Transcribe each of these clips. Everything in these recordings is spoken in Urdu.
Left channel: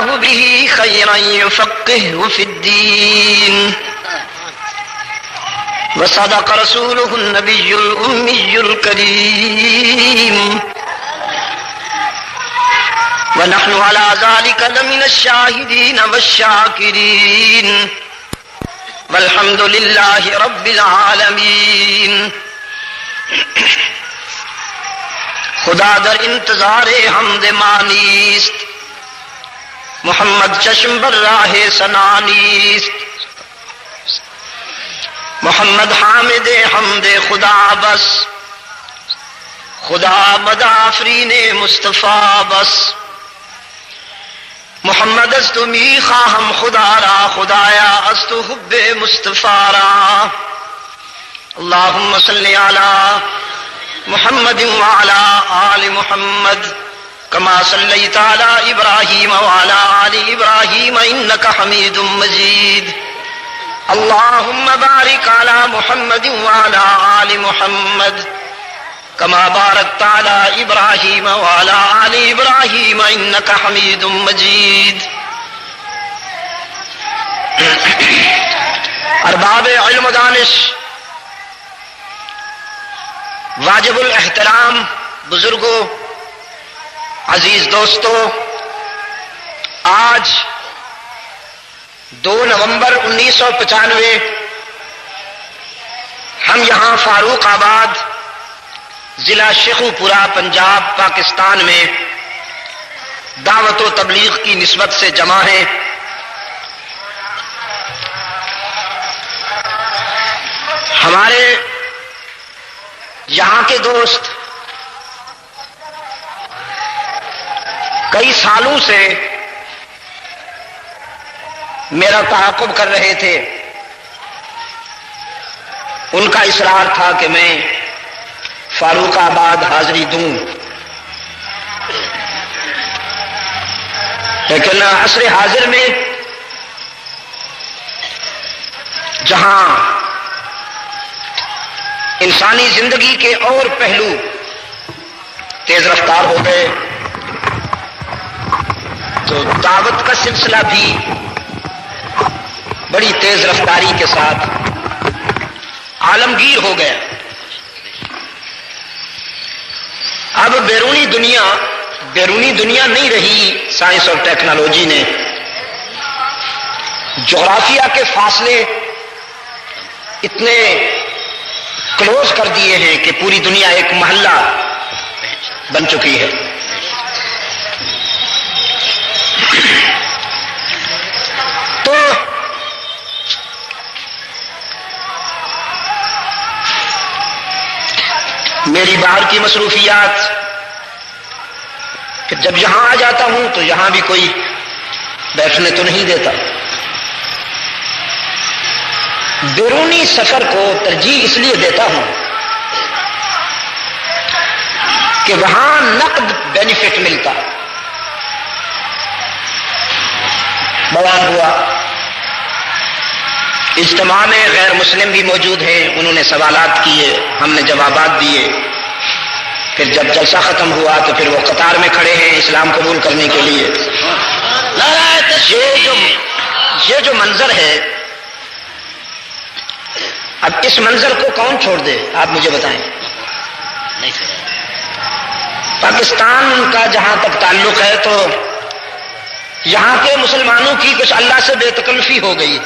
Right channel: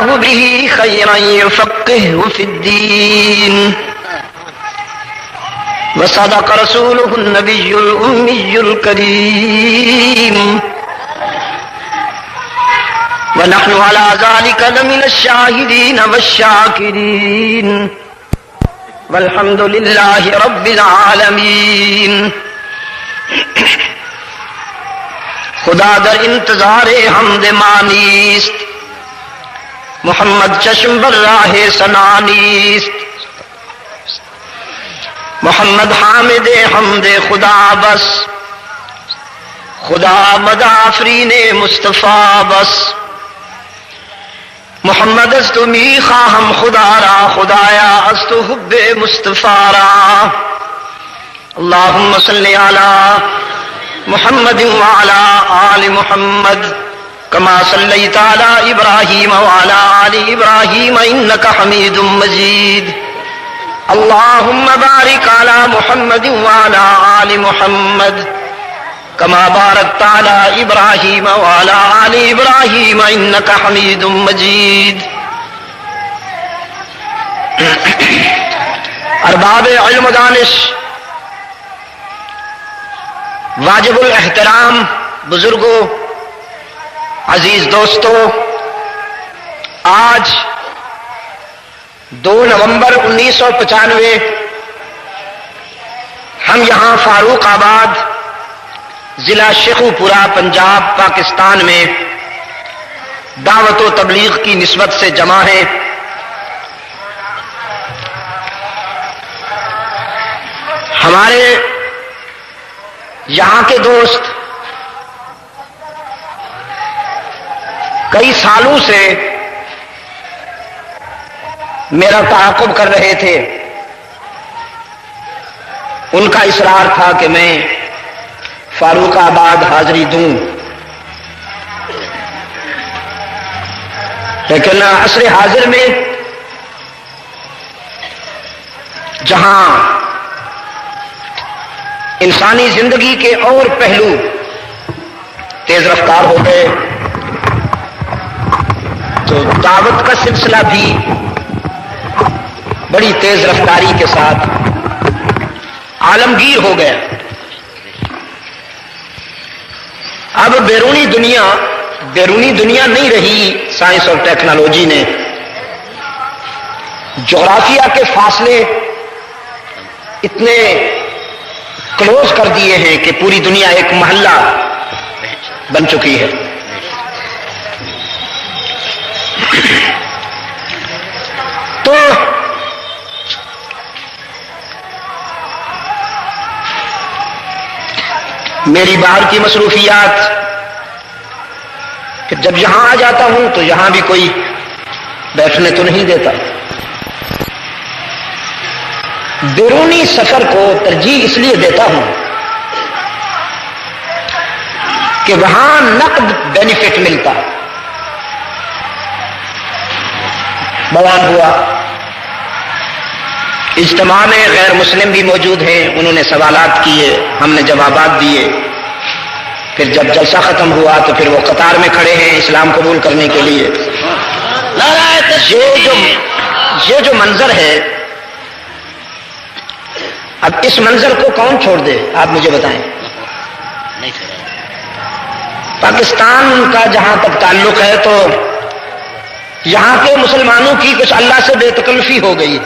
به خيرا يفقهه في الدين وصدق رسوله النبي الأمي الكريم ونحن على ذلك لمن الشاهدين والشاكرين والحمد لله رب العالمین۔ خدا در انتظار حمد مانیست، محمد چشم بر راہ ثنا نیست، محمد حامد حمد خدا بس، خدا مدافرین مصطفیٰ بس، محمد است می خواهم خدا را، خدایا است حب مصطفیٰ را۔ اللهم صل علی محمد وعلى آل محمد كما صليت على إبراهيم وعلى آل إبراهيم إنك حميد مجيد۔ اللهم بارك على محمد وعلى آل محمد كما باركت على إبراهيم وعلى آل إبراهيم إنك حميد مجيد۔ ارباب علم و دانش، واجب الاحترام بزرگوں، عزیز دوستوں، آج 2 نومبر 1995 ہم یہاں فاروق آباد ضلع شیخو پورہ پنجاب پاکستان میں دعوت و تبلیغ کی نسبت سے جمع ہیں۔ ہمارے یہاں کے دوست کئی سالوں سے میرا تعاقب کر رہے تھے، ان کا اصرار تھا کہ میں فاروق آباد حاضری دوں، لیکن عصر حاضر میں جہاں انسانی زندگی کے اور پہلو تیز رفتار ہو گئے تو دعوت کا سلسلہ بھی بڑی تیز رفتاری کے ساتھ عالمگیر ہو گیا۔ اب بیرونی دنیا نہیں رہی، سائنس اور ٹیکنالوجی نے جغرافیہ کے فاصلے اتنے کلوز کر دیے ہیں کہ پوری دنیا ایک محلہ بن چکی ہے۔ تو میری باہر کی مصروفیات کہ جب یہاں آ جاتا ہوں تو یہاں بھی کوئی بیٹھنے تو نہیں دیتا، بیرونی سفر کو ترجیح اس لیے دیتا ہوں کہ وہاں نقد بینیفٹ ملتا۔ بیان ہوا، اجتماع میں غیر مسلم بھی موجود ہیں، انہوں نے سوالات کیے، ہم نے جوابات دیے، پھر جب جلسہ ختم ہوا تو پھر وہ قطار میں کھڑے ہیں اسلام قبول کرنے کے لیے۔ یہ جو منظر ہے، اب اس منظر کو کون چھوڑ دے، آپ مجھے بتائیں۔ پاکستان کا جہاں تک تعلق ہے تو یہاں کے مسلمانوں کی کچھ اللہ سے بے تکلفی ہو گئی۔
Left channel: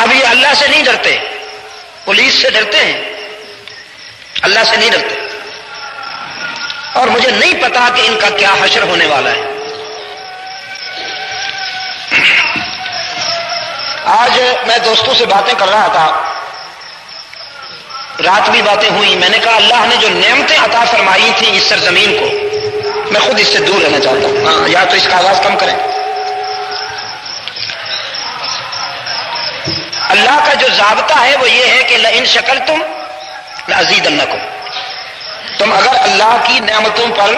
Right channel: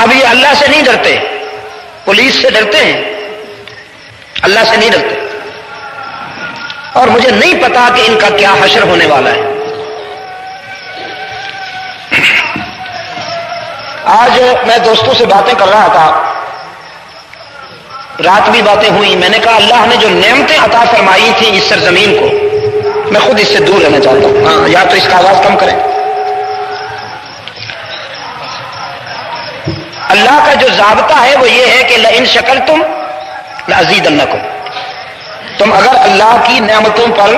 اب یہ اللہ سے نہیں ڈرتے، پولیس سے ڈرتے ہیں، اللہ سے نہیں ڈرتے، اور مجھے نہیں پتا کہ ان کا کیا حشر ہونے والا ہے۔ آج میں دوستوں سے باتیں کر رہا تھا، رات بھی باتیں ہوئی، میں نے کہا اللہ نے جو نعمتیں عطا فرمائی تھیں اس سرزمین کو، میں خود اس سے دور رہنا چاہتا ہوں۔ ہاں، یا تو اس کا آواز کم کریں۔ اللہ کا جو ضابطہ ہے وہ یہ ہے کہ لئن شکرتم لأزیدنکم، تم اگر اللہ کی نعمتوں پر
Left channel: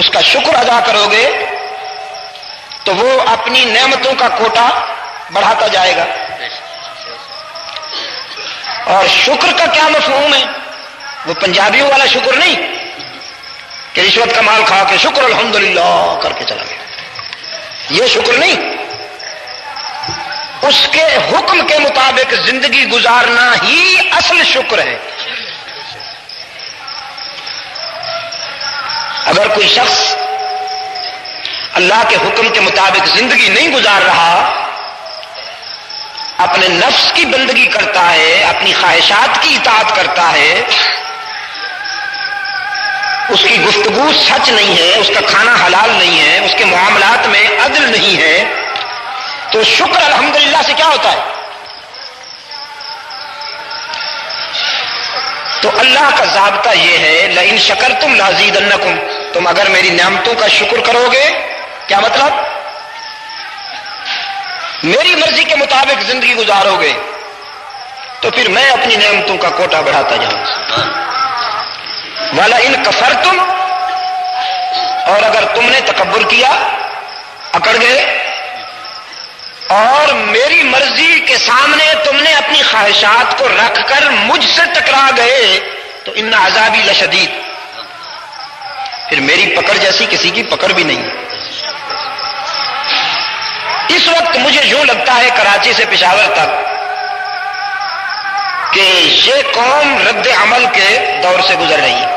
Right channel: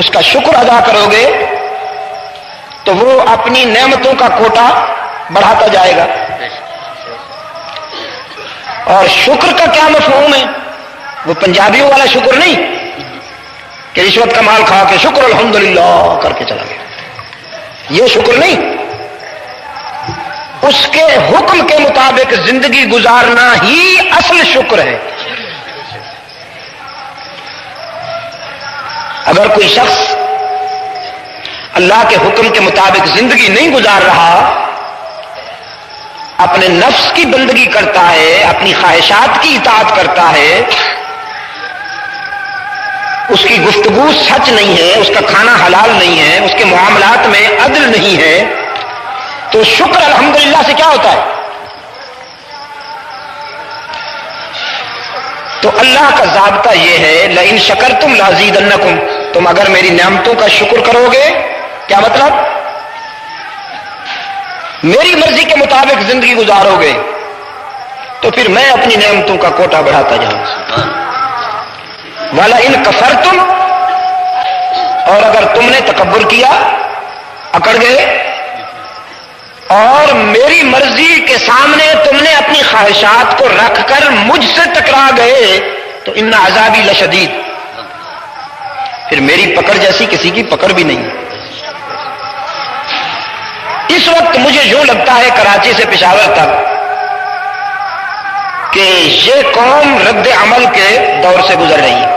اس کا شکر ادا کرو گے تو وہ اپنی نعمتوں کا کوٹا بڑھاتا جائے گا۔ اور شکر کا کیا مفہوم ہے؟ وہ پنجابیوں والا شکر نہیں، کہ رشوت کا مال کھا کے شکر الحمدللہ کر کے چلا گیا. یہ شکر نہیں، اس کے حکم کے مطابق زندگی گزارنا ہی اصل شکر ہے. اگر کوئی شخص اللہ کے حکم کے مطابق زندگی نہیں گزار رہا، اپنے نفس کی بندگی کرتا ہے، اپنی خواہشات کی اطاعت کرتا ہے، اس کی گفتگو سچ نہیں ہے، اس کا کھانا حلال نہیں ہے، اس کے معاملات میں عدل نہیں ہے، تو شکر الحمدللہ سے کیا ہوتا ہے؟ تو اللہ کا ضابطہ یہ ہے لئن شکرتم لازیدنکم، تم اگر میری نعمتوں کا شکر کرو گے، کیا مطلب؟ میری مرضی کے مطابق زندگی گزارو گے تو پھر میں اپنی نعمتوں کا کوٹا بڑھاتا جاؤں. وَلَئِن كَفَرْتُمْ، اور اگر تم نے تکبر کیا، اکڑ گئے اور میری مرضی کے سامنے تم نے اپنی خواہشات کو رکھ کر مجھ سے ٹکرا گئے، تو ان عذابی لشدید، پھر میری پکڑ جیسی کسی کی پکڑ بھی نہیں. اس وقت مجھے یوں لگتا ہے کراچی سے پشاور تک کہ یہ قوم رد عمل کے دور سے گزر رہی ہے،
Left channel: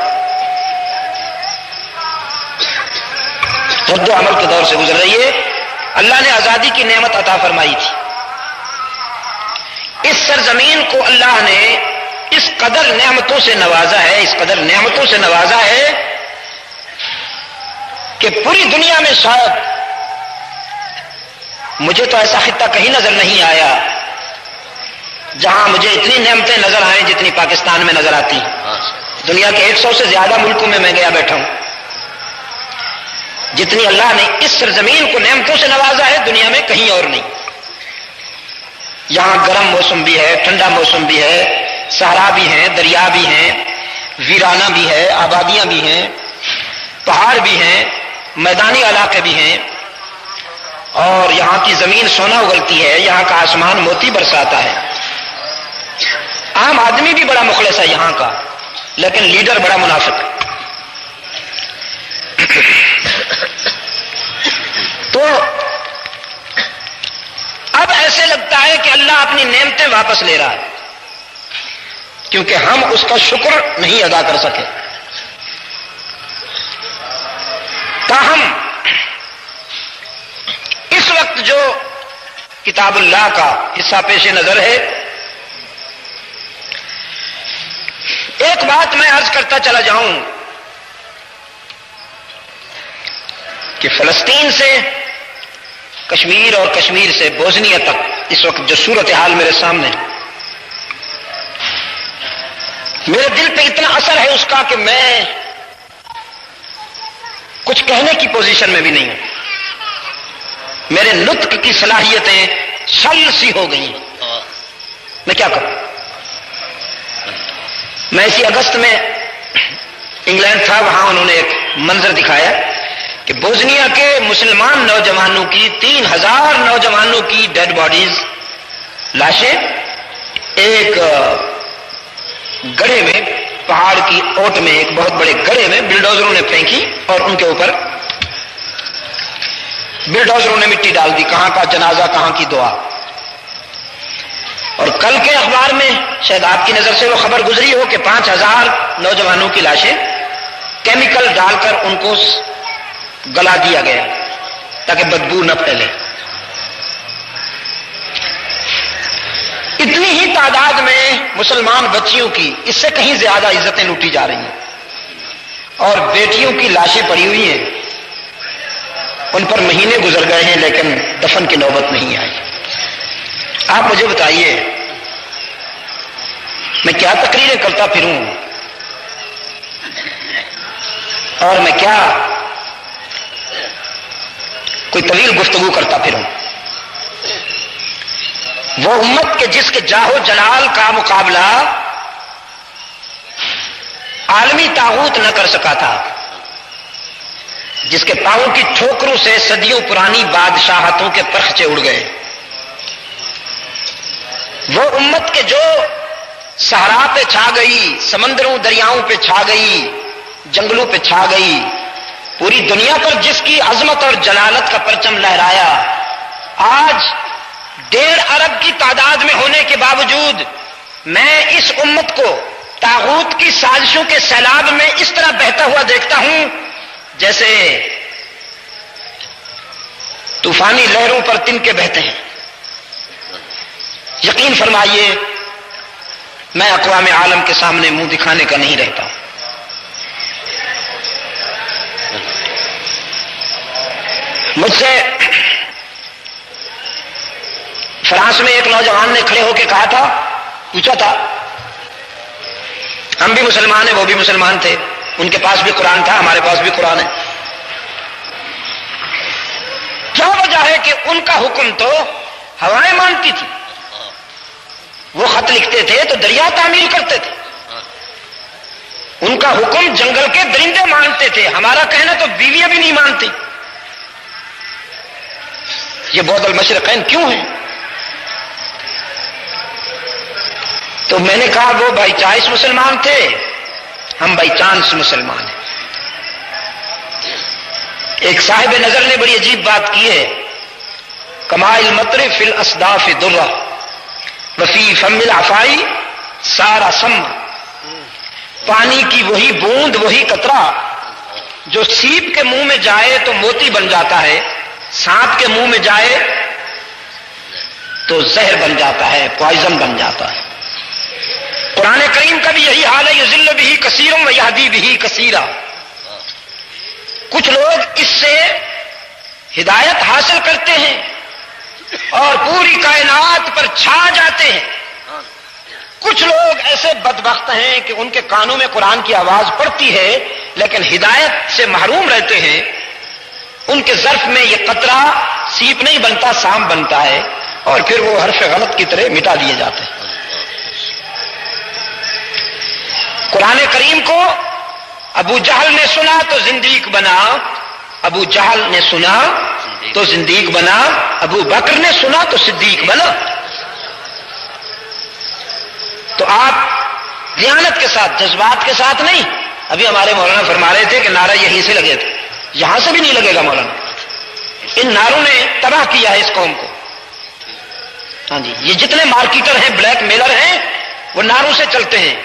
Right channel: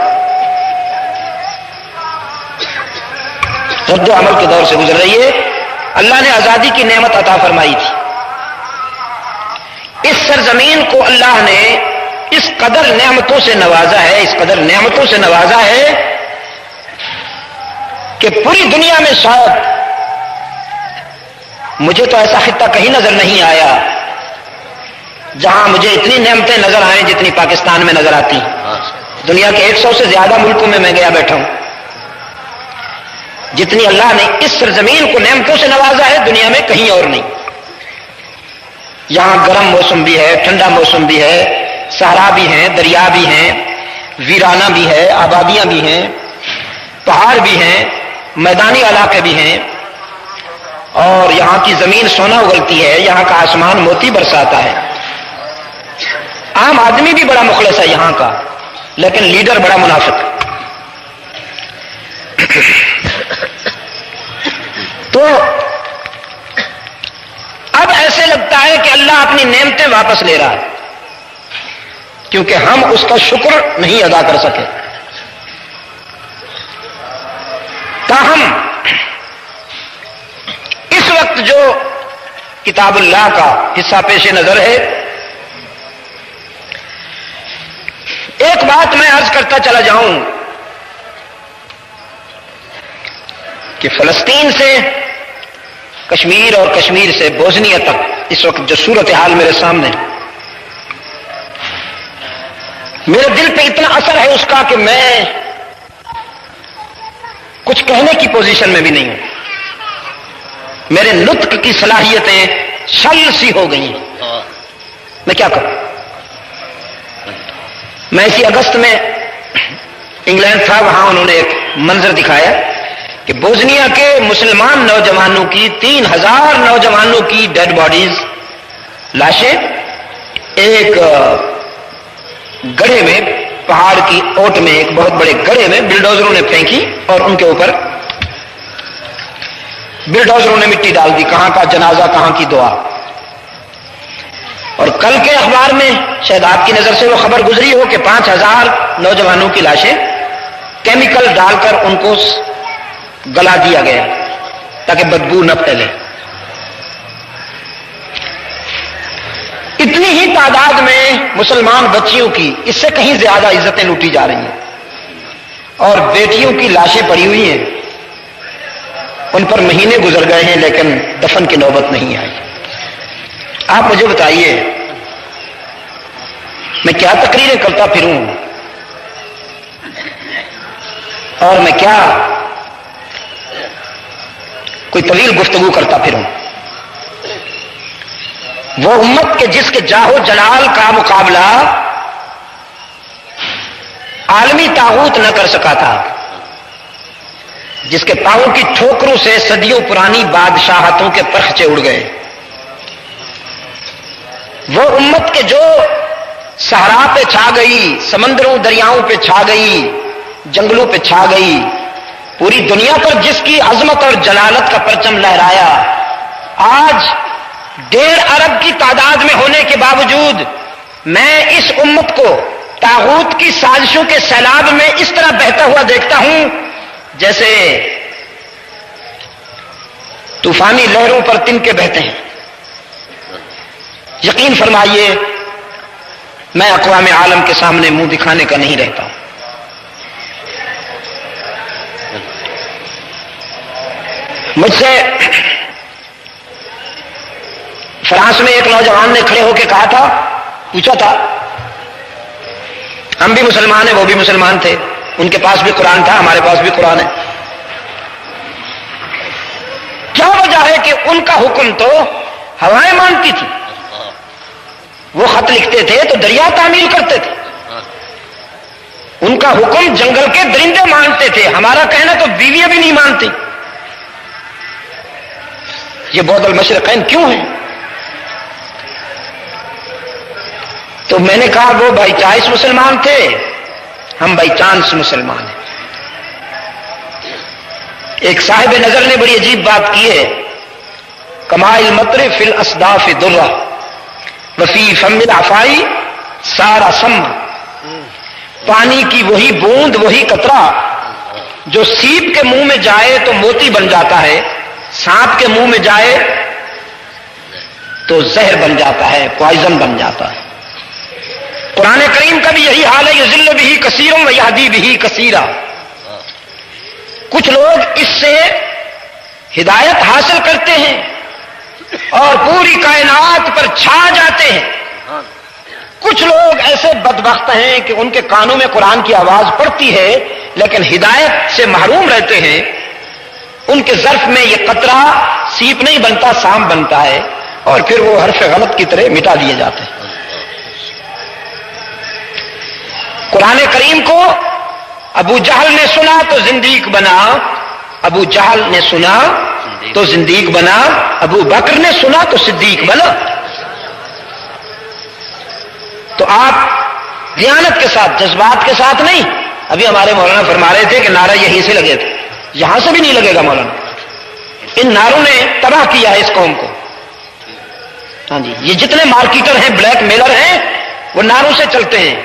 رد عمل کے دور سے گزر رہی ہے. اللہ نے آزادی کی نعمت عطا فرمائی تھی. اس سرزمین کو اللہ نے اس قدر نعمتوں سے نوازا ہے، اس قدر نعمتوں سے نوازا ہے کہ پوری دنیا میں شاید مجھے تو ایسا خطہ کہیں نظر نہیں آیا جہاں مجھے اتنی نعمتیں نظر آئیں جتنی پاکستان میں نظر آتی ہیں. دنیا کے 100 سے زیادہ ملکوں میں گیا بیٹھا ہوں. جتنی اللہ نے اس سرزمین کو نعمتوں سے نوازا ہے دنیا میں کہیں اور نہیں. یہاں گرم موسم بھی ہے، ٹھنڈا موسم بھی ہے، صحرا بھی ہیں، دریا بھی ہیں، ویرانہ بھی ہے، آبادیاں بھی ہیں، پہاڑ بھی ہیں، میدانی علاقے بھی ہیں، اور یہاں کی زمین سونا اگلتی ہے، یہاں کا آسمان موتی برساتا ہے. عام آدمی بھی بڑا مخلص ہے یہاں کا، لیکن لیڈر بڑا منافق ہے. تو اب ایسے لگتا ہے کہ اللہ اپنی نعمتیں واپس لے رہا ہے کیونکہ ہم اس کا شکر نہیں ادا کر سکے. تاہم اس وقت جو کتاب اللہ کا حصہ پیش نظر ہے، ایک بات میں عرض کرتا چلا جاؤں کہ فلسطین سے کشمیر اور کشمیر سے بوسنیا تک اس وقت جو صورتحال میرے سامنے، میرے دل پہ اتنا اثر ہے اس کا کہ میں کچھ کہنے کی پوزیشن میں بھی نہیں ہوں. میرے نطق کی صلاحیتیں شل سی ہو گئی ہیں. میں کیا کروں؟ میں اسی اگست میں انگلینڈ تھا، وہاں انہوں نے ایک منظر دکھایا کہ بوسنیا کے مسلمان نوجوانوں کی 3000 نوجوانوں کی ڈیڈ باڈیز، لاشیں ایک گڑھے میں، پہاڑ کی اوٹ میں ایک بہت بڑے گڑھے میں بلڈوزروں نے پھینکی اور ان کے اوپر بلڈوزروں نے مٹی ڈال دی. کہاں کا جنازہ، کہاں کی دعا. اور کل کے اخبار میں شاید آپ کی نظر سے وہ خبر گزری ہو کہ 5000 نوجوانوں کی لاشیں کیمیکل ڈال کر ان کو گلا دیا گیا تاکہ بدبو نہ پھیلے. اتنی ہی تعداد میں مسلمان بچیوں کی اس سے کہیں زیادہ عزتیں لوٹی جا رہی ہیں اور بیٹیوں کی لاشیں پڑی ہوئی ہیں. ان پر مہینے گزر گئے ہیں لیکن دفن کی نوبت نہیں آئی. آپ مجھے بتائیے میں کیا تقریریں کرتا پھروں اور میں کیا کوئی طویل گفتگو کرتا پھروں. وہ امت کے جس کے جاہو جلال کا مقابلہ عالمی طاغوت نہ کر سکا تھا، جس کے پاؤں کی ٹھوکروں سے صدیوں پرانی بادشاہتوں کے پرخچے اڑ گئے. وہ امت کے جو صحرا پہ چھا گئی، سمندروں دریاؤں پہ چھا گئی، جنگلوں پہ چھا گئی، پوری دنیا پر جس کی عظمت اور جلالت کا پرچم لہرایا، آج 1.5 ارب کی تعداد میں ہونے کے باوجود میں اس امت کو طاغوت کی سازشوں کے سیلاب میں اس طرح بہتا ہوا دیکھتا ہوں جیسے طوفانی لہروں پر تنکے بہتے ہیں۔ یقین فرمائیے میں اقوام عالم کے سامنے منہ دکھانے کا نہیں رہتا ہوں۔ مجھ سے فرانس میں ایک نوجوان نے کھڑے ہو کے کہا تھا، پوچھا تھا، ہم بھی مسلمان ہیں، وہ بھی مسلمان تھے، ان کے پاس بھی قرآن تھا، ہمارے پاس بھی قرآن ہے، کیا وجہ ہے کہ ان کا حکم تو ہوائیں مانتی تھی، وہ خط لکھتے تھے تو دریا تعمیل کرتے تھے، ان کا حکم جنگل کے درندے مانتے تھے، ہمارا کہنا تو بیویاں بھی نہیں مانتے، یہ بعد المشرقین کیوں ہیں؟ تو میں نے کہا وہ بائی چوائس مسلمان تھے، ہم بائی چانس مسلمان ہیں۔ ایک صاحب نظر نے بڑی عجیب بات کی ہے، کمائل مطر فی الاصداف درہ وفی فم العفائی سارا سم، پانی کی وہی بوند وہی قطرہ جو سیپ کے منہ میں جائے تو موتی بن جاتا ہے، سانپ کے منہ میں جائے تو زہر بن جاتا ہے، پوائزن بن جاتا ہے۔ قرآن کریم کا بھی یہی حال ہے، یضل بہ کثیر و یہدی بہ کثیرا، کچھ لوگ اس سے ہدایت حاصل کرتے ہیں اور پوری کائنات پر چھا جاتے ہیں، کچھ لوگ ایسے بدبخت ہیں کہ ان کے کانوں میں قرآن کی آواز پڑتی ہے لیکن ہدایت سے محروم رہتے ہیں، ان کے ظرف میں یہ قطرہ سیپ نہیں بنتا، سام بنتا ہے، اور پھر وہ حرف غلط کی طرح مٹا دیے جاتے ہیں۔ قرآن کریم کو ابو جہل نے سنا تو زندیق بنا، ابو جہل نے سنا تو زندیق بنا، ابو بکر نے سنا تو صدیق بنا۔ تو آپ دیانت کے ساتھ، جذبات کے ساتھ نہیں۔ ابھی ہمارے مولانا فرما رہے تھے کہ نعرہ یہیں سے لگے تھے، یہاں سے بھی نہیں لگے گا مولانا، ان نعروں نے تباہ کیا ہے اس قوم کو۔ ہاں جی، یہ جتنے مارکیٹر ہیں، بلیک میلر ہیں، وہ نعروں سے چلتے ہیں،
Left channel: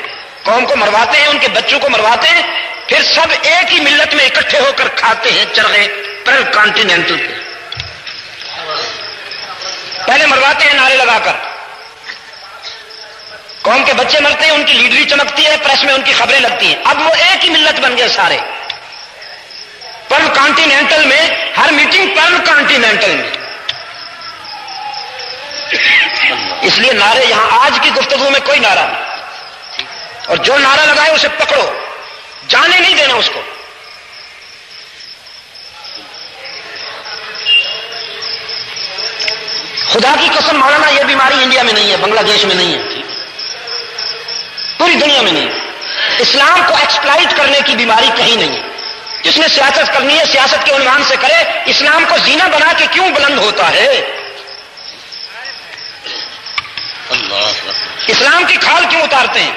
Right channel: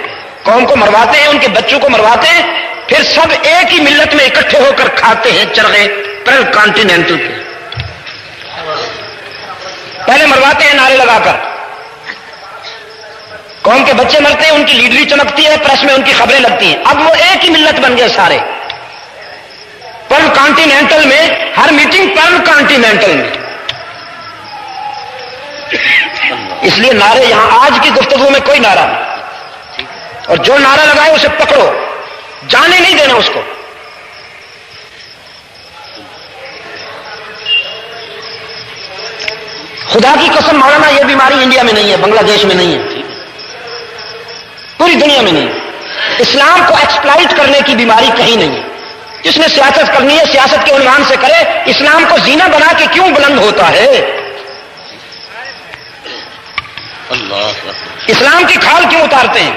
قوم کو مرواتے ہیں، ان کے بچوں کو مرواتے ہیں، پھر سب ایک ہی ملت میں اکٹھے ہو کر کھاتے ہیں چرغے پرل کانٹیننٹل کے۔ پہلے مرواتے ہیں نعرے لگا کر، قوم کے بچے مرتے ہیں، ان کی لیڈری چمکتی ہے، پریس میں ان کی خبریں لگتی ہیں، اب وہ ایک ہی ملت بن گئے سارے، پرل کانٹیننٹل میں ہر میٹنگ پرل کانٹیننٹل میں۔ اس لیے نعرے یہاں آج کی گفتگو میں کوئی نعرہ نہیں، اور جو نعرہ لگائے اسے پکڑو، جانے نہیں دینا اس کو۔ خدا کی قسم مولانا یہ بیماری انڈیا میں نہیں ہے، بنگلہ دیش میں نہیں ہے، پوری دنیا میں نہیں ہے۔ اسلام کو ایکسپلائٹ کرنے کی بیماری کہیں نہیں ہے۔ جس نے سیاست کرنی ہے سیاست کے عنوان سے کرے، اسلام کو زینہ بنا کے کیوں بلند ہوتا ہے؟ اسلام کی کھال کیوں اتارتے ہیں؟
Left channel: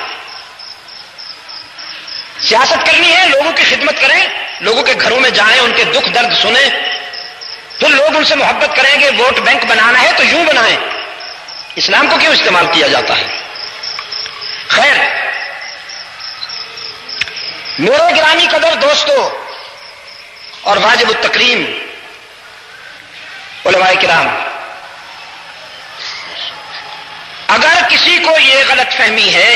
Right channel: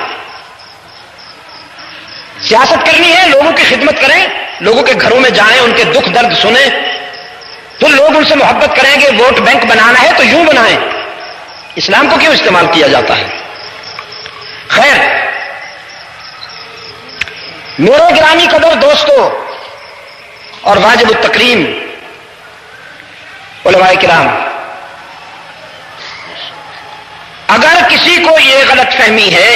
سیاست کرنی ہے، لوگوں کی خدمت کریں، لوگوں کے گھروں میں جائیں، ان کے دکھ درد سنیں، پھر لوگ ان سے محبت کریں گے۔ ووٹ بینک بنانا ہے تو یوں بنائیں، اسلام کو کیوں استعمال کیا جاتا ہے؟ خیر، میرے گرامی قدر دوستو اور واجب التکریم علماء کرام، اگر کسی کو یہ غلط فہمی ہے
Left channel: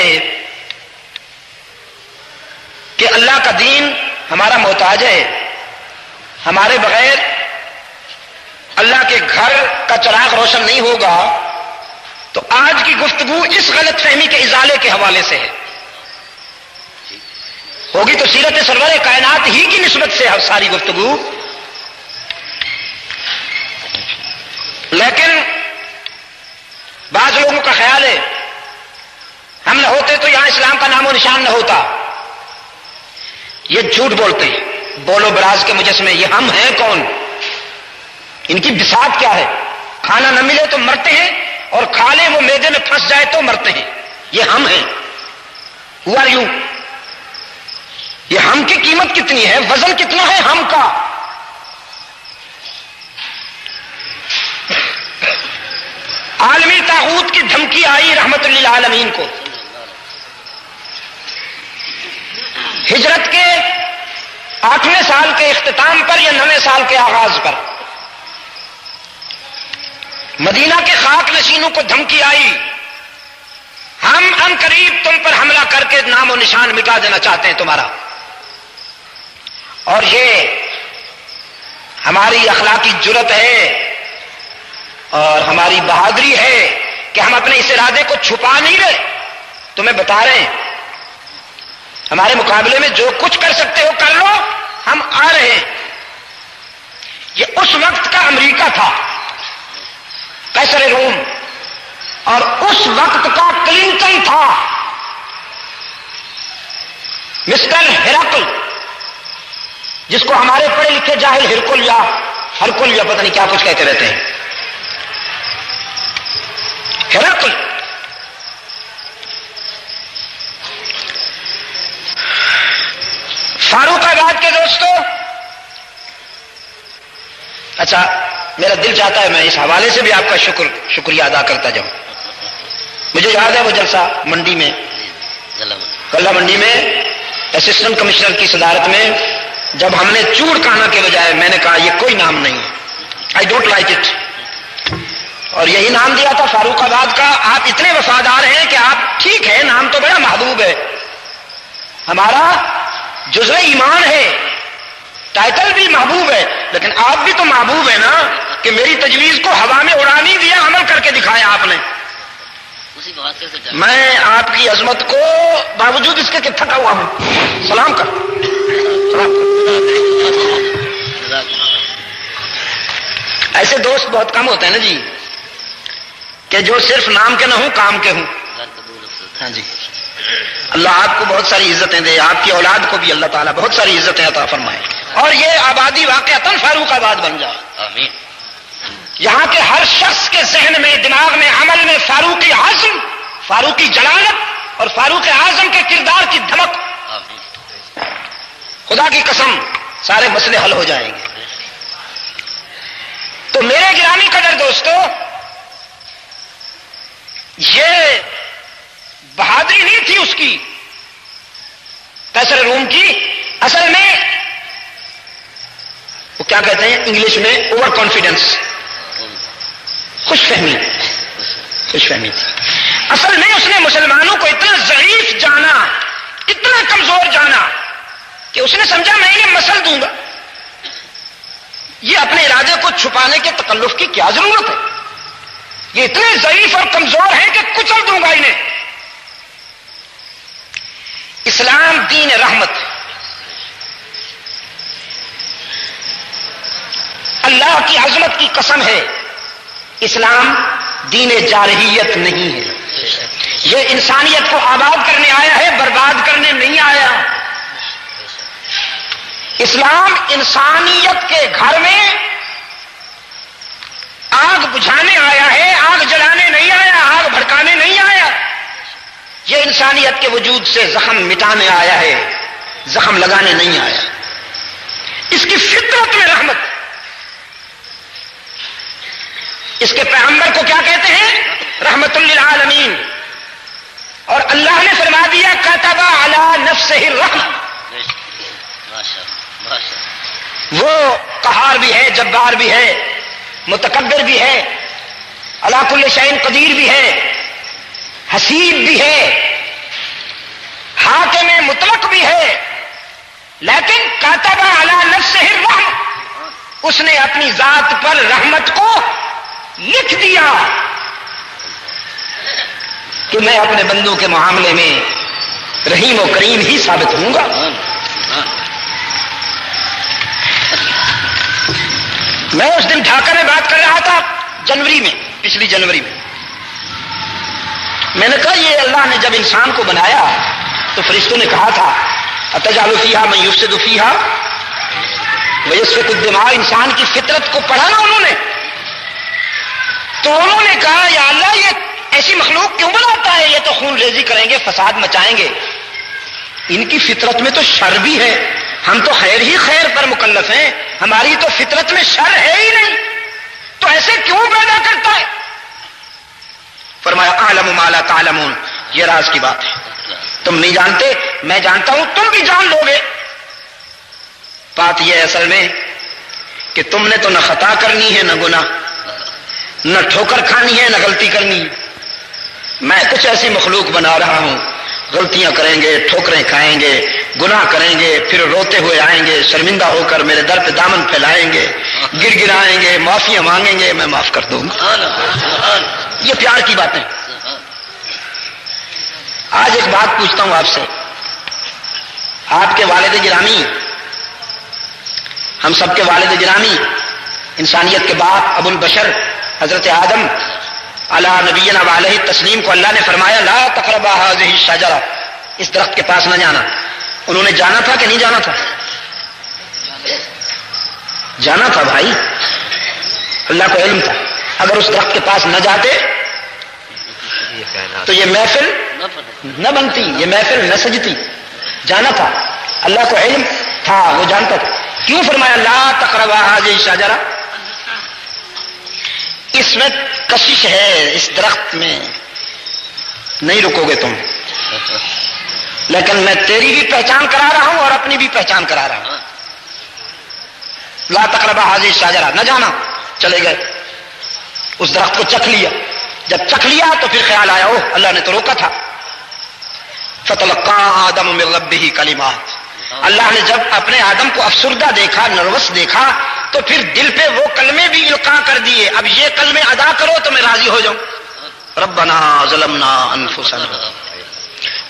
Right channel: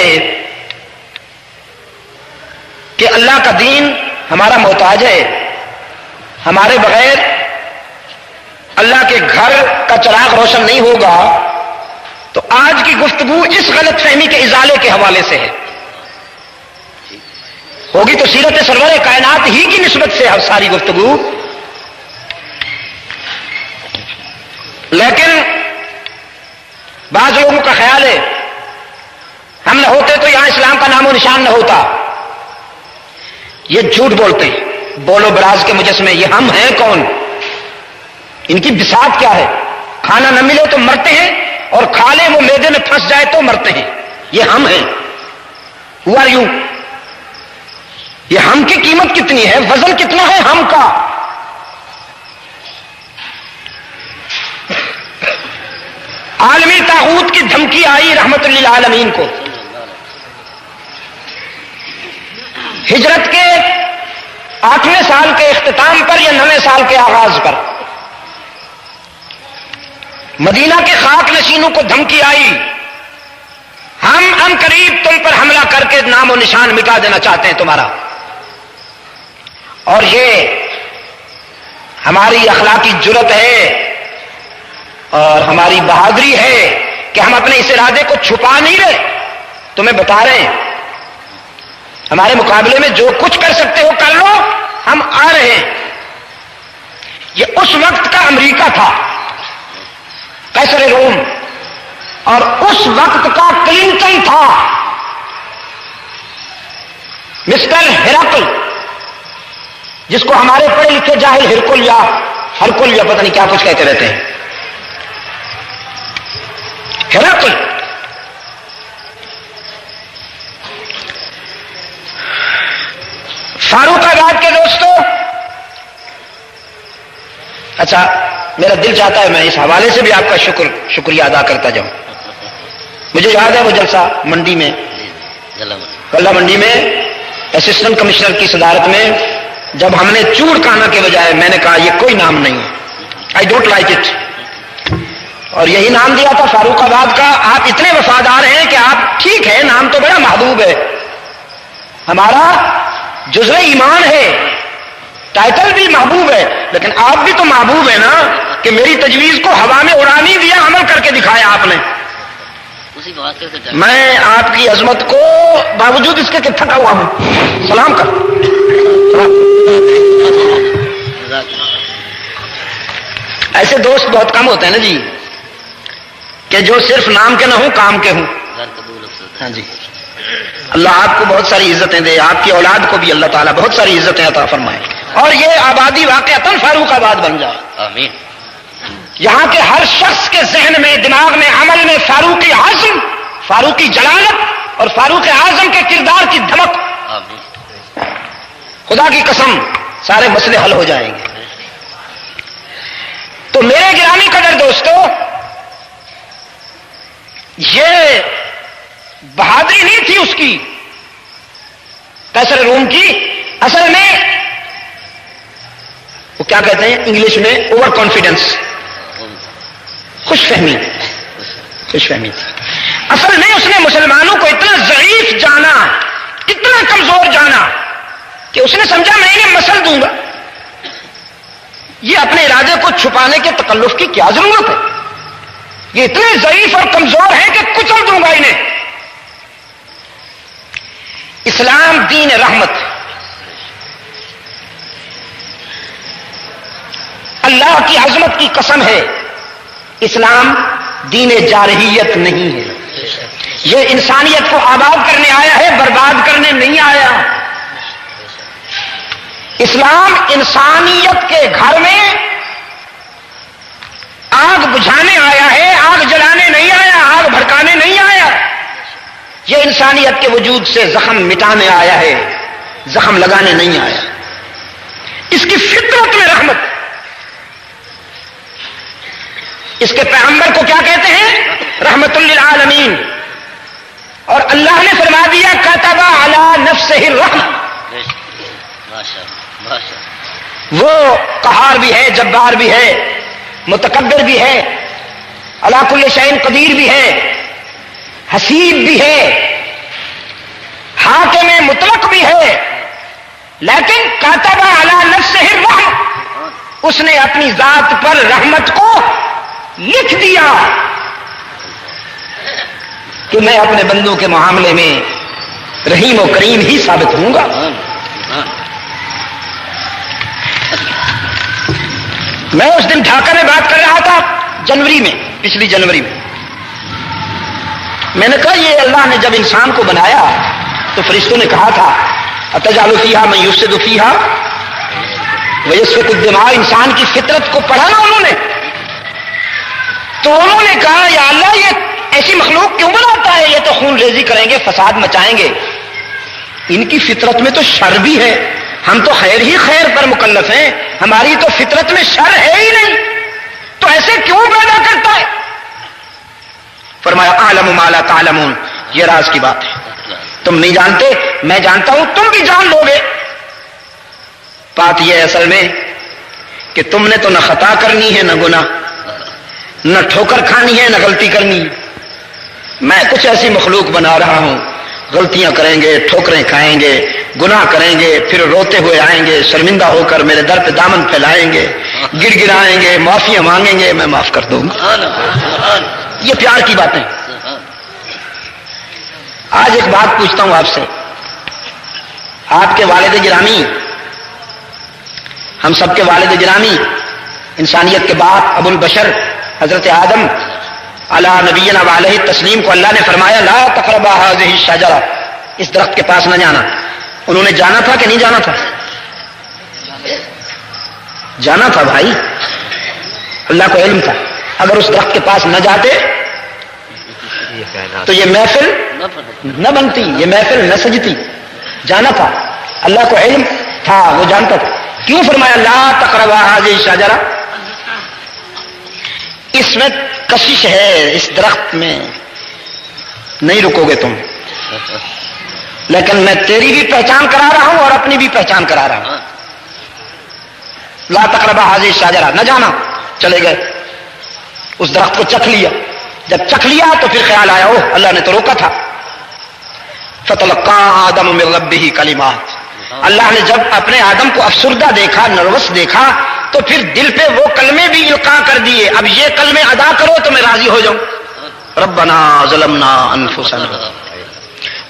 کہ اللہ کا دین ہمارا محتاج ہے، ہمارے بغیر اللہ کے گھر کا چراغ روشن نہیں ہوگا، تو آج کی گفتگو اس غلط فہمی کے ازالے کے حوالے سے ہے۔ ہوگی تو سیرت سرور کائنات ہی کی نسبت سے ساری گفتگو، لیکن بعض لوگوں کا خیال ہے ہم نہ ہوتے تو یہاں اسلام کا نام و نشان نہ ہوتا۔ یہ جھوٹ بولتے ہیں، بولو براز کے مجسمے، یہ ہم ہیں کون؟ ان کی بساط کیا ہے؟ کھانا نہ ملے تو مرتے ہیں، اور کھا لے وہ معدے میں پھنس جائے تو مرتے ہیں، یہ ہم ہیں۔ Who are you؟ یہ ہم کی قیمت کتنی ہے، وزن کتنا ہے ہم کا. عالمی طاغوت کی دھمکی آئی رحمت للعالمین کو. ہجرت کے 8ویں سال کے اختتام پر یا 9ویں سال کے آغاز پر مدینہ کے خاک نشینوں کو دھمکی آئی، ہم ان قریب تم پر حملہ کر کے نام و نشان مٹا دینا چاہتے ہیں تمہارا. اور یہ ہماری اخلاقی جرت ہے اور ہماری بہادری ہے کہ ہم اپنے اس ارادے کو چھپا نہیں رہے، تمہیں بتا رہے ہیں ہمارے مقابلے میں جو کچھ کر سکتے ہو کر لو، ہم آ رہے ہیں. یہ اس وقت کا امریکہ تھا، قیصر روم، اور اس وقت کا کلنٹن تھا، مسٹر ہرقل، جس کو ہمارے پڑھے لکھے جاہل ہرکل یا پتہ نہیں کیا کچھ کہتے رہتے ہیں. ہرقل فاروق آباد کے دوستوں، اچھا میرا دل چاہتا ہے میں اس حوالے سے بھی آپ کا شکریہ ادا کرتا جاؤں. مجھے یاد ہے وہ جلسہ منڈی میں، کلہ منڈی میں اسسٹنٹ کمشنر کی صدارت میں، جب ہم نے چوڑ کانا کے بجائے میں نے کہا یہ کوئی نام نہیں، آئی ڈونٹ لائک اٹ، اور یہی نام دیا تھا فاروق آباد کا. آپ اتنے وفادار ہیں کہ آپ ٹھیک ہے، نام تو بڑا محبوب ہے، ہمارا جزو ایمان ہے، ٹائٹل بھی محبوب ہے، لیکن آپ بھی تو محبوب ہے نا کہ میری تجویز کو ہوا میں اڑا نہیں دیا، عمل کر کے دکھایا آپ نے. میں آپ کی عظمت کو باوجود اس کے کہ تھکا ہوا ہوں سلام کر. ایسے دوست بہت کم ہوتے ہیں نا جی، کہ جو صرف نام کے نہ ہوں کام کے ہوں. ہاں جی، اللہ آپ کو بہت ساری عزتیں دے، آپ کی اولاد کو بھی اللہ تعالیٰ بہت ساری عزتیں عطا فرمائے، اور یہ آبادی واقعتاً فاروق آباد بن جائے. آمین. یہاں کے ہر شخص کے ذہن میں، دماغ میں، عمل میں فاروقی عزم، فاروقی جلالت اور فاروق اعظم کے کردار کی دھمک. آمین. خدا کی قسم سارے مسئلے حل ہو جائیں گے. تو میرے گرامی قدر دوستو، یہ بہادری نہیں تھی اس کی، قیصر روم کی. اصل میں وہ کیا کہتے ہیں انگلش میں اوور کانفیڈنس، خوش فہمی تھی. اصل میں اس نے مسلمانوں کو اتنا ضعیف جانا، اتنا کمزور جانا کہ اس نے سمجھا میں انہیں مسل دوں گا، یہ اپنے ارادے کو چھپانے کے تکلف کی کیا ضرورت ہے، یہ اتنے ضعیف اور کمزور ہیں کہ کچل دوں گا انہیں. اسلام دین رحمت، اللہ کی عظمت کی قسم ہے، اسلام دین جارحیت نہیں ہے. یہ انسانیت کو آباد کرنے آیا ہے، برباد کرنے نہیں آیا. اسلام انسانیت کے گھر میں آگ بجھانے آیا ہے، آگ جلانے نہیں آیا، آگ بھڑکانے نہیں آیا. یہ انسانیت کے وجود سے زخم مٹانے آیا ہے، زخم لگانے نہیں آیا. اس کی فطرت میں رحمت. اس کے پیغمبر کو کیا کہتے ہیں؟ رحمت للعالمین. اور اللہ نے فرما دیا کتب علی نفسہ الرحمہ. وہ قہار بھی ہے، جبار بھی ہے، متکبر بھی ہے، علی کل شیء قدیر بھی ہے، حسیب بھی ہے، حاکم مطلق بھی ہے، لیکن کتب علی نفسہ الرحمہ، اس نے اپنی ذات پر رحمت کو لکھ دیا کہ میں اپنے بندوں کے معاملے میں رحیم و کریم ہی ثابت ہوں گا. میں اس دن ڈھاکہ میں بات کر رہا تھا جنوری میں، پچھلی جنوری میں نے کہا یہ اللہ نے جب انسان کو بنایا تو فرشتوں نے کہا تھا اتجعل فیہا من یفسد فیہا ویسفک الدماء. انسان کی فطرت کو پڑھا نا انہوں نے، تو انہوں نے کہا یا اللہ یہ ایسی مخلوق کیوں بناتا ہے، یہ تو خون ریزی کریں گے، فساد مچائیں گے. ان کی فطرت میں تو شر بھی ہے، ہم تو خیر ہی خیر پر مکلف ہیں، ہماری تو فطرت میں شر ہے ہی نہیں، تو ایسے کیوں پیدا کرتا ہے؟ فرمایا اعلم ما لا تعلمون، یہ راز کی بات ہے، تم نہیں جانتے، میں جانتا ہوں، تم بھی جان لو گے۔ بات یہ ہے اصل میں کہ تم نے تو نہ خطا کرنی ہے نہ گناہ، نہ ٹھوکر کھانی ہے نہ غلطی کرنی ہے، میں کچھ ایسی مخلوق بنا رہا ہوں، غلطیاں کریں گے، ٹھوکریں کھائیں گے، گناہ کریں گے، پھر روتے ہوئے آئیں گے، شرمندہ ہو کر میرے در پہ دامن پھیلائیں گے، گڑ گڑائیں گے، معافیاں مانگیں گے، میں معاف کر دوں گا۔ یہ پیار کی باتیں۔ آج ایک بات پوچھتا ہوں آپ سے، آپ کے والد گرامی، ہم سب کے والد گرامی، انسانیت کے باپ ابو البشر حضرت آدم علی نبینا وعلیہ تسلیم کو اللہ نے فرمایا لا تقربا هذه الشجرہ، اس درخت کے پاس نہ جانا۔ انہوں نے جانا تھا کہ نہیں جانا تھا؟ جانا تھا بھائی، اللہ کو علم تھا، اگر اس درخت کے پاس نہ جاتے تو یہ محفل نہ بنتی، یہ محفل نہ سجتی، جانا تھا، اللہ کو علم تھا، وہ جانتا تھا۔ کیوں فرمایا لا تقربا هذه الشجرہ؟ اس میں کشش ہے، اس درخت میں نہیں رکو گے تم، لیکن میں تیری بھی پہچان کرا رہا ہوں اور اپنی بھی پہچان کرا رہا ہوں۔ لا تقربا هذه الشجرہ، نہ جانا، چلے گئے، اس درخت کو چکھ لیا، جب چکھ لیا تو پھر خیال آیا اوہ اللہ نے تو روکا تھا۔ فتلقى آدم من ربه کلمات، اللہ نے جب اپنے آدم کو افسردہ دیکھا، نروس دیکھا، تو پھر دل پہ وہ کلمے بھی القاء کر دیے، اب یہ کلمے ادا کرو تو میں راضی ہو جاؤں۔ ربنا ظلمنا انفسنا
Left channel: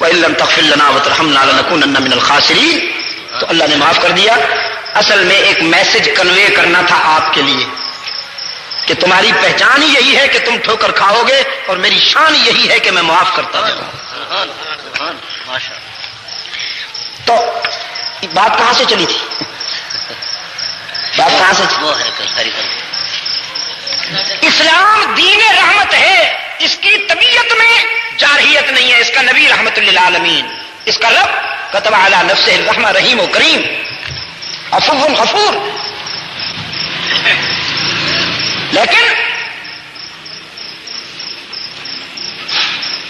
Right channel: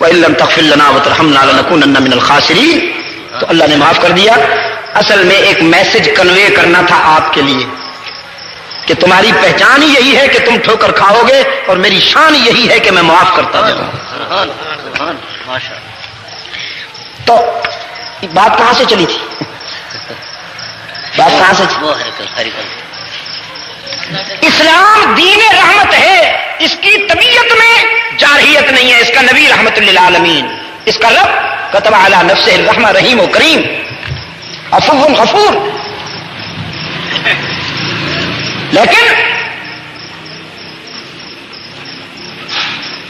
وان لم تغفر لنا وترحمنا لنكونن من الخاسرین، تو اللہ نے معاف کر دیا۔ اصل میں ایک میسج کنوے کرنا تھا آپ کے لیے کہ تمہاری پہچان ہی یہی ہے کہ تم ٹھوکر کھاؤ گے، اور میری شان یہی ہے کہ میں معاف کرتا جاؤں۔ تو بات کہاں سے چلی تھی؟ بات کہاں سے چلی؟ اسلام دین رحمت ہے، اس کی طبیعت میں جارحیت نہیں ہے، اس کا نبی رحمت للعالمین، اس کا رب کتب علی نفسہ الرحمہ، رحیم و کریم، عفو غفور۔ لیکن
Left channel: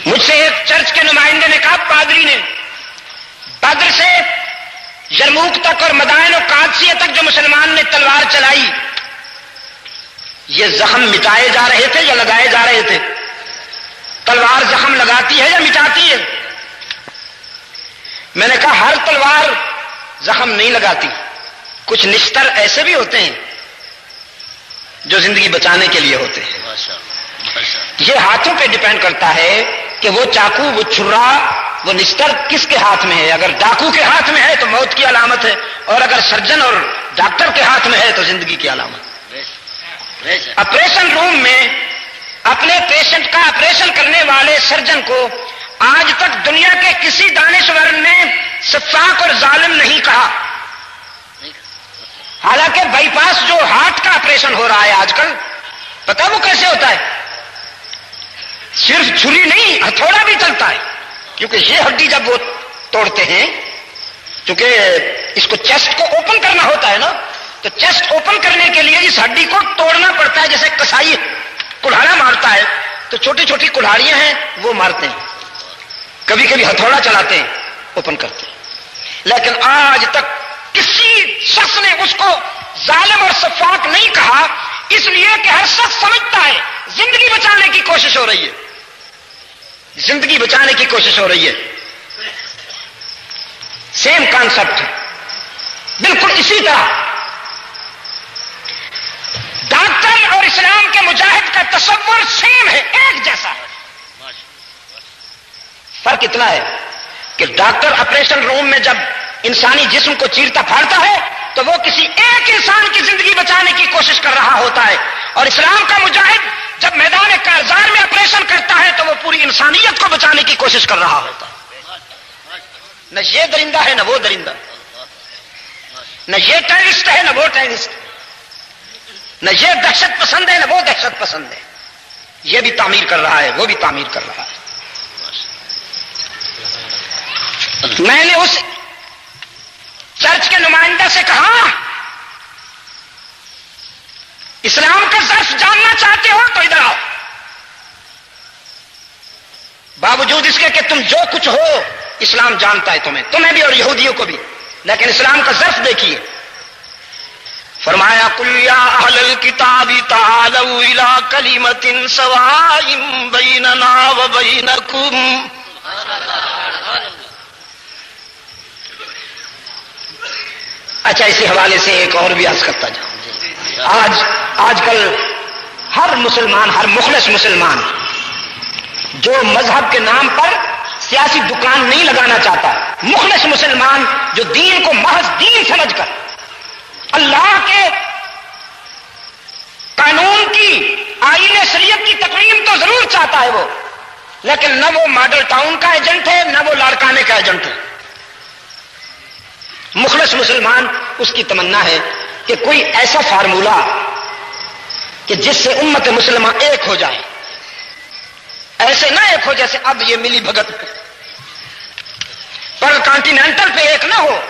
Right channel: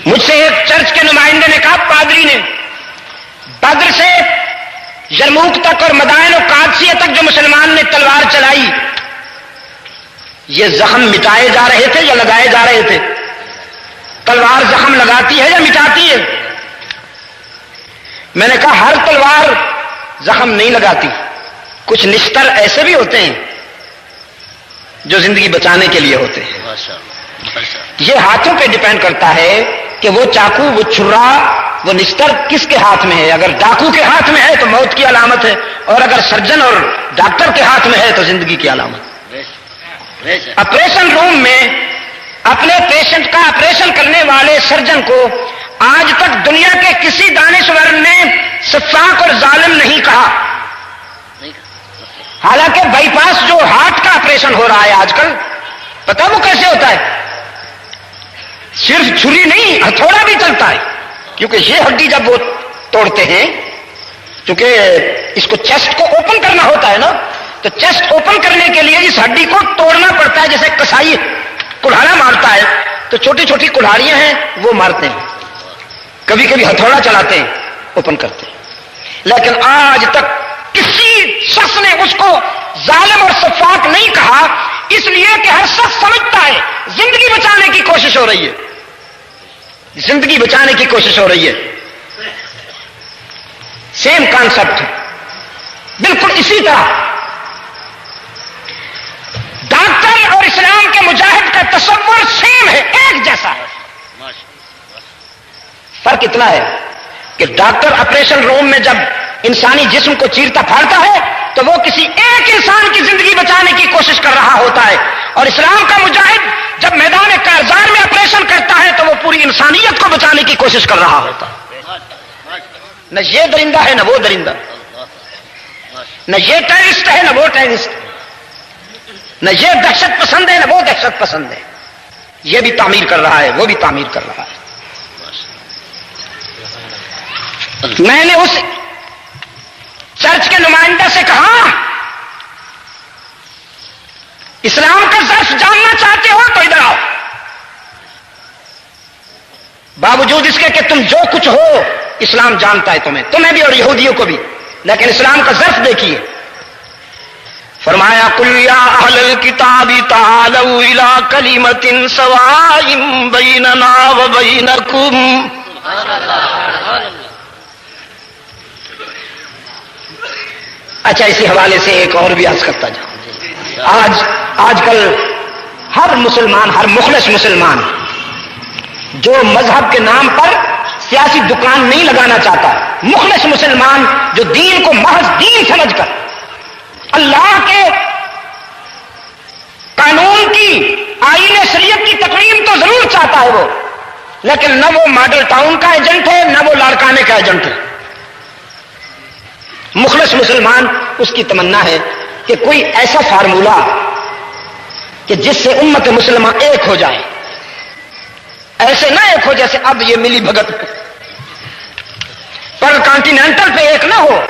مجھ سے ایک چرچ کے نمائندے نے کہا، پادری نے، بدر سے یرموک تک اور مدائن و قادسیہ تک جو مسلمان نے تلوار چلائی، یہ زخم مٹائے جا رہے تھے یا لگائے جا رہے تھے؟ تلوار زخم لگاتی ہے یا مٹاتی ہے؟ میں نے کہا ہر تلوار زخم نہیں لگاتی، کچھ نشتر ایسے بھی ہوتے ہیں جو زندگی بچانے کے لیے ہوتے ہیں۔ یہ ہاتھوں پہ ڈیپینڈ کرتا ہے کہ وہ چاقو، وہ چھرا، وہ نستر کس کے ہاتھ میں ہے۔ اگر ڈاکو کے ہاتھ میں ہے تو موت کی علامت ہے، اور اگر سرجن اور ڈاکٹر کے ہاتھ میں ہے تو زندگی کی علامت۔ آپریشن روم میں اپنے پیشنٹ کا آپریشن کرنے والے سرجن کو آج تک دنیا کے کسی دانشور نے سفاک اور ظالم نہیں کہا، حالانکہ بائی پاس جو ہارٹ کا آپریشن ہو رہا ہے آج کل، پتا وہ کیسے ہوتا ہے؟ صرف چھری نہیں، ہتھوڑا بھی چلتا ہے، کیونکہ یہ ہڈی جب وہ توڑتے ہیں، کیونکہ اس کو چیسٹ کو اوپن کرنا ہوتا ہے نا، تو چیسٹ اوپن کرنے کے لیے اس ہڈی کو توڑنا پڑتا ہے، جیسے کسائی کلہاڑا مارتا ہے تو چھوٹی چھوٹی کلہاڑیاں ہیں وہ مارتے ہیں، کبھی کبھی ہتھوڑا چلاتے ہیں، اوپن کرتے ہیں۔ لیکن آج تک کسی شخص نے اس کو ظالم اور سفاک نہیں کہا، اس لیے کہ ہر شخص سمجھتا ہے زندگی بچانے کی کوشش ہو رہی ہے، زندگی بچانے کی کوشش ہو رہی ہے۔ سیم کانسیپٹ ہے، بالکل اسی طرح ڈاکٹر اور اسلام کے مجاہد کا تصور سیم ہے، ایک جیسا ہے۔ فرق اتنا ہے کہ ڈاکٹر آپریشن روم میں جب انسانی جسم کو چیرتا پھاڑتا ہے تو وہ کسی ایک انسان کی زندگی بچانے کی کوشش کر رہا ہوتا ہے، اور اسلام کا مجاہد جب میدان کارزار میں آپریشن کرتا ہے تو وہ پوری انسانیت کو بچانے کی کوشش کر رہا ہوتا ہے۔ نہ یہ درندہ ہے نہ وہ درندہ، نہ یہ ٹیررسٹ ہے نہ وہ ٹیررسٹ، نہ یہ دہشت پسند ہے نہ وہ دہشت پسند ہے، یہ بھی تعمیر کر رہا ہے وہ بھی تعمیر کر رہا ہے۔ میں نے اس چرچ کے نمائندہ سے کہا اسلام کا ظرف جاننا چاہتے ہو تو ادھر آؤ، باوجود اس کے کہ تم جو کچھ ہو اسلام جانتا ہے تمہیں بھی اور یہودیوں کو بھی، لیکن اسلام کا ظرف دیکھیے۔ فرمایا قل یا اہل الکتاب تعالوا الی کلمۃ سواء بیننا وبینکم، اچھا اسی حوالے سے ایک اور بھی عرض کرتا جاؤں۔ آج کل ہر مسلمان، ہر مخلص مسلمان جو مذہب کے نام پر سیاسی دکان نہیں لگانا چاہتا، مخلص مسلمان جو دین کو محض دین سمجھ کر اللہ کے قانون کی، آئین شریعت کی تقویم تو ضرور چاہتا ہے وہ، لیکن نہ وہ ماڈل ٹاؤن کا ایجنٹ ہے نہ وہ لاڑکانے کا ایجنٹ ہے۔ مخلص مسلمان اس کی تمنا ہے کہ کوئی ایسا فارمولہ کہ جس سے امت مسلمہ ایک ہو جائے، ایسے نہ ایک ہو جیسے اب یہ ملی بھگت پر کانٹیننٹل پہ ایک نہ ہو،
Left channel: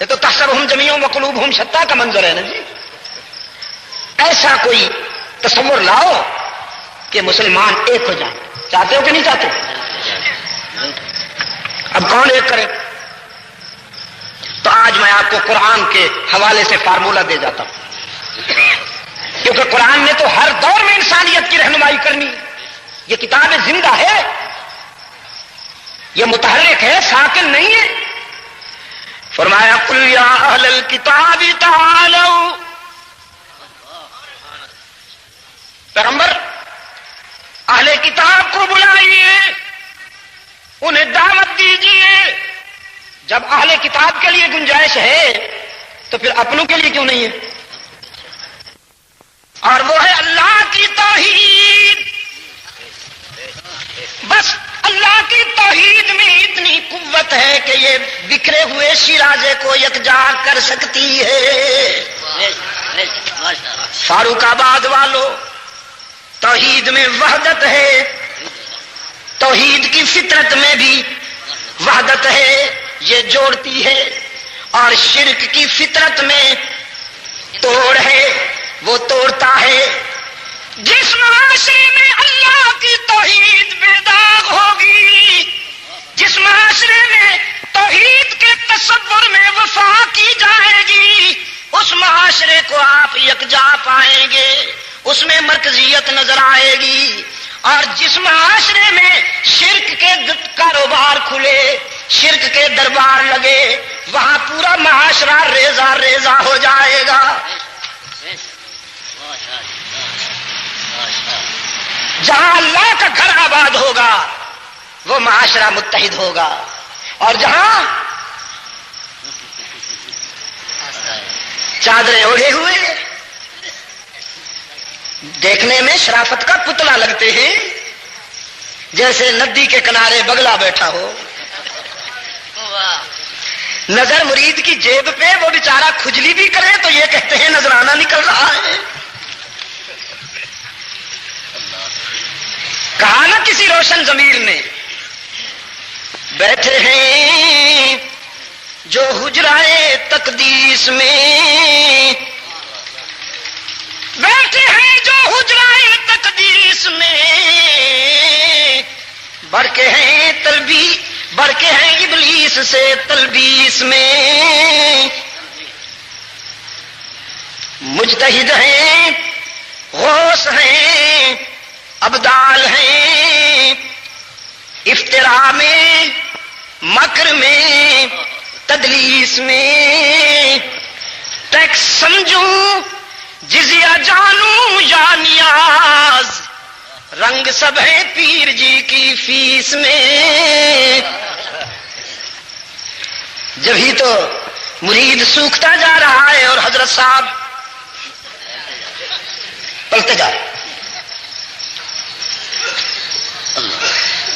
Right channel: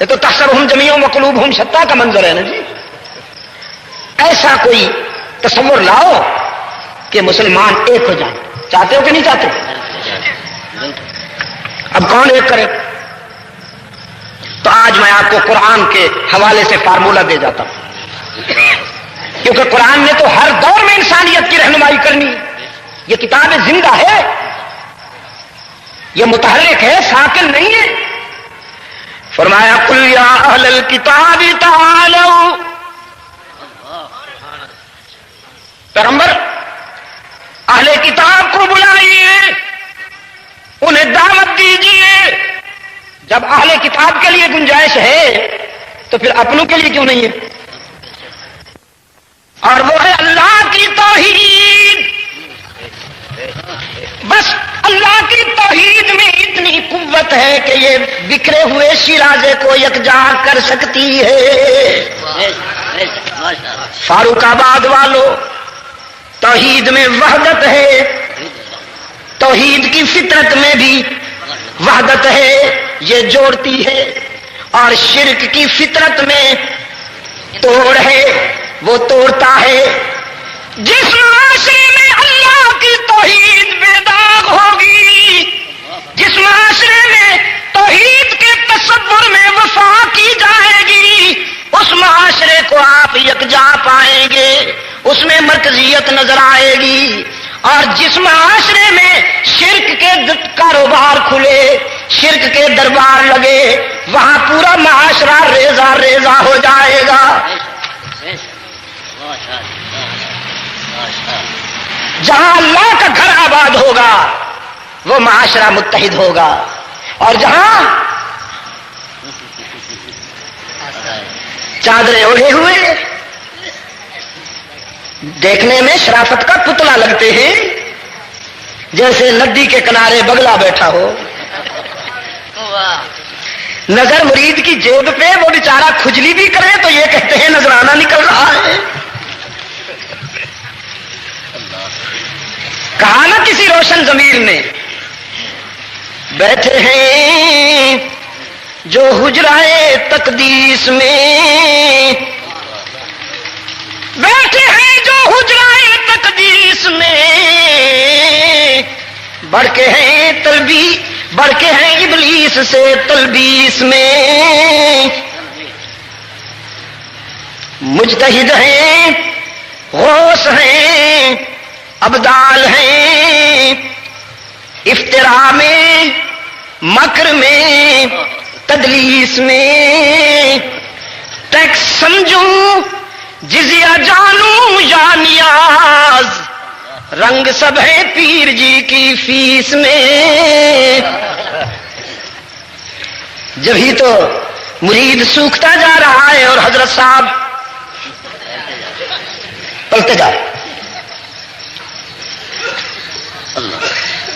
یہ تو تحسبہم جمیعا وقلوبہم شتیٰ کا منظر ہے نا جی۔ ایسا کوئی تصور لاؤ کہ مسلمان ایک ہو جائیں، چاہتے ہو کہ نہیں چاہتے؟ اب کون ایک کرے؟ تو آج میں آپ کو قرآن کے حوالے سے فارمولہ دے جاتا ہوں، کیونکہ قرآن نے تو ہر دور میں انسانیت کی رہنمائی کرنی ہے۔ یہ کتاب زندہ ہے، یہ متحرک ہے، ساکن نہیں ہے۔ فرمایا قل یا اہل الکتاب تعالوا، پیغمبر اہل کتاب کو بلائیے، انہیں دعوت دیجیے۔ جب اہل کتاب کے لیے گنجائش ہے تو پھر اپنوں کے لیے کیوں نہیں ہے؟ اور وہ ہے اللہ کی توحید۔ بس اللہ کی توحید میں اتنی قوت ہے کہ یہ بکھرے ہوئے شیرازے کو یکجا کر سکتی ہے۔ فاروق آباد والوں، توحید میں وحدت ہے، توحید کی فطرت میں بھی وحدت ہے، یہ جوڑتی ہے، اور شرک کی فطرت میں توڑ ہے، وہ توڑتا ہے۔ جس معاشرے میں اللہ کی توحید بے داغ ہوگی، جس معاشرے میں توحید کے تصور میں وفا کی جائے گی، اس معاشرے کو آپ یکجا پائیں گے، اس میں مرکزیت نظر آئے گی۔ اور جس معاشرے میں شرک کے کاروبار کھلے، شرک کے دربار لگے، وہاں پورا معاشرہ ریزہ ریزہ ہو جائے گا۔ جہاں اللہ کا گھر آباد ہوگا وہ معاشرہ متحد ہوگا، اور جہاں چادریں اوڑھے ہوئے دیکھنے میں شرافت کا پتلا لگتے ہیں، جیسے ندی کے کنارے بگلا بیٹھا ہو، نظر مرید کی جیب پہ، وہ بیچارہ کھجلی بھی کرے تو یہ کہتے ہیں نذرانہ نکل رہا ہے۔ کہا نا کسی روشن ضمیر نے، بیٹھے ہیں جو حجرائے تقدیس میں، بیٹھے ہیں جو حجرائے تقدیس میں، بڑھ کے ہیں بڑھ کے ہیں ابلیس سے تلبیس میں، مجتہد ہیں، غوث ہیں، ابدال ہیں، افتراء میں، مکر میں، تدلیس میں، ٹیکس سمجھوں جزیہ جانوں یا نیاز، رنگ سب ہے پیر جی کی فیس میں۔ جب ہی تو مرید سوکھتا جا رہا ہے اور حضرت صاحب پلتے جا رہے۔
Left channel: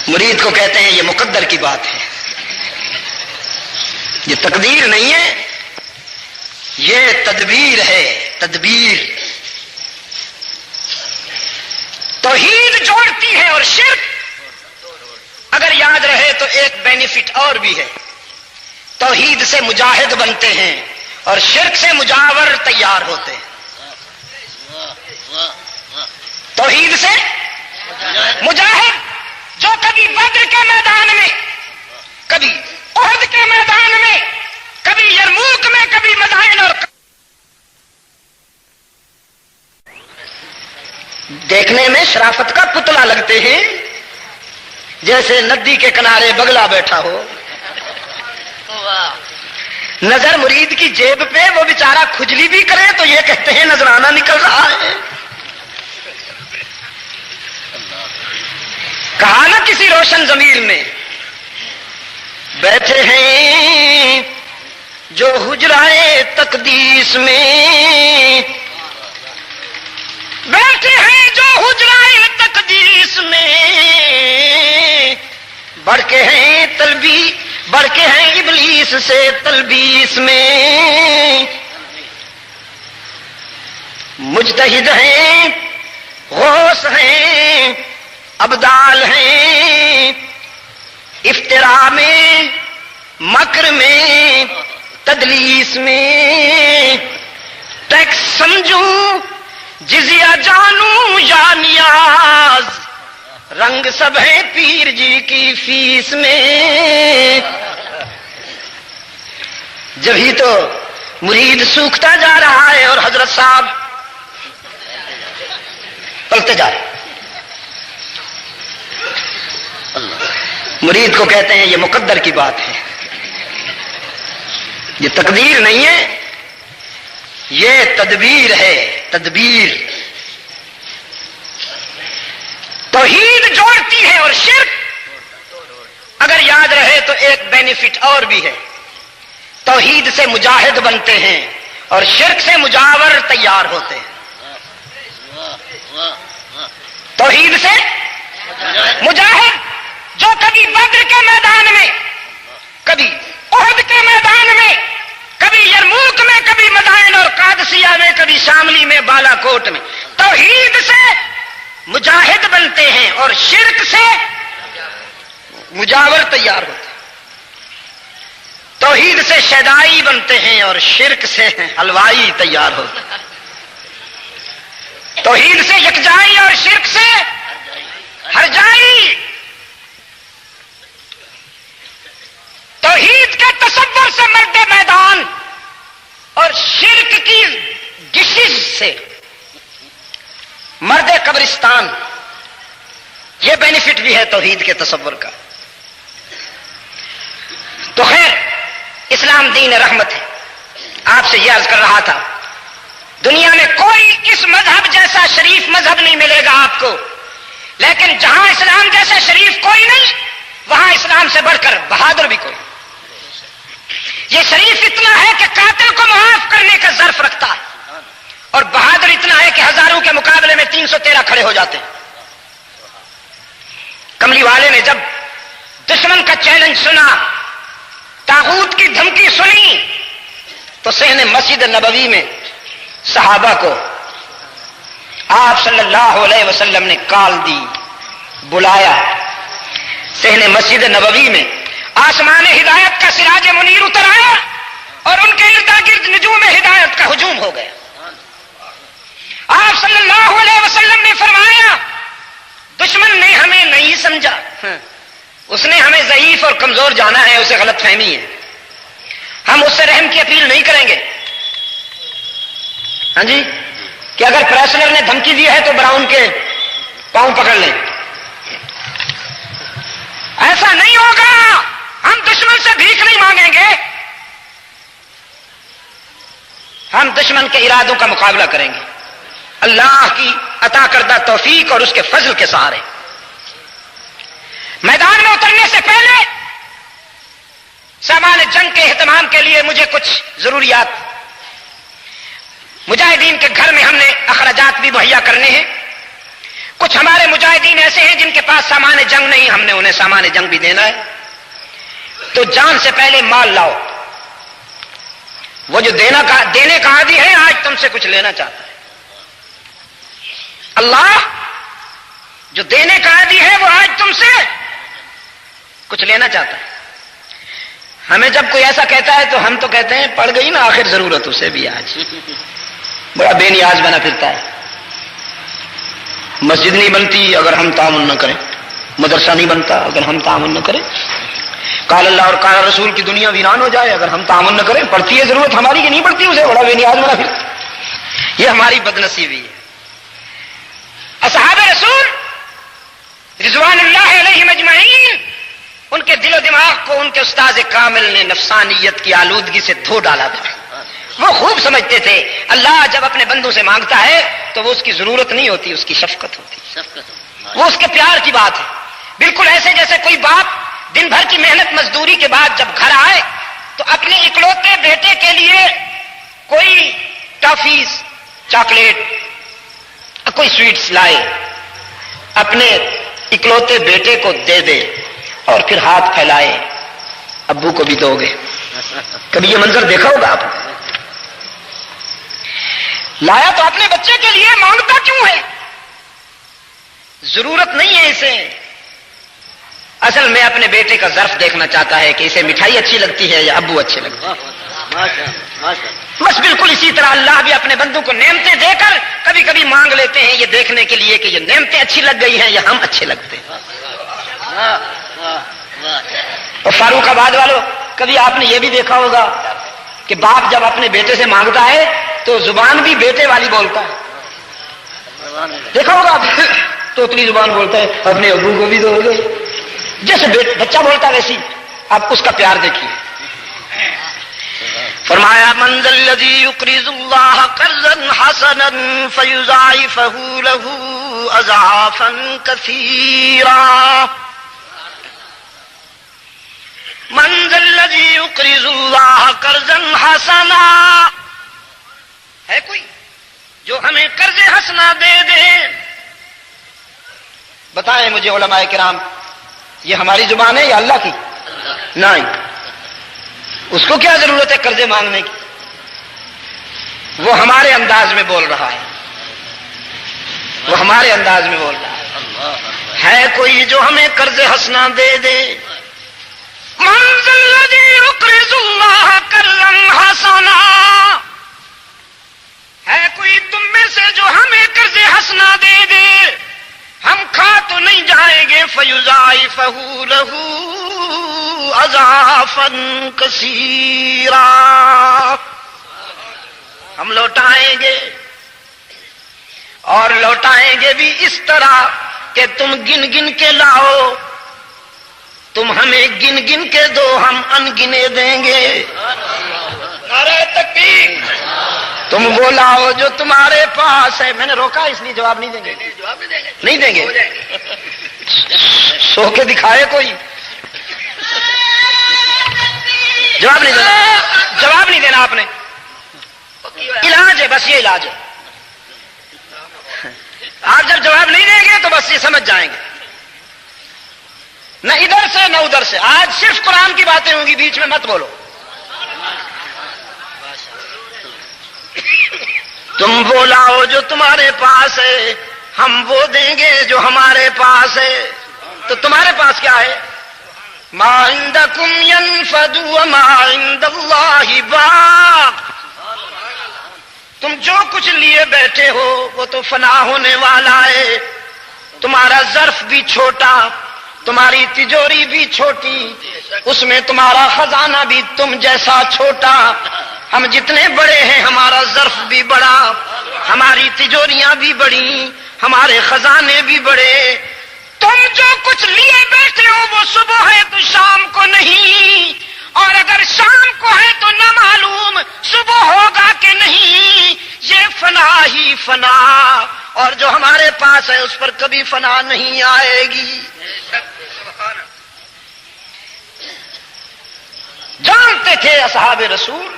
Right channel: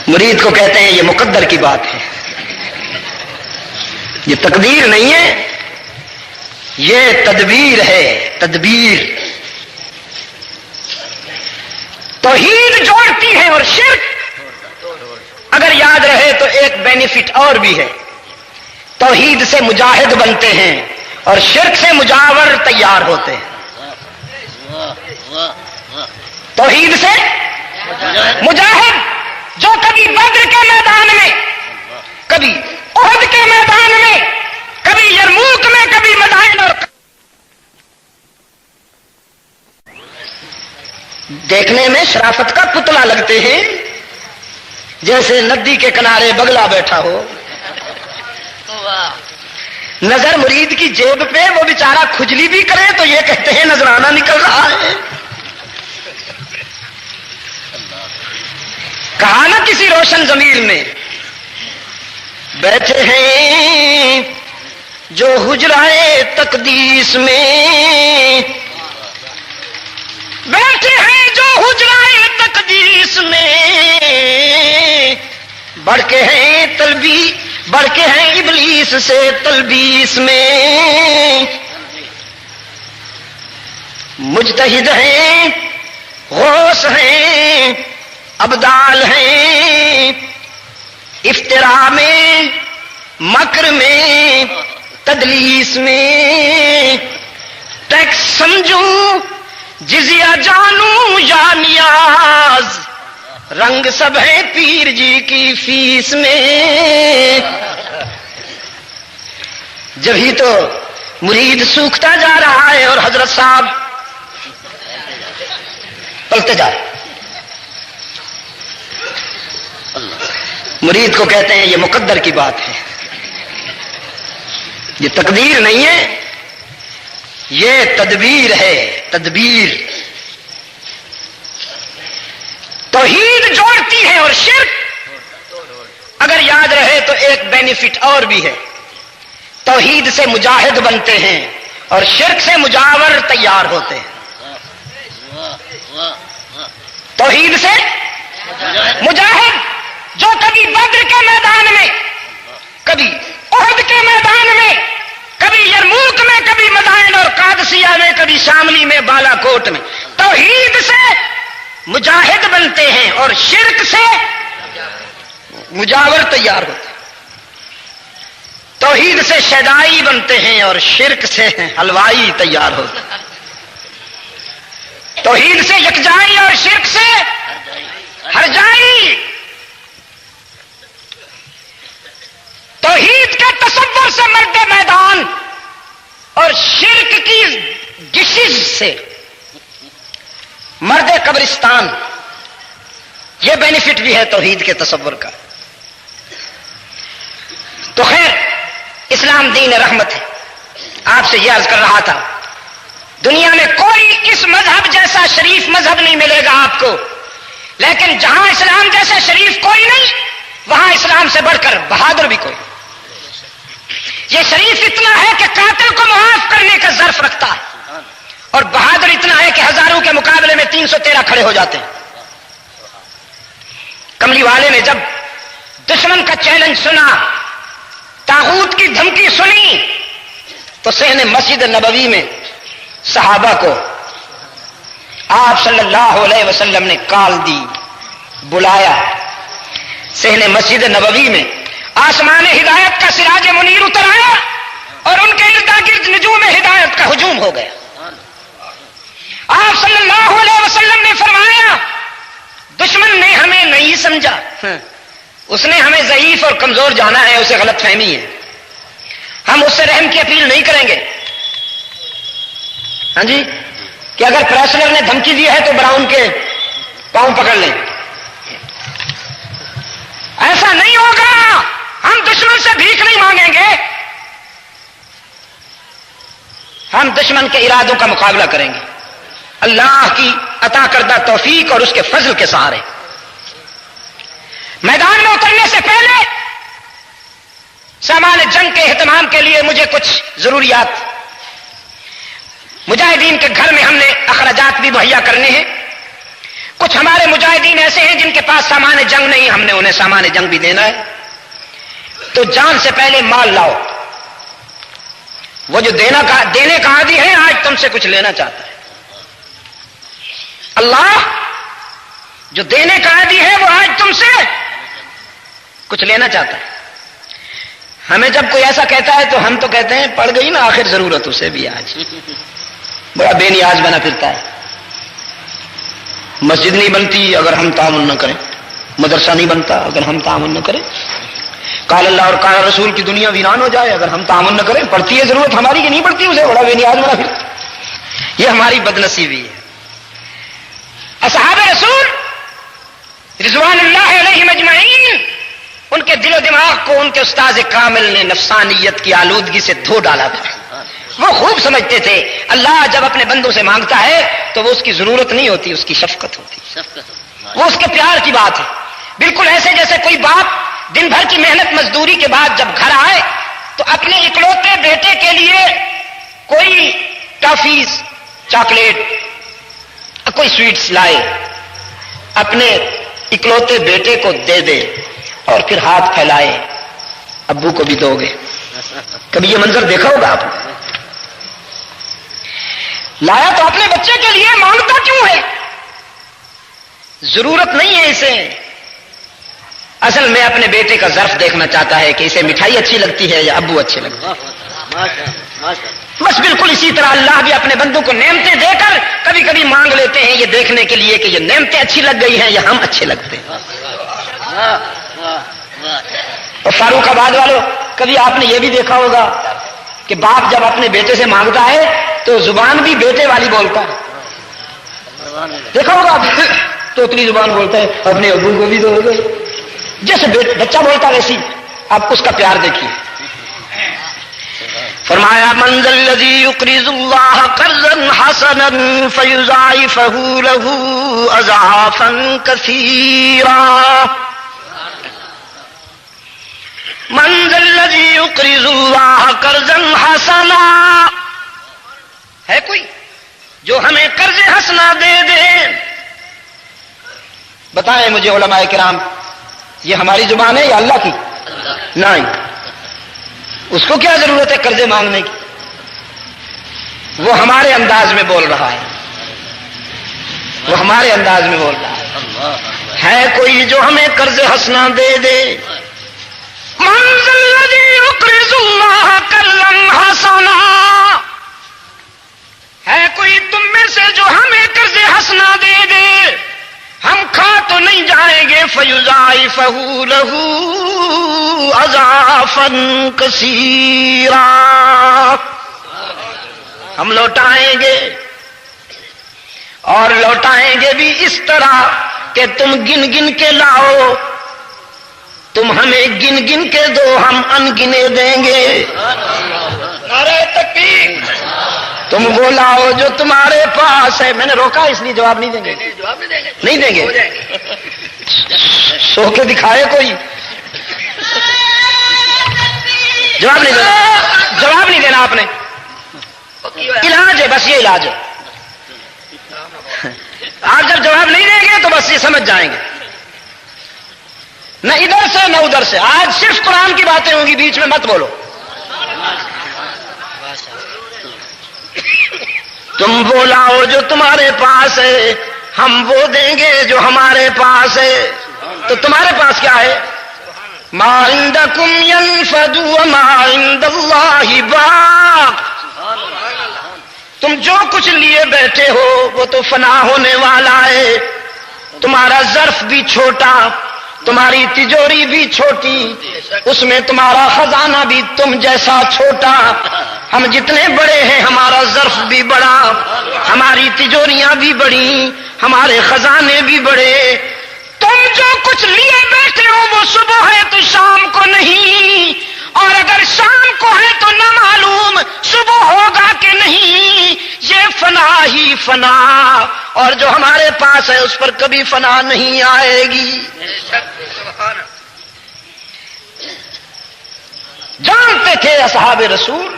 مرید کو کہتے ہیں یہ مقدر کی بات ہے، یہ تقدیر نہیں ہے، یہ تدبیر ہے، تدبیر۔ توحید جوڑتی ہے اور شرک، اگر یاد رہے تو ایک بینیفٹ اور بھی ہے، توحید سے مجاہد بنتے ہیں اور شرک سے مجاور تیار ہوتے ہیں. توحید سے مجاہد جو کبھی بدر کے میدان میں، کبھی احد کے میدان میں، کبھی یرموک میں، کبھی مدائن اور دیکھنے میں شرافت کا پتلا لگتے ہیں، جیسے ندی کے کنارے بگلا بیٹھا ہو. نظر مرید کی جیب پہ، وہ بیچارہ کھجلی بھی کرے تو یہ کہتے ہیں نذرانہ نکل رہا ہے. کہا نا کسی روشن ضمیر نے، بیٹھے ہیں جو حجرائے تقدیس میں، بیٹھے ہیں جو حجرائے تقدیس میں، بڑھ کے ہیں بڑھ کے ہیں ابلیس سے تلبیس میں. مجتہد ہیں، غوث ہیں، ابدال ہیں، افتراء میں، مکر میں، تدلیس میں. ٹیکس سمجھوں جزیہ جانوں یا نیاز، رنگ سب ہے پیر جی کی فیس میں. جبھی تو مرید سوکھتا جا رہا ہے اور حضرت صاحب پلتے جا رہے. مرید کو کہتے ہیں یہ مقدر کی بات ہے، یہ تقدیر نہیں ہے، یہ تدبیر ہے. تدبیر توحید جوڑتی ہے اور شرک اگر یاد رہے تو ایک بینیفٹ اور بھی ہے. توحید سے مجاہد بنتے ہیں اور شرک سے مجاور تیار ہوتے ہیں. توحید سے مجاہد جو کبھی بدر کے میدان میں، کبھی احد کے میدان میں، کبھی یرموک میں، کبھی مدائن اور قادسیہ میں، کبھی شاملی میں، بالا کوٹ میں، توحید سے مجاہد بنتے ہیں اور شرک سے مجاور تیار ہوتے ہیں. توحید سے شیدائی بنتے ہیں اور شرک سے حلوائی تیار ہوتے ہیں. توحید سے یکجائی اور شرک سے ہرجائی. توحید کے تصور سے مرد میدان اور شرک کی ڈشز سے مرد قبرستان. یہ بینیفٹ بھی ہے توحید کے تصور کا. تو خیر، اسلام دین رحمت ہے. آپ سے یہ عرض کر رہا تھا، دنیا میں کوئی اس مذہب جیسا شریف مذہب نہیں ملے گا آپ کو، لیکن جہاں اسلام جیسا شریف کوئی نہیں، وہاں اسلام سے بڑھ کر بہادر بھی کوئی. یہ شریف اتنا ہے کہ قاتل کو معاف کرنے کا ظرف رکھتا ہے، اور بہادر اتنا ہے کہ ہزاروں کے مقابلے میں 313 کھڑے ہو جاتے ہیں. کملی والے نے جب دشمن کا چیلنج سنا، طاغوت کی دھمکی سنی، تو صحن مسجد نبوی میں صحابہ کو آپ صلی اللہ علیہ وسلم نے کال دی، بلایا. صحن مسجد نبوی میں آسمان ہدایت کا سراج منیر اتر آیا اور ان کے ارد گرد نجوم ہدایت کا ہجوم ہو گیا. آپ صلی اللہ علیہ وسلم نے فرمایا، دشمن نے ہمیں نہیں سمجھا، اس نے ہمیں ضعیف اور کمزور جانا ہے، اسے غلط فہمی ہے. ہم اس سے رحم کی اپیل نہیں کریں گے. ہاں جی، کہ اگر پریسنر نے دھمکی دی ہے تو براؤن کے پاؤں پکڑ لیں. ایسا نہیں ہوگا. ہم دشمن سے بھیک نہیں مانگیں گے، ہم دشمن کے ارادوں کا مقابلہ کریں گے اللہ کی عطا کردہ توفیق اور اس کے فضل کے سہارے. میدان میں اترنے سے پہلے سامان جنگ کے اہتمام کے لیے مجھے کچھ ضروریات، مجاہدین کے گھر میں ہم نے اخراجات بھی مہیا کرنے ہیں. کچھ ہمارے مجاہدین ایسے ہیں جن کے پاس سامان جنگ نہیں، ہم نے انہیں سامان جنگ بھی دینا ہے. تو جان سے پہلے مال لاؤ. وہ جو دینے کا عادی ہے آج تم سے کچھ لینا چاہتا ہے. اللہ جو دینے کا عادی ہے وہ آج تم سے کچھ لینا چاہتا ہے. ہمیں جب کوئی ایسا کہتا ہے تو ہم تو کہتے ہیں پڑ گئی نا آخر ضرورت اسے بھی آج، بڑا بے نیاز بنا پھرتا ہے۔ مسجد نہیں بنتی اگر ہم تعاون نہ کریں، مدرسہ نہیں بنتا اگر ہم تعاون نہ کریں، قال اللہ اور قال رسول کی دنیا ویران ہو جائے اگر ہم تعاون نہ کریں۔ پڑتی ہے ضرورت ہماری کہ نہیں پڑتی، اسے بڑا بے نیاز بنا پھرتا ہے۔ یہ ہماری بدنصیبی ہے۔ اصحاب رسول رضوان اللہ علیہم اجمعین، ان کے دل و دماغ کو ان کے استاد کامل نے نفسانیت کی آلودگی سے دھو ڈالا تھا۔ وہ خوب سمجھتے تھے اللہ جب اپنے بندوں سے مانگتا ہے تو وہ اس کی ضرورت نہیں ہوتی، اس کی شفقت ہوتی، وہ اس کے پیار کی بات ہے۔ بالکل ایسے جیسے کوئی باپ دن بھر کی محنت مزدوری کے بعد جب گھر آئے تو اپنے اکلوتے بیٹے کے لیے کوئی ٹافیز، چاکلیٹ، کوئی سویٹس لائے، اپنے اکلوتے بیٹے کو دے دے اور پھر ہاتھ پھیلائے ابو کو بھی دو گے۔ کبھی یہ منظر دیکھا ہوگا آپ نے؟ لایا تو اپنے بچے کے لیے، مانگتا کیوں ہے؟ ضرورت نہیں ہے اسے، اصل میں اپنے بیٹے کا ظرف دیکھنا چاہتا ہے کہ اسے مٹھائی اچھی لگتی ہے یا ابو اچھے لگتے ہیں۔ بس بالکل اسی طرح اللہ بھی اپنے بندوں کو نعمتیں دے کر کبھی کبھی مانگ لیتے ہیں یہ دیکھنے کے لیے کہ یہ نعمتیں اچھی لگ گئی ہیں یا ہم اچھے لگتے ہیں۔ اور فاروق آباد والوں، کبھی آپ نے یہ بھی دیکھا ہوگا کہ باپ جب اپنے بیٹے سے مانگتا ہے تو زبان بھی بیٹے والی بولتا ہے، دیکھا ہوگا آپ؟ توتلی زبان بولتا ہے، اپنے ابو کو بھی دو گے، جیسے بچہ بولتا ویسی آپ اس کا پیار دیکھیے۔ فرمایا من ذا الذی یقرض اللہ قرضا حسنا فیضاعفہ لہ اضعافا کثیرا، من ذا الذی یقرض اللہ قرضا حسنا، ہے کوئی جو ہمیں قرض حسنا دے دے؟ بتائیں مجھے علماء کرام، یہ ہماری زبان ہے یا اللہ کی؟ نہیں، اس کو کیا ضرورت ہے قرضے مانگنے کی؟ وہ ہمارے انداز میں بول رہا ہے، وہ ہمارے انداز میں بول رہا ہے کوئی جو ہمیں قرض حسنا دے دے؟ من ذا الذی یقرض اللہ قرضا حسنا، ہے کوئی تم میں سے جو ہمیں قرض حسنا دے دے؟ ہم کھا تو نہیں جائیں گے، فیضاعفہ لہ اضعافا کثیرا، ہم لوٹائیں گے اور لوٹائیں گے بھی اس طرح کہ تم گن گن کے لاؤ، تم ہمیں گن گن کے دو، ہم ان گنے دیں گے۔ ارے تکبیر، تم وہ لاؤ جو تمہارے پاس ہے۔ میں نے روکا اس لیے جواب نہیں دیں گے، نہیں دیں گے، سو کے دکھائے کوئی، جواب نہیں دینا، جواب نہیں دینا آپ نے، علاج ہے بس، یہ علاج ہے۔ آپ جب جواب نہیں دیں گے تو بس یہ سمجھ جائیں گے، نہ ادھر سے نہ ادھر سے۔ آج صرف قرآن کی باتیں ہوں گی، بیچ میں مت بولو۔ تم وہ لاؤ جو تمہارے پاس ہے، ہم وہ دیں گے جو ہمارے پاس ہے۔ تو تمہارے پاس کیا ہے؟ ما عندکم ینفد وما عند اللہ باق، تم جو کچھ لیے بیٹھے ہو وہ تو فنا ہونے والا ہے۔ تمہارا ظرف بھی چھوٹا، تمہاری تجوری بھی چھوٹی، اس میں تمہارا خزانہ بھی تم جیسا چھوٹا۔ ہم جتنے بڑے ہیں ہمارا ظرف بھی بڑا، ہماری تجوریاں بھی بڑی، ہمارے خزانے بھی بڑے۔ تم جو کچھ لیے بیٹھے ہو وہ صبح ہے تو شام کو نہیں، اور اگر شام کو ہے تو نہ معلوم صبح ہوگا کہ نہیں۔ یہ فنا ہی فنا، اور جو ہمارے پاس ہے اس پر کبھی فنا نہیں آئے گی۔ جانتے تھے اصحاب رسول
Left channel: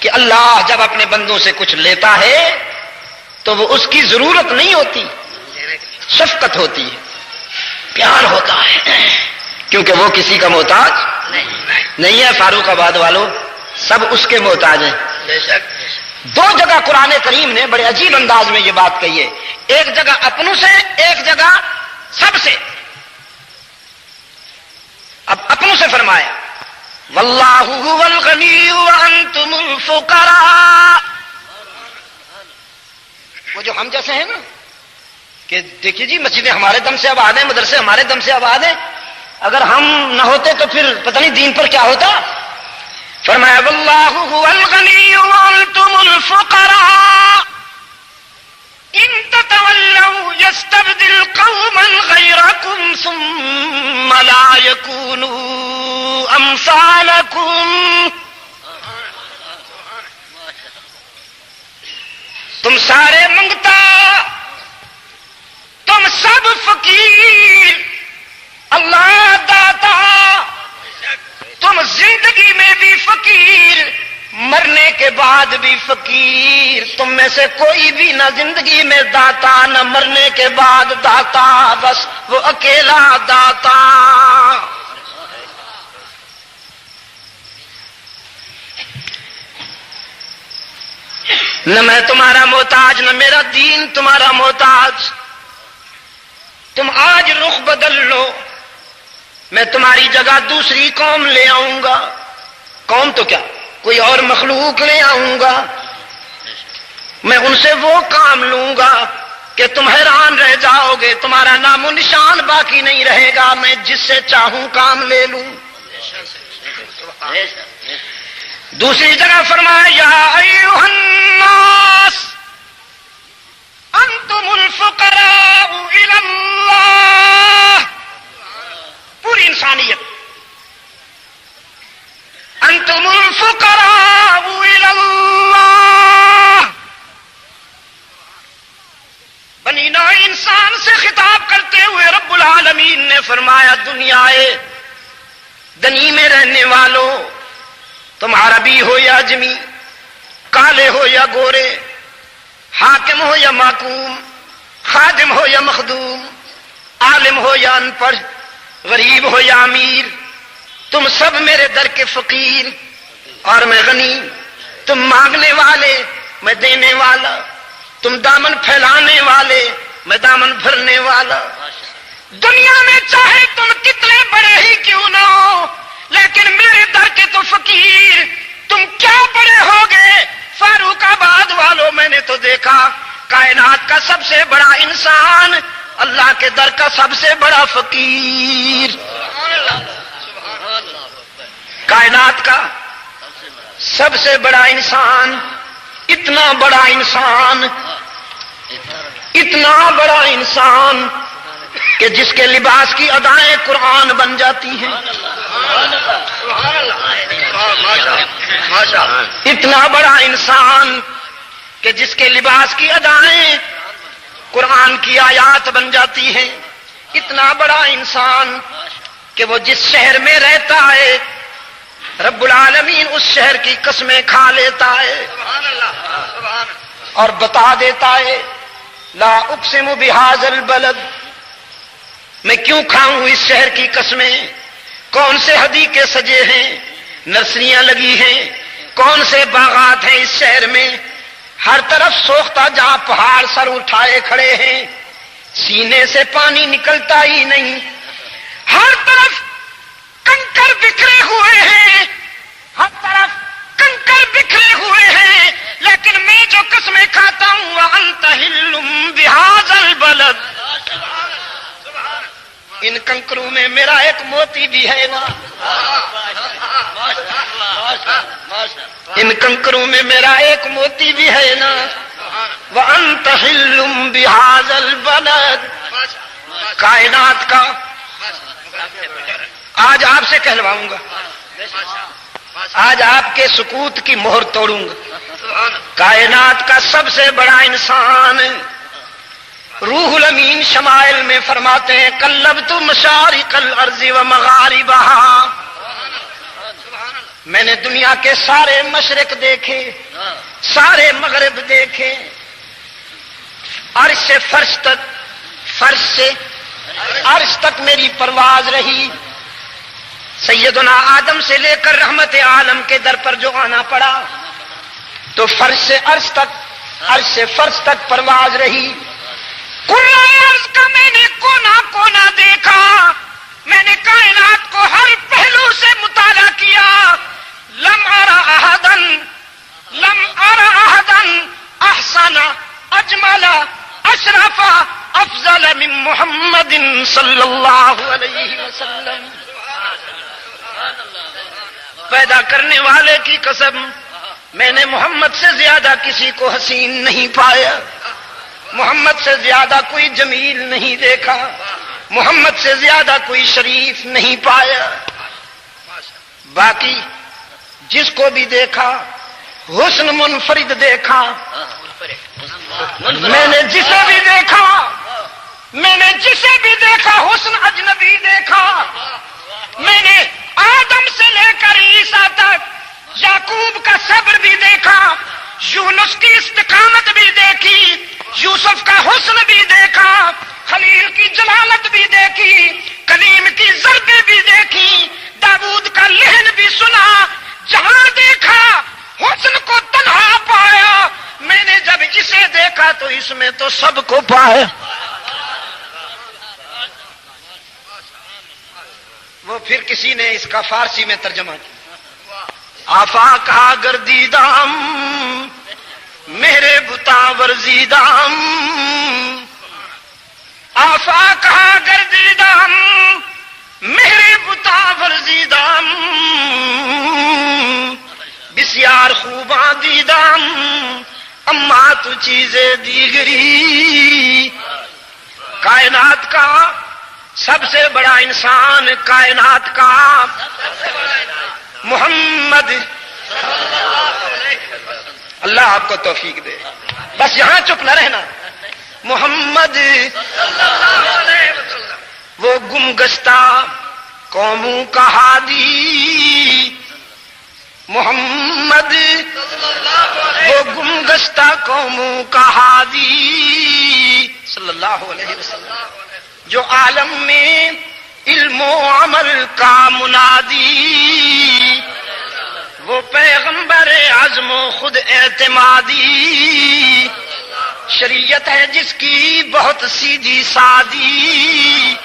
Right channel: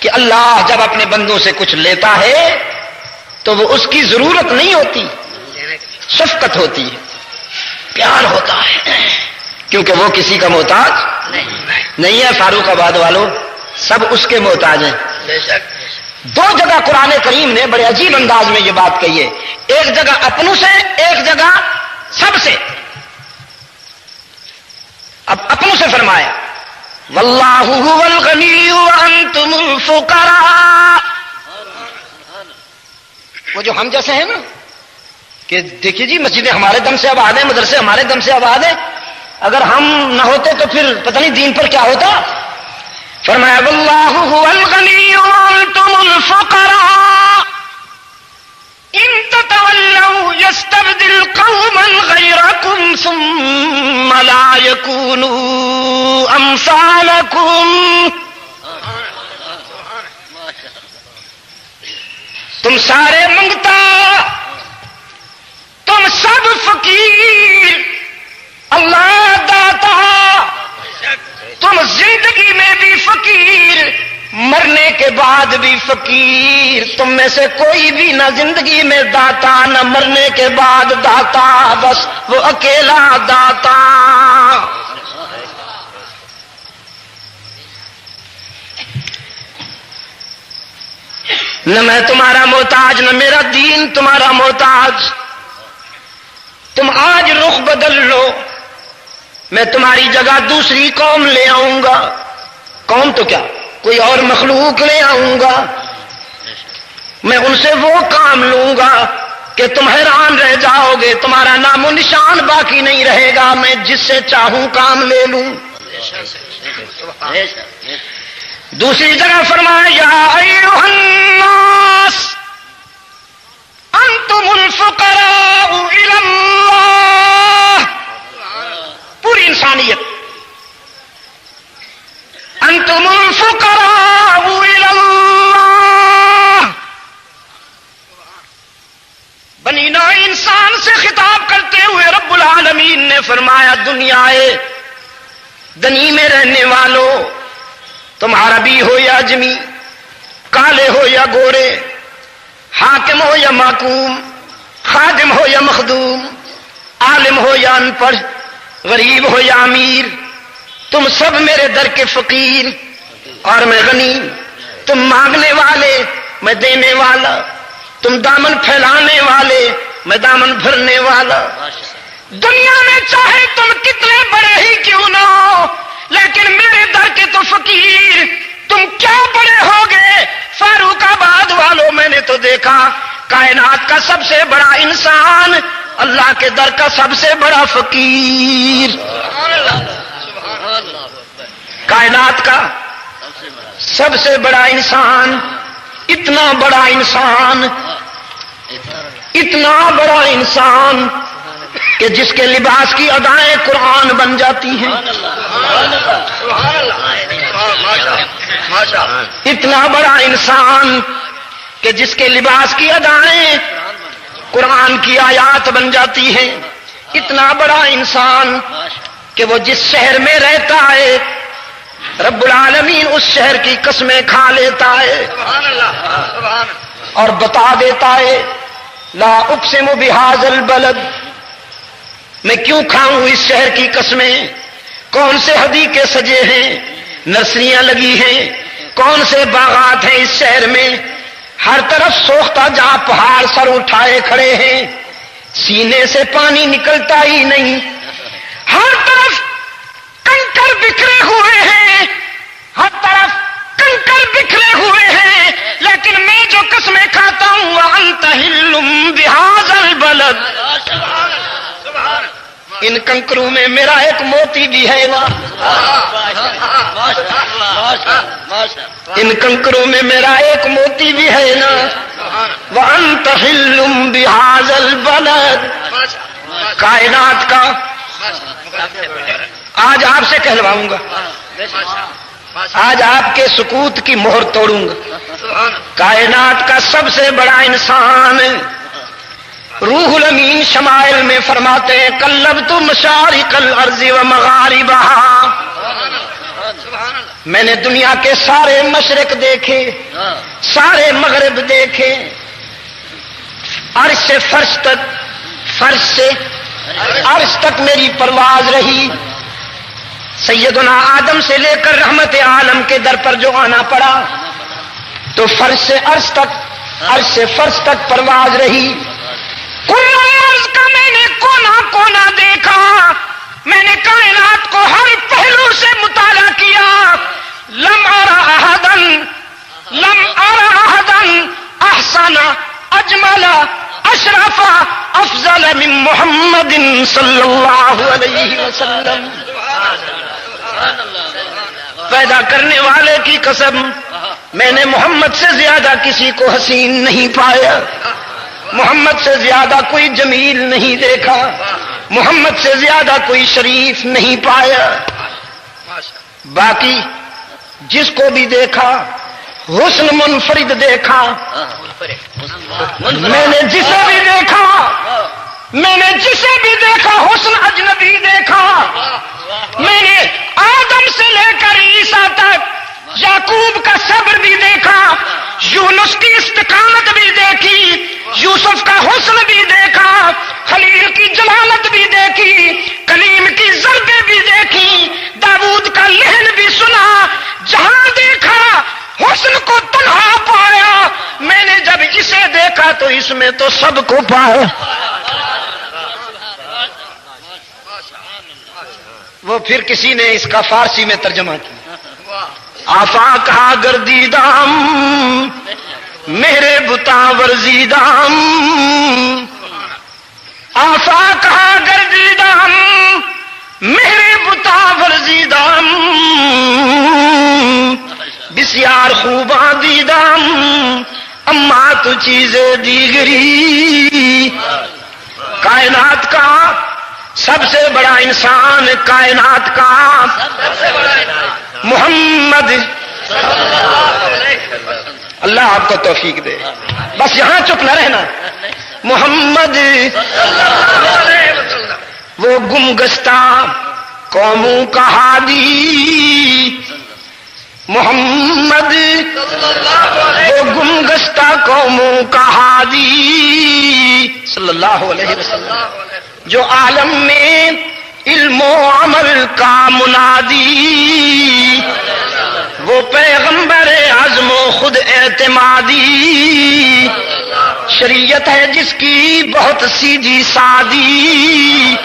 کہ اللہ جب اپنے بندوں سے کچھ لیتا ہے تو وہ اس کی ضرورت نہیں ہوتی، شفقت ہوتی ہے، پیار ہوتا ہے، کیونکہ وہ کسی کا محتاج نہیں ہے۔ فاروق آباد والوں، سب اس کے محتاج ہیں۔ دو جگہ قرآن کریم نے بڑے عجیب انداز میں یہ بات کہی ہے، ایک جگہ اپنوں سے، ایک جگہ سب سے۔ اب اپنوں سے فرمایا واللہ هو الغنی وانتم الفقراء. وہ جو ہم جیسے ہیں نا کہ دیکھیے جی مسجدیں ہمارے دم سے آباد ہیں, مدرسے ہمارے دم سے آباد ہیں, اگر ہم نہ ہوتے تو پھر پتہ نہیں دین پر کیا ہوتا. فرمایا واللہ هو الغنی وانتم الفقراء ان تتولوا يستبدل قوما غيركم ثم لا يكونوا امثالكم. تم سارے منگتا, تم سب فقیر, اللہ داتا. تم زندگی میں بھی فقیر, مرنے کے بعد بھی فقیر. تم میں سے کوئی بھی نہ زندگی میں داتا نہ مرنے کے بعد داتا, بس وہ اکیلا داتا. نہ میں تمہارا محتاج نہ میرا دین تمہارا محتاج. تم آج رخ بدل لو, میں تمہاری جگہ دوسری قوم لے آؤں گا. قوم تو کیا, کوئی اور مخلوق لے آؤں گا. میں ان سے وہ کام لوں گا کہ تم حیران رہ جاؤ گے, تمہارا نام و نشان باقی نہیں رہے گا. میں جس سے چاہوں کام لے لوں. دوسری جگہ فرمایا یا ایھا الناس انتم الفقراء الی اللہ. پوری انسانیت انتم الفقراء الی اللہ. بنی نوع انسان سے خطاب کرتے ہوئے رب العالمین نے فرمایا دنیا دنی میں رہنے والوں, تم عربی ہو یا اجمی, کالے ہو یا گورے, حاکم ہو یا محکوم, خادم ہو یا مخدوم, عالم ہو یا ان پڑھ, غریب ہو یا امیر, تم سب میرے در کے فقیر اور میں غنی. تم مانگنے والے میں دینے والا, تم دامن پھیلانے والے میں دامن بھرنے والا. دنیا میں چاہے تم کتنے بڑے ہی کیوں نہ ہو, لیکن میرے در کے تو فقیر. تم کیا بڑے ہوگے فاروق آباد والوں, میں نے تو دیکھا کائنات کا سب سے بڑا انسان اللہ کے در کا سب سے بڑا فقیر. کائنات کا سب سے بڑا انسان, اتنا بڑا انسان, اتنا بڑا انسان کہ جس کے لباس کی ادائیں قرآن بن جاتی ہیں. اتنا بڑا انسان کہ جس کے لباس کی ادائیں قرآن کی آیات بن جاتی ہیں. اتنا بڑا انسان کہ وہ جس شہر میں رہتا ہے رب العالمین اس شہر کی قسمیں کھا لیتا ہے اور بتا دیتا ہے لا اقسم بہذا البلد, میں کیوں کھاؤں اس شہر کی قسمیں. کون سے حدیقے سجے ہیں, نرسریاں لگی ہیں, کون سے باغات ہیں اس شہر میں. ہر طرف سوختہ جہاں پہاڑ سر اٹھائے کھڑے ہیں, سینے سے پانی نکلتا ہی نہیں. ہر طرف کنکر بکھرے ہوئے ہیں, ہر طرف کنکر بکھرے ہوئے ہیں, لیکن میں جو قسمیں کھاتا ہوں وانت حل بہذا البلد, ان کنکروں میں میرا ایک موتی بھی ہے نا, ان کنکروں میں میرا ایک موتی بھی ہے نا. وانت حل بہذا البلد. کائنات کا آج آپ سے کہلواؤں گا, آج آپ کے سکوت کی مہر توڑوں گا. کائنات کا سب سے بڑا انسان روح الامین شمائل میں فرماتے ہیں قلبت مشارق الارض و مغاربہا, میں نے دنیا کے سارے مشرق دیکھے, سارے مغرب دیکھے. عرش سے فرش تک, فرش سے عرش تک میری پرواز رہی. سیدنا آدم سے لے کر رحمت عالم کے در پر جو آنا پڑا تو فرش سے عرش تک, عرش سے فرش تک پرواز رہی. عرض کا میں نے کونا کونا دیکھا, میں نے کائنات کو ہر پہلو سے مطالعہ کیا، لم ارى احدا احسن اجمل اشرف افضل من محمد صلی اللہ علیہ وسلم۔ پیدا کرنے والے کی قسم، میں نے محمد سے زیادہ کسی کو حسین نہیں پایا، محمد سے زیادہ کوئی جمیل نہیں دیکھا، محمد سے زیادہ کوئی شریف نہیں پایا۔ باقی جس کو بھی دیکھا حسن منفرد دیکھا، میں نے جسے بھی دیکھا حسن اجنبی دیکھا۔ میں نے آدم سے لے کر عیسیٰ تک یعقوب کا صبر بھی دیکھا، یونس کی استقامت بھی دیکھی، یوسف کا حسن بھی دیکھا، خلیل کی جلالت بھی دیکھی، کلیم کی ضربیں بھی دیکھی، داؤد کا لحن بھی سنا۔ جہاں دیکھا حسن کو تنہا پایا، میں نے جب اسے دیکھا تو اس میں تو سب کو پایا۔ وہ پھر کسی نے اس کا فارسی میں ترجمہ کیا، آفاق ہا گردیدام میرے بتا ورزیدام، آفاق ہا گردیدام میرے بتا ورزیدام، بسیار خوباں دیدام اما تو چیزیں دیگری۔ کائنات کا سب سے بڑا انسان، کائنات کا محمد، اللہ آپ کو توفیق دے، بس یہاں چپ نہ رہنا۔ محمد وہ گمگشتہ قوموں کا ہادی، محمد وہ گمگشتہ قوموں کا ہادی صلی اللہ علیہ وسلم، جو عالم میں علم و عمل کا منادی، وہ پیغمبر عزم و خود اعتمادی، شریعت ہے جس کی بہت سیدھی سادی،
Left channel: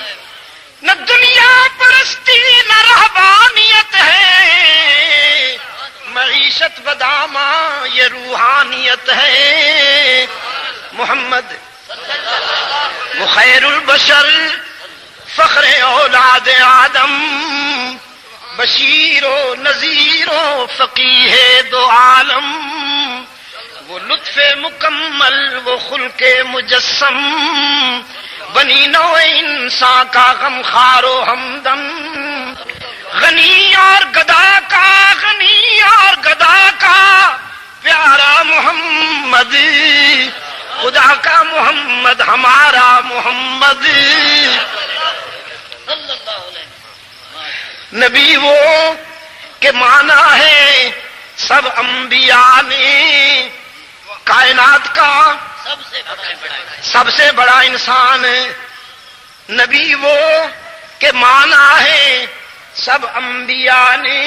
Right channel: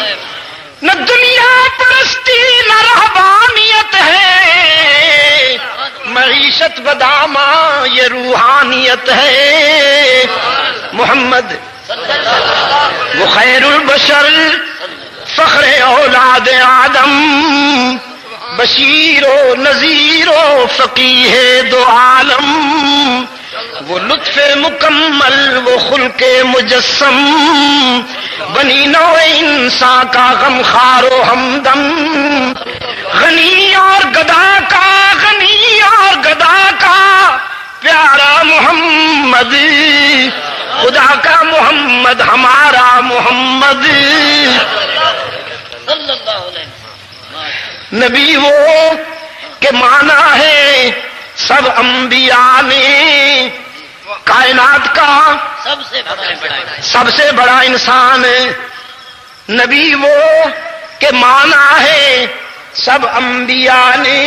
نہ دنیا پرستی نہ رہبانیت ہے، معیشت بدامہ یہ روحانیت ہے۔ محمد وہ خیر البشر فخر اولاد آدم، بشیر و نذیر و فقیہ دو عالم، وہ لطف مکمل وہ خلق مجسم، بنی نوع انسان کا غم خار و ہمدم، غنی اور گدا کا پیارا محمد، خدا کا محمد ہمارا محمد، نبی وہ کہ مانا ہے سب انبیاء نے، کائنات کا سب سے بڑا انسان ہے، نبی وہ کہ مانا ہے سب انبیاء نے،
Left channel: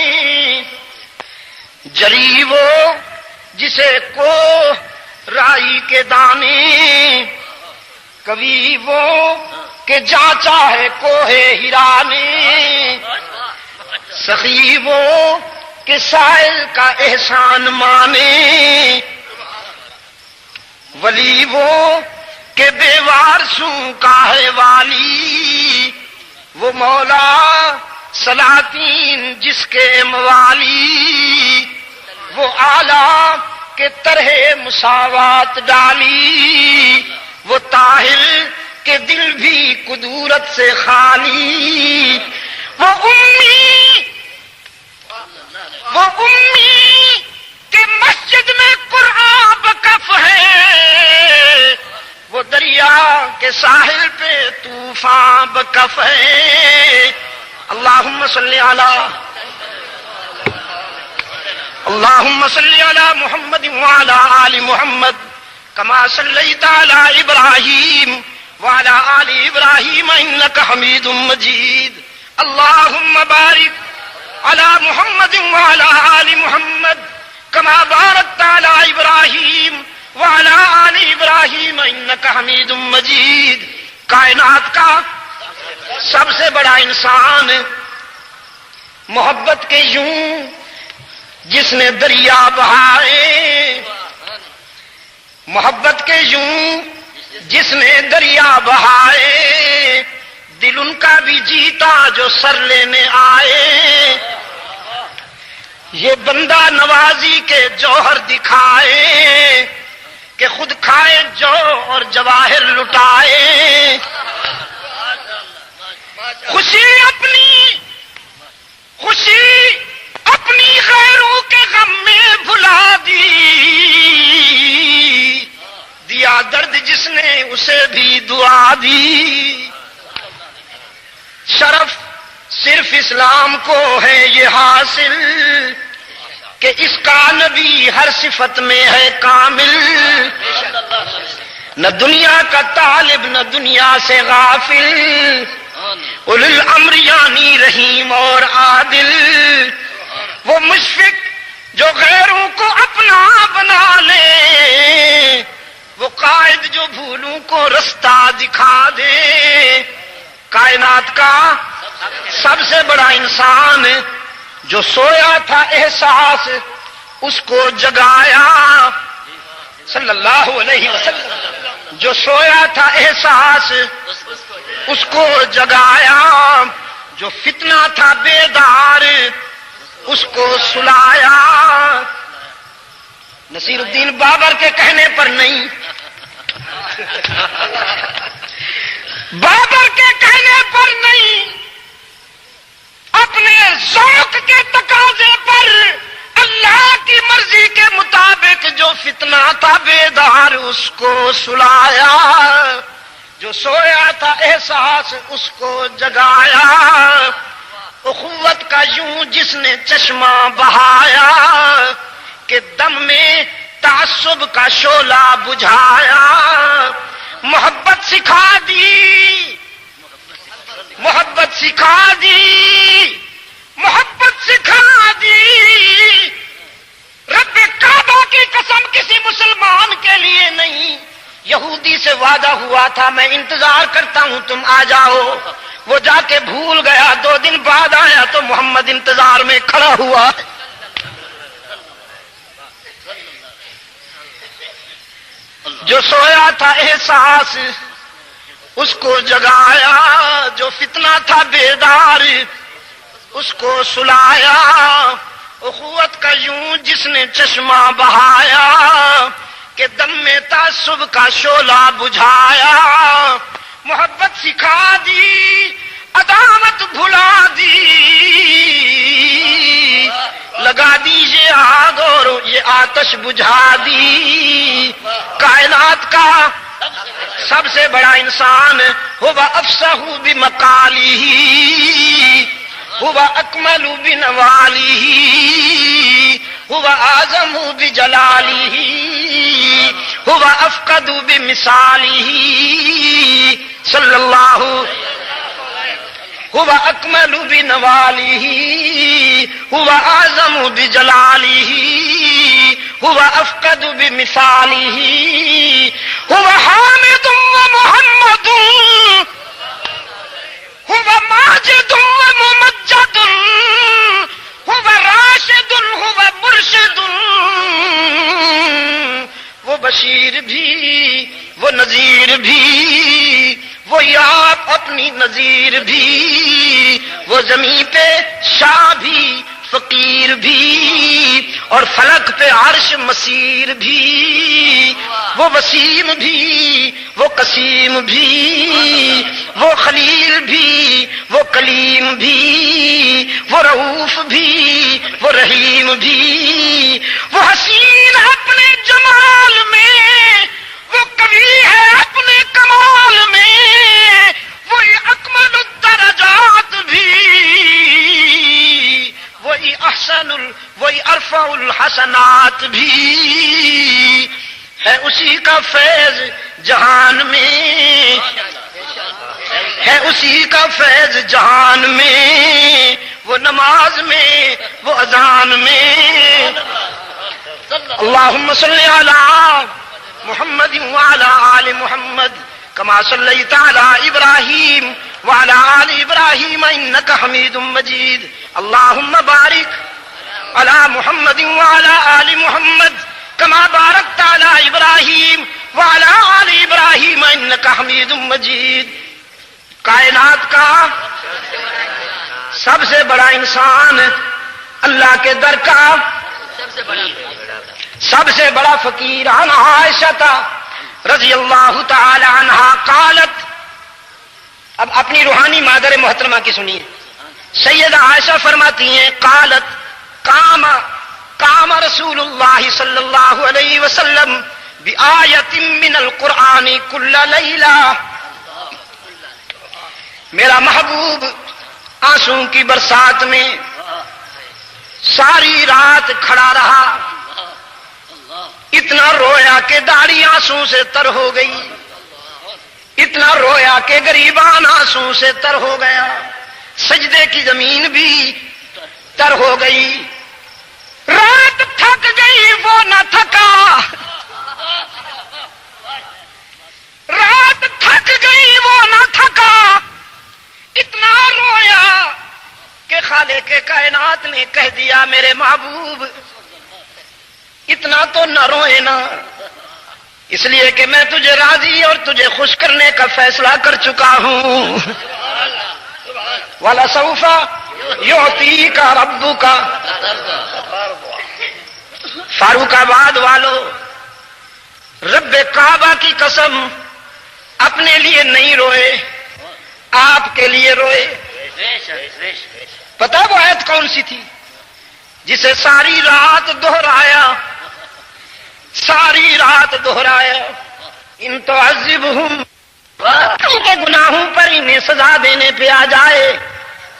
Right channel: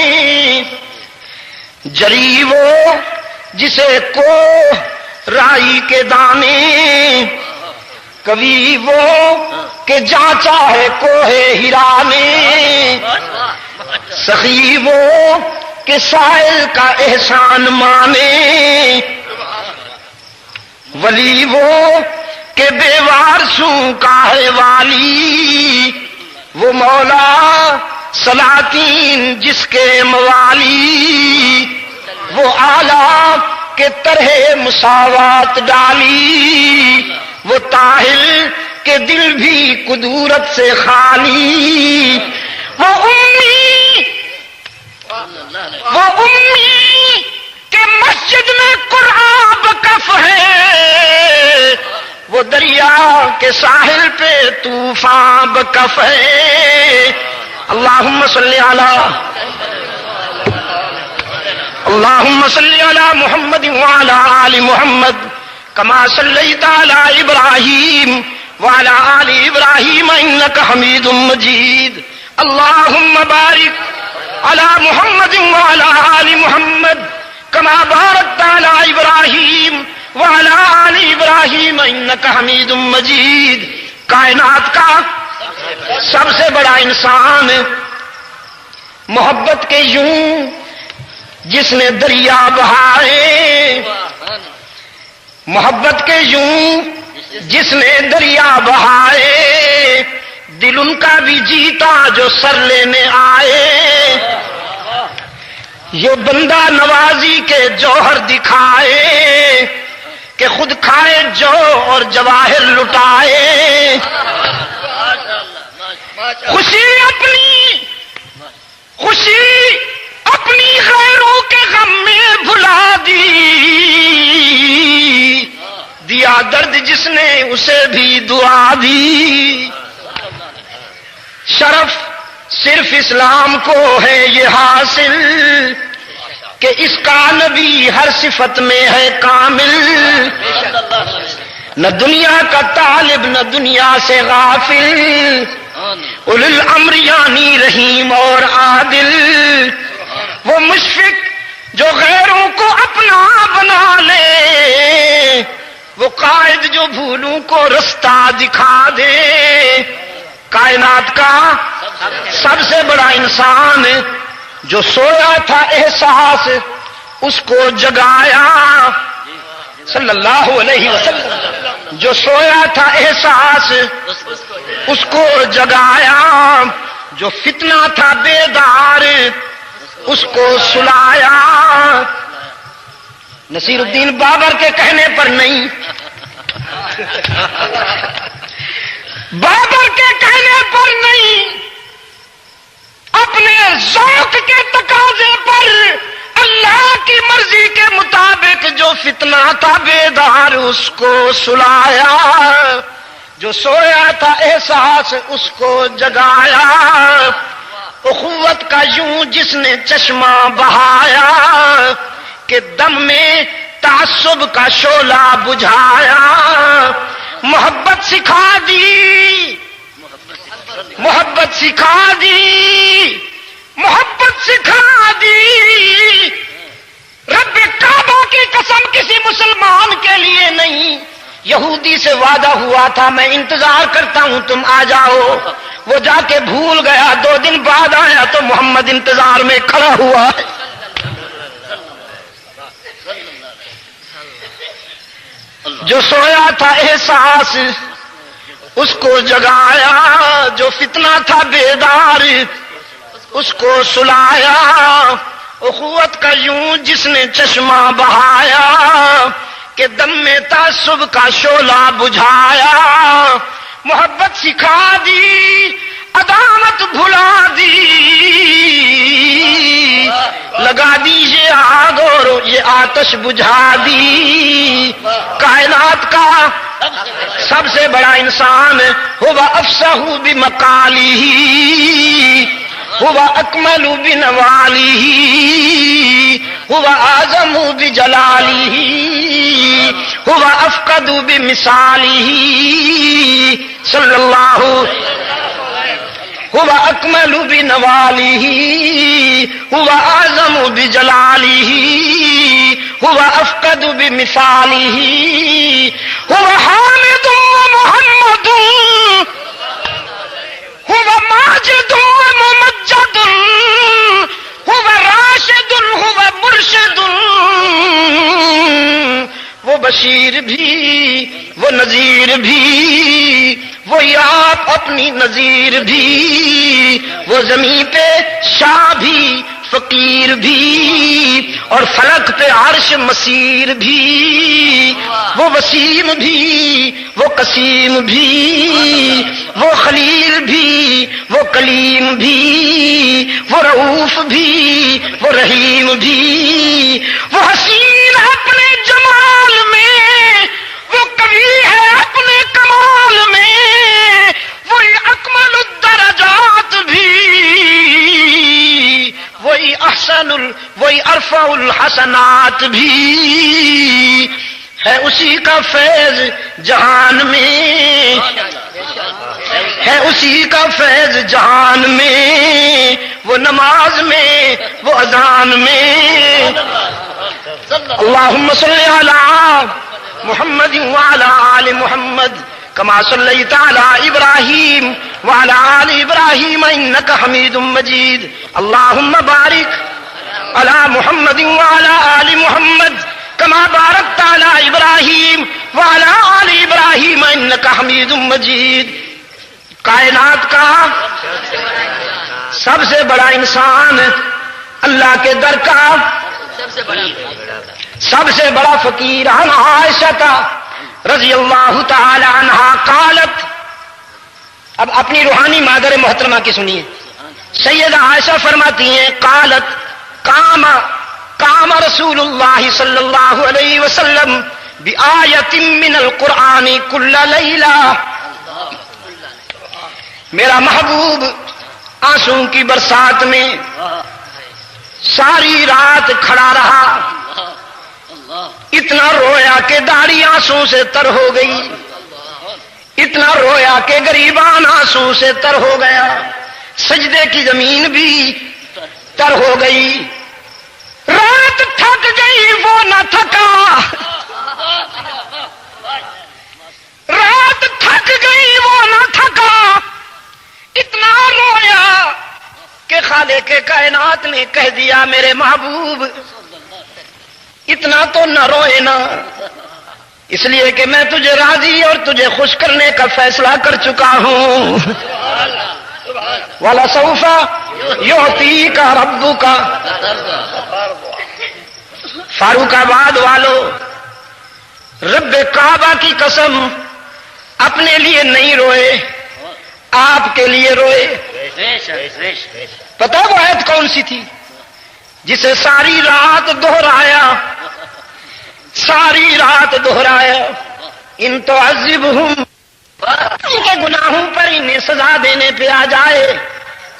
جری وہ جسے کو رائی کے دانے، کبھی وہ کہ جانچا ہے کوہ ہیرا نے، سخی وہ کہ سائل کا احسان مانے، ولی وہ کہ بے وارثوں کا ہے والی، وہ مولا سلاطین جس کے موالی، وہ آلہ کے طرح مساوات ڈالی، وہ طاہر کے دل بھی قدورت سے خالی، وہ امی کہ مسجد میں قرآن بکف ہے، وہ دریا کے ساحل پہ طوفان بکف ہے۔ اللہم صلی علی محمد وعلی آل محمد کما صلیت علی ابراہیم وعلی آل ابراہیم انک حمید مجید۔ اللہم بارک علی محمد وعلی آل محمد کما بارکت علی ابراہیم وعلی آل ابراہیم انک حمید مجید۔ کائنات کا سب سے بڑا انسان محبت کے یوں جس نے دریا بہائے، محبت کے یوں جس نے دریا بہائے، دل ان کا بھی جیتا جو سر لینے آئے، یہ بندہ نوازی کے جوہر دکھائے کہ خود کھائے جو اور جواہر لٹائے، خوشی اپنی غیروں کے غم میں بھلا دیا درد جس نے اسے بھی دعا دی، شرف صرف اسلام کو ہے یہ حاصل کہ اس کا نبی ہر صفت میں ہے کامل، نہ دنیا کا طالب نہ دنیا سے غافل، اولو الامر یعنی رحیم اور عادل، وہ مشفق جو غیروں کو اپنا بنا لے، وہ قائد جو بھولوں کو رستہ دکھا دے، کائنات کا سب سے بڑا انسان جو سویا تھا احساس اس کو جگایا، صلی اللہ علیہ وسلم، جو سویا تھا احساس اس کو جگایا، جو فتنہ تھا بیدار اس کو سلایا، نصیر الدین بابر کے کہنے پر نہیں، بابر کے کہنے پر نہیں، اپنے ذوق کے تقاضے پر اللہ کی مرضی کے مطابق جو فتنہ تھا بیدار اس کو سلایا، جو سویا تھا احساس اس کو جگایا، اخوت کا یوں جس نے چشمہ بہایا کہ دم میں تعصب کا شعلہ بجھایا، محبت سکھا دی، محبت سکھا دی، محبت سکھا دی، رب کعبہ کی قسم کسی مسلمان کے لیے نہیں، یہودی سے وعدہ ہوا تھا میں انتظار کرتا ہوں تم آ جاؤ، وہ جا کے بھول گیا، 2 دن بعد آیا تو محمد انتظار میں کھڑا ہوا، جو سویا تھا احساس اس کو جگایا، جو فتنہ تھا بیدار اس کو سلایا، اخوت کا یوں جس نے چشمہ بہایا کہ دم میں تعصب کا شعلہ بجھایا، محبت سکھا دی، عداوت بھلا دی، لگا دی یہ آگ اور یہ آتش بجھا دی، کائنات کا سب سے بڑا انسان ہوا افصح بمقالہ، ہوا اکمل بنوالہ، ہوا اعظم بجلالہ، ہوا افقد بمثالہ، صلی اللہ، ہوا اکمل بنوالہ، ہوا اعظم بجلالہ، ہوا افقد بمثالہ، هو حامد ومحمد، هو ماجد وممجد، هو راشد، هو مرشد، وہ بشیر بھی وہ نذیر بھی، وہی آپ اپنی نذیر بھی، وہ زمین پہ شاہ بھی فقیر بھی اور فلک پہ عرش مسیر بھی، وہ وسیم بھی وہ قسیم بھی، وہ خلیل بھی وہ کلیم بھی، وہ رؤوف بھی وہ رحیم بھی، وہ حسین اپنے جمال میں، وہ قوی ہے اپنے کمال میں، وہی اکمل الدرجات بھی، وہی ارفع الحسنات بھی، ہے اسی کا فیض جہان میں، ہے اسی کا فیض جہان میں، وہ نماز میں وہ اذان میں، اللہم صلی علی محمد وعلی آل محمد كما صليت على إبراهيم وعلى آل إبراهيم إنك حميد مجيد اللهم بارك على محمد وعلى آل محمد كما باركت على إبراهيم وعلى آل إبراهيم إنك حميد مجيد. کائنات کا سب سے بڑا انسان اللہ کے در کا سب سے بڑا فقیر عن عائشہ رضی اللہ تعالی عنہا قالت. اب اپنی روحانی مادر محترمہ کی سنیے. سیدہ عائشہ فرماتی ہیں قالت قام رسول اللہ صلی اللہ علیہ وسلم بآیت من القرآن کل لیلہ. میرا محبوب آنسوں کی برسات میں ساری رات کھڑا رہا. اتنا رویا کہ داڑھی آنسوں سے تر ہو گئی. اتنا رویا کہ غریبان آنسوں سے تر ہو گیا. سجدے کی زمین بھی تر ہو گئی. رات تھک گئی وہ نہ تھکا. رات تھک گئی وہ نہ تھکا. اتنا رویا کہ خالق کائنات نے کہہ دیا میرے محبوب اتنا تو نہ روئے نا، اس لیے کہ میں تجھے راضی اور تجھے خوش کرنے کا فیصلہ کر چکا ہوں. وَلَسَوْفَ يُعْطِيكَ رَبُّكَ. فاروق آباد والو، رب کعبہ کی قسم اپنے لیے نہیں روئے، آپ کے لیے روئے. پتہ وہ آیت کون سی تھی جسے ساری رات دہرایا، ساری رات دہرایا. ان تعذبہم، ان کے گناہوں پر انہیں سزا دینے پہ آ جائے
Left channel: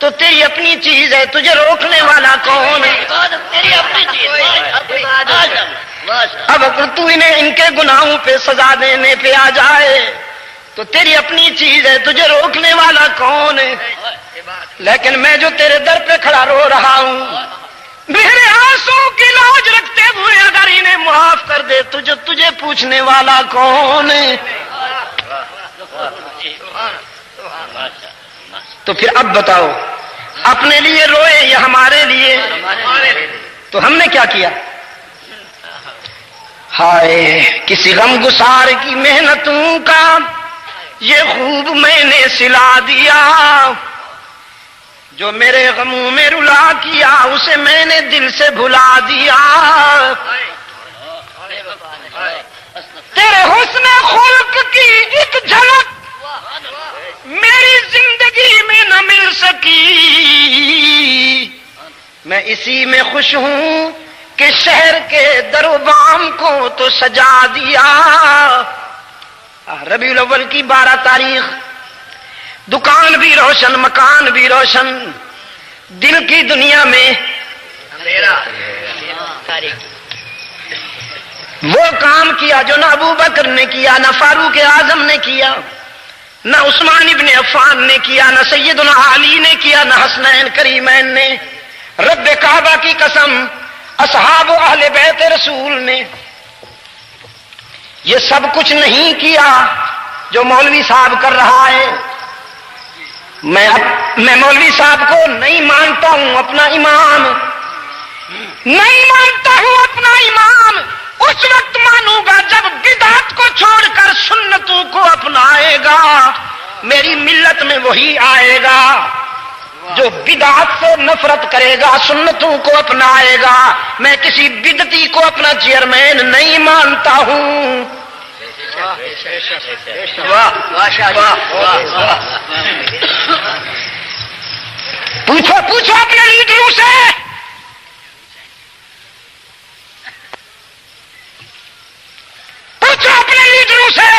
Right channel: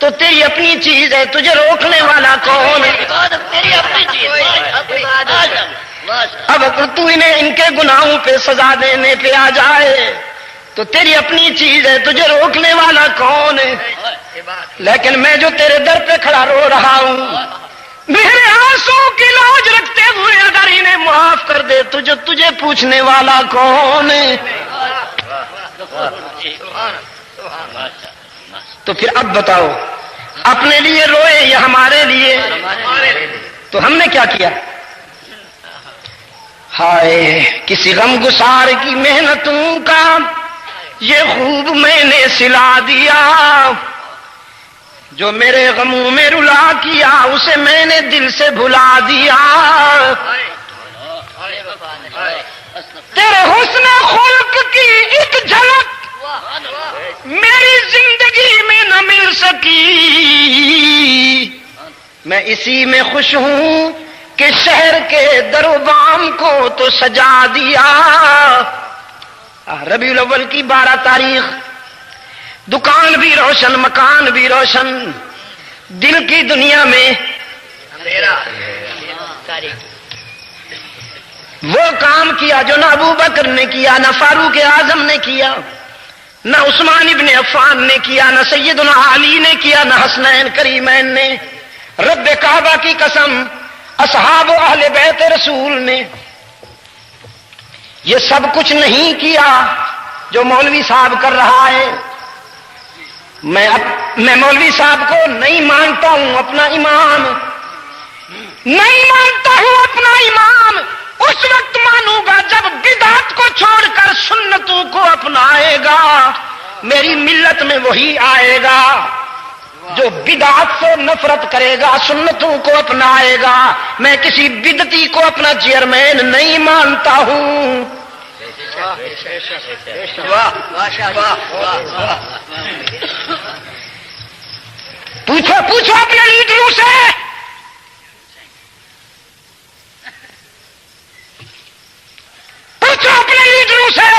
تو تیری اپنی چیز ہے، تجھے روکنے والا کون ہے؟ تیری اپنی چیز. اب اگر تو انہیں ان کے گناہوں پہ سزا دینے پہ آ جائے تو تیری اپنی چیز ہے، تجھے روکنے والا کون ہے؟ لیکن میں جو تیرے در پہ کھڑا رو رہا ہوں، میرے آنسوں کی لاج رکھتے ہوئے اگر انہیں معاف کر دے تجھے پوچھنے والا کون ہے؟ تو پھر اب بتاؤ، اپنے لیے روئے یا ہمارے لیے؟ تو ہم نے کیا کیا؟ ہائے کسی غم گسار کی محنتوں کا یہ خوب میں نے سلا دیا، جو میرے غموں میں رلا کیا اسے میں نے دل سے بھلا دیا. تیرے حسن خلق کی ایک جھلک میری زندگی میں نہ مل سکی، میں اسی میں خوش ہوں کہ شہر کے در و بام کو تو سجا دیا. ربیع الاول کی 12 تاریخ، دکان بھی روشن مکان بھی روشن، دل کی دنیا میں وہ کام کیا جو نہ ابو بکر نے کیا، نہ فاروق اعظم نے کیا، نہ عثمان ابن عفان نے کیا، نہ سیدنا علی نے کیا، نہ حسنین کریمین نے. رب کعبہ کی قسم اصحاب و اہل بیت رسول نے یہ سب کچھ نہیں کیا جو مولوی صاحب کر رہا ہے. میں مولوی صاحب کو نہیں مانتا ہوں اپنا امام، نہیں مانتا ہوں اپنا امام. اس وقت مانوں گا جب بدعت کو چھوڑ کر سنتوں کو اپنائے گا. میری ملت میں وہی آئے گا جو بدعت سے نفرت کرے گا، سنتوں کو اپنائے گا. میں کسی بدعتی کو اپنا چیئرمین نہیں مانتا ہوں. پوچھو اپنے لیڈروں سے، پوچھو اپنے لیڈروں سے.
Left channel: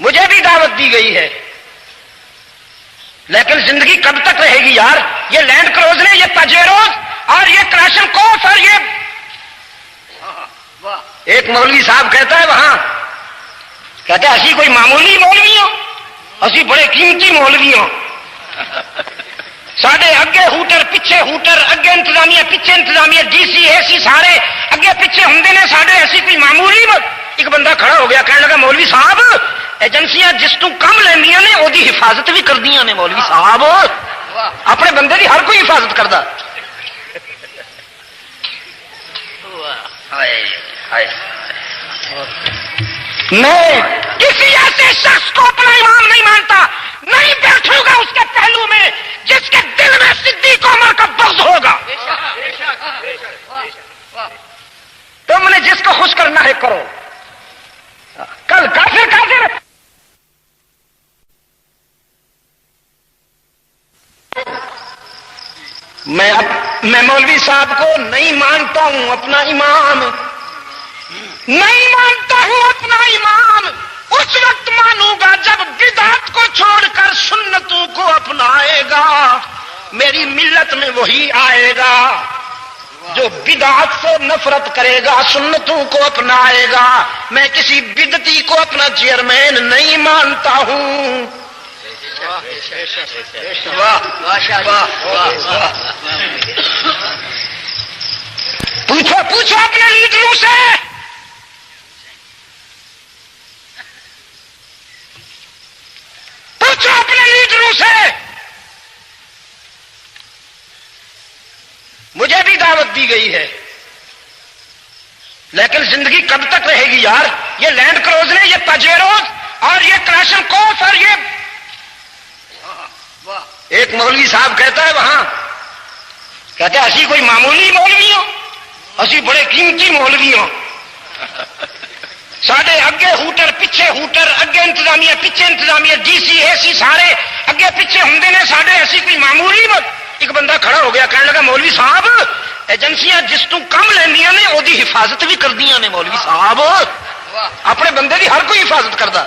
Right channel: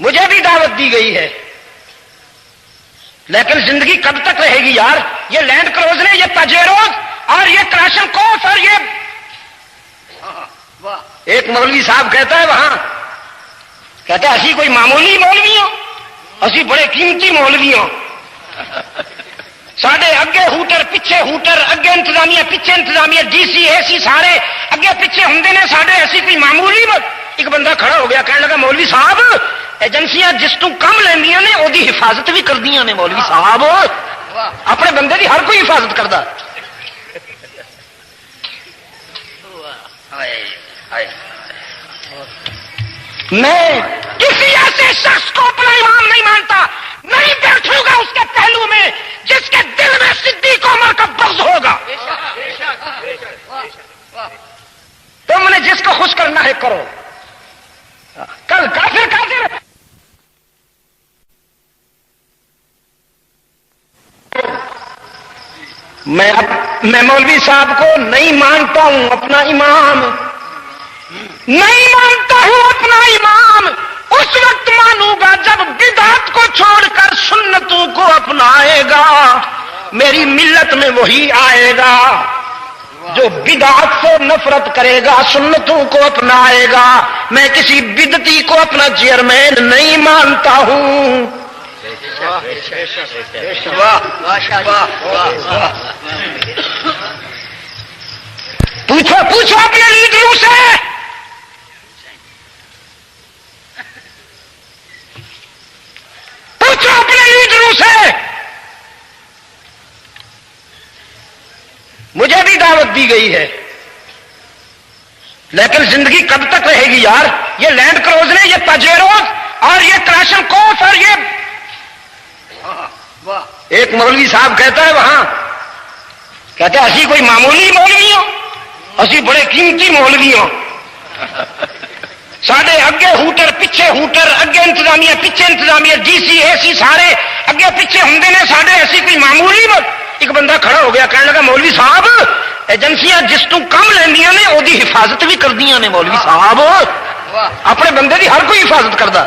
مجھے بھی دعوت دی گئی ہے، لیکن زندگی کب تک رہے گی یار؟ یہ لینڈ کروزر، یہ پجیروز اور یہ کراشن کوف اور یہ ایک مولوی صاحب کہتا ہے وہاں، کہتا ہے اسی کوئی معمولی مولوی ہوں، اسی بڑے قیمتی مولوی ہوں. ساڈے اگے ہوٹر پیچھے ہوٹر، اگے انتظامیہ پیچھے انتظامیہ، ڈی سی اے سی سارے اگے پیچھے ہوندے نے، ساڈے ایسی کوئی معمولی مولوی صاحب ایجنسیاں جس تو کم لیندیاں نے وہ دی حفاظت بھی کردیاں نے مولوی صاحب اپنے بندے دی ہر کوئی حفاظت کردا میں کسی ایسے شخص کو اپنا امام نہیں مانتا نہیں بیٹھوں گا اس کے پہلو میں جس کے دل میں صدیق عمر کا بغض ہوگا تم نے جس کو خوش کرنا ہے کرو کل کافر کافر میں مولوی صاحب کو نہیں مانتا ہوں اپنا امام نہیں مانتا ہوں اپنا امام اس وقت مانوں گا جب بدعت کو چھوڑ کر سنتوں کو اپنائے گا میری ملت میں وہی آئے گا جو بدعت سے نفرت کرے گا سنتوں کو اپنائے گا میں کسی بدعتی کو اپنا چیئرمین نہیں مانتا ہوں پوچھو اپنے لیڈروں سے پوچھو اپنے لیڈروں سے مجھے بھی دعوت دی گئی ہے لیکن زندگی کب تک رہے گی یار یہ لینڈ کروزر یہ پجیروز اور یہ کراشن کوف اور یہ ایک مولوی صاحب کہتا ہے وہاں کہتا ہے اسی کوئی معمولی مولوی ہو اسی بڑے قیمتی مولوی ہو سارے اگے ہوٹر پیچھے ہوٹر اگے انتظامیہ پیچھے انتظامیہ ڈی سی اے سی سارے اگے پیچھے ہوں نے سارے ایسی کوئی معمولی ہو ایک بندہ کھڑا ہو گیا کہنے لگا مولوی صاحب ایجنسیاں جس تو کم لیندیاں نے وہ دی حفاظت بھی کردیاں نے مولوی صاحب اپنے بندے دی ہر کوئی حفاظت کردا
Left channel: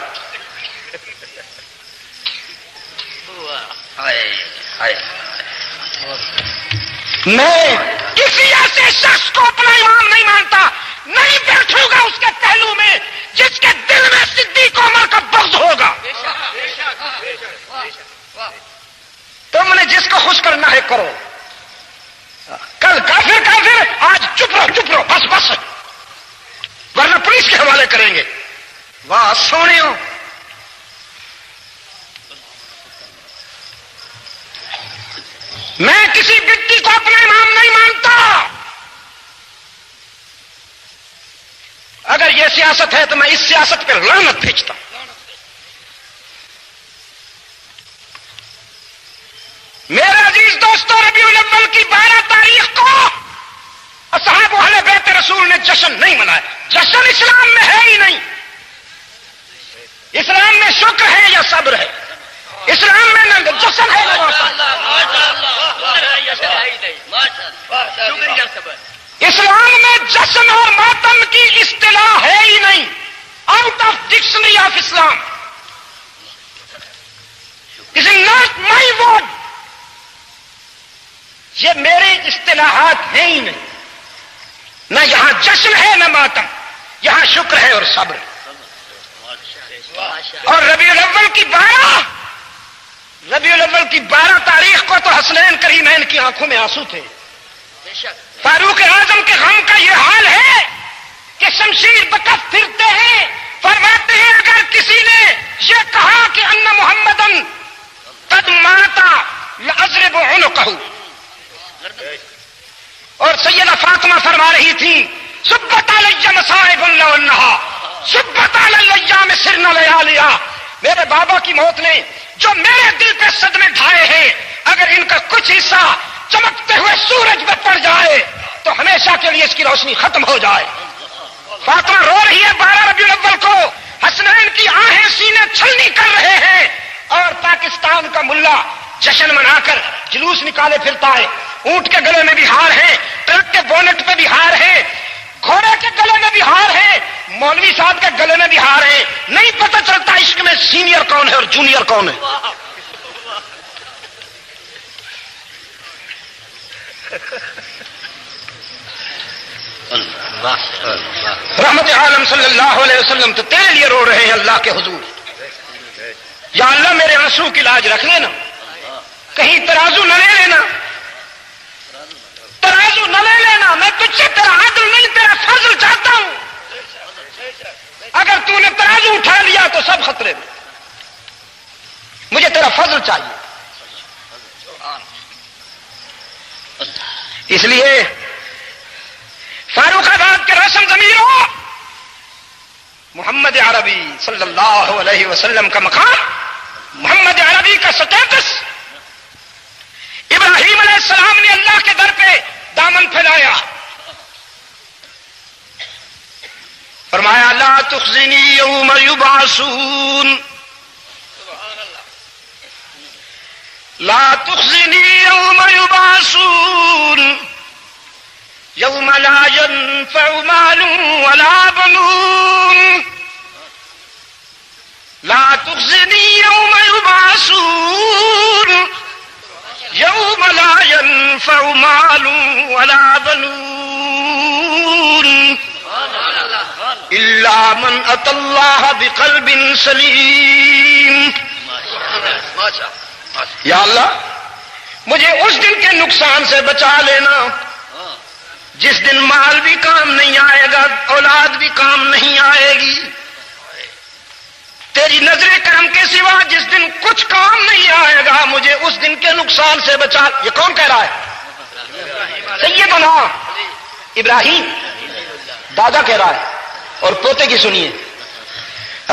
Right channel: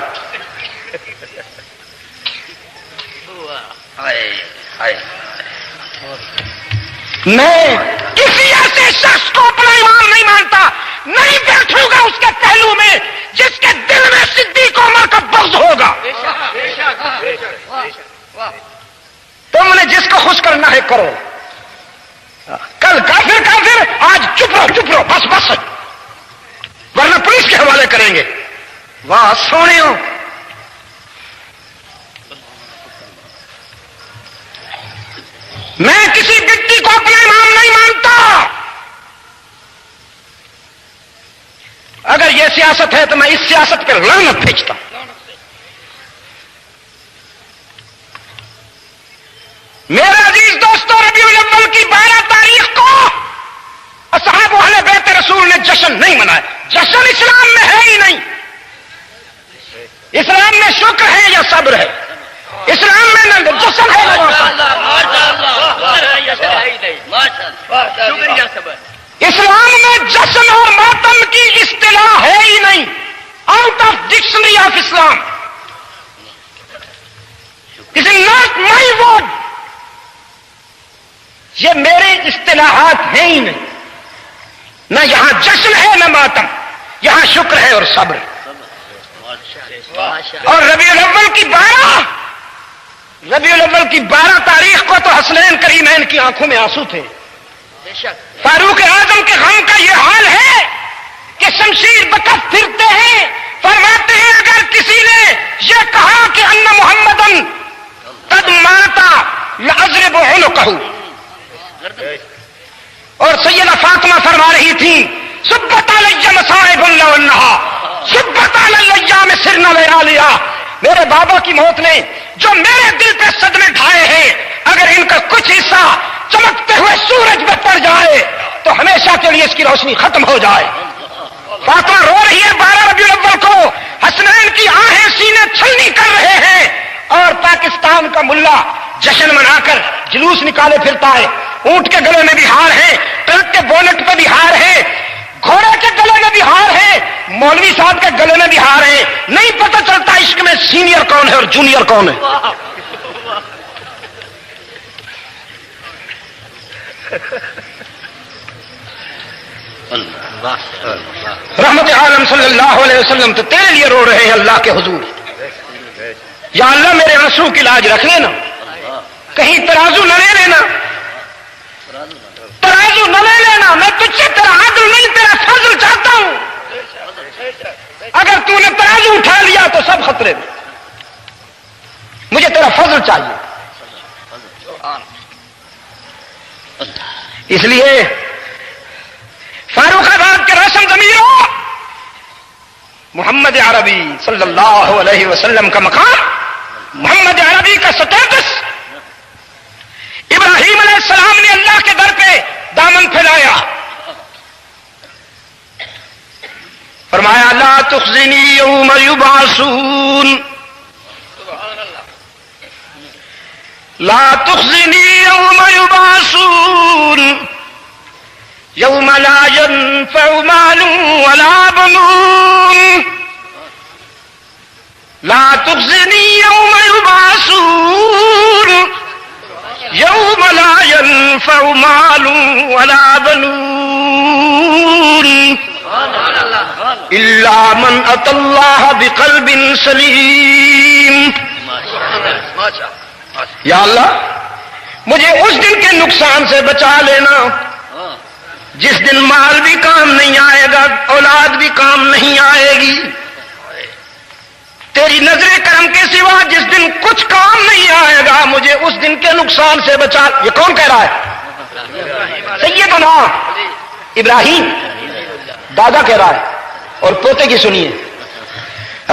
میں کسی ایسے شخص کو اپنا امام نہیں مانتا نہیں بیٹھوں گا اس کے پہلو میں جس کے دل میں صدیق عمر کا بغض ہوگا تم نے جس کو خوش کرنا ہے کرو کل کافر کافر آج چپ رہو بس ورنہ پولیس کے حوالے کریں گے واہ سونے ہو میں کسی بڈی کو اپنا امام نہیں مانتا اگر یہ سیاست ہے تو میں اس سیاست پر لعنت بھیجتا ہوں میرے عزیز دوستوں ربیع الاول کی 12 تاریخ کو اصحاب اہل بیت رسول نے جشن نہیں منایا جشن اسلام میں ہے ہی نہیں اسلام میں شکر ہے یا صبر ہے اسلام میں نہ جشن ہے اسلام میں جشن اور ماتم کی اصطلاح ہے ہی نہیں out of dictionary of Islam it is not my word یہ میرے اصطلاحات ہیں ہی نہیں نہ یہاں جشن ہے نہ ماتم یہاں شکر ہے اور صبر اور ربیع الاول کی 12 تاریخ کو تو حسنین کریمین کی آنکھوں میں آنسو تھے فاروق اعظم کے غم کا یہ حال ہے کہ شمشیر بکف پھرتے ہیں فرماتے ہیں اگر کسی نے یہ کہا کہ ان محمدن قد ماتا لاضرب عنقہ اور سیدہ فاطمہ فرما رہی تھی سبت علی مصائب اللہ انہا سبت علی الايام سرنا لیالیا میرے بابا کی موت نے جو میرے دل پہ صدمے کھائے ہیں اگر ان کا کچھ حصہ چمکتے ہوئے سورج میں پڑ جائے تو ہمیشہ کے لیے اس کی روشنی ختم ہو جائے فاطمہ رو رہی ہے 12 ربیع الاول کو حسنین کی آہیں سینے چھلنی کر رہے ہیں اور پاکستان کا ملا جشن منا کر جلوس نکالے پھرتا ہے اونٹ کے گلے میں بھی ہار ہے ٹرک کے بونٹ پہ بھی ہار ہے گھوڑے کے گلے میں بھی ہار ہے مولوی صاحب کے گلے میں بھی ہار ہے نہیں پتہ چلتا عشق میں سینئر کون ہے اور جونیئر کون ہے رحمت عالم صلی اللہ علیہ وسلم تو تیرے لیے رو رہے ہیں اللہ کے حضور یا اللہ میرے آنسو کی لاج رکھ لینا کہیں ترازو نہ لے لینا ترازو نہ لے لینا میں تجھ سے تیرا عدل نہیں تیرا فضل چاہتا ہوں اگر تو نے ترازو اٹھا لیا تو سب خطرے میں. مجھے تیرا فضل چاہیے. اس لیے فاروق آباد کے روشن ضمیروں محمد عربی صلی اللہ علیہ وسلم کا مقام، محمد عربی کا سٹیٹس. ابراہیم علیہ السلام نے اللہ کے در پہ دامن پھیلایا، فرمایا لا تخزنی یوم یبعثون، لا تخزنی یوم یبعثون یوم لا ينفع مال ولا بنون، لا تخزنی یوم یبعثون یوم لا ينفع مال ولا بنون الا من اتى الله بقلب سلیم. یا اللہ مجھے اس دن کے نقصان سے بچا لینا جس دن مال بھی کام نہیں آئے گا، اولاد بھی کام نہیں آئے گی، تیری نظر کرم کے سوا جس دن کچھ کام نہیں آئے گا، مجھے اس دن کے نقصان سے بچا. یہ کون کہہ رہا ہے؟ سیدنا ابراہیم دادا کہہ رہا ہے. اور پوتے کی سنیے،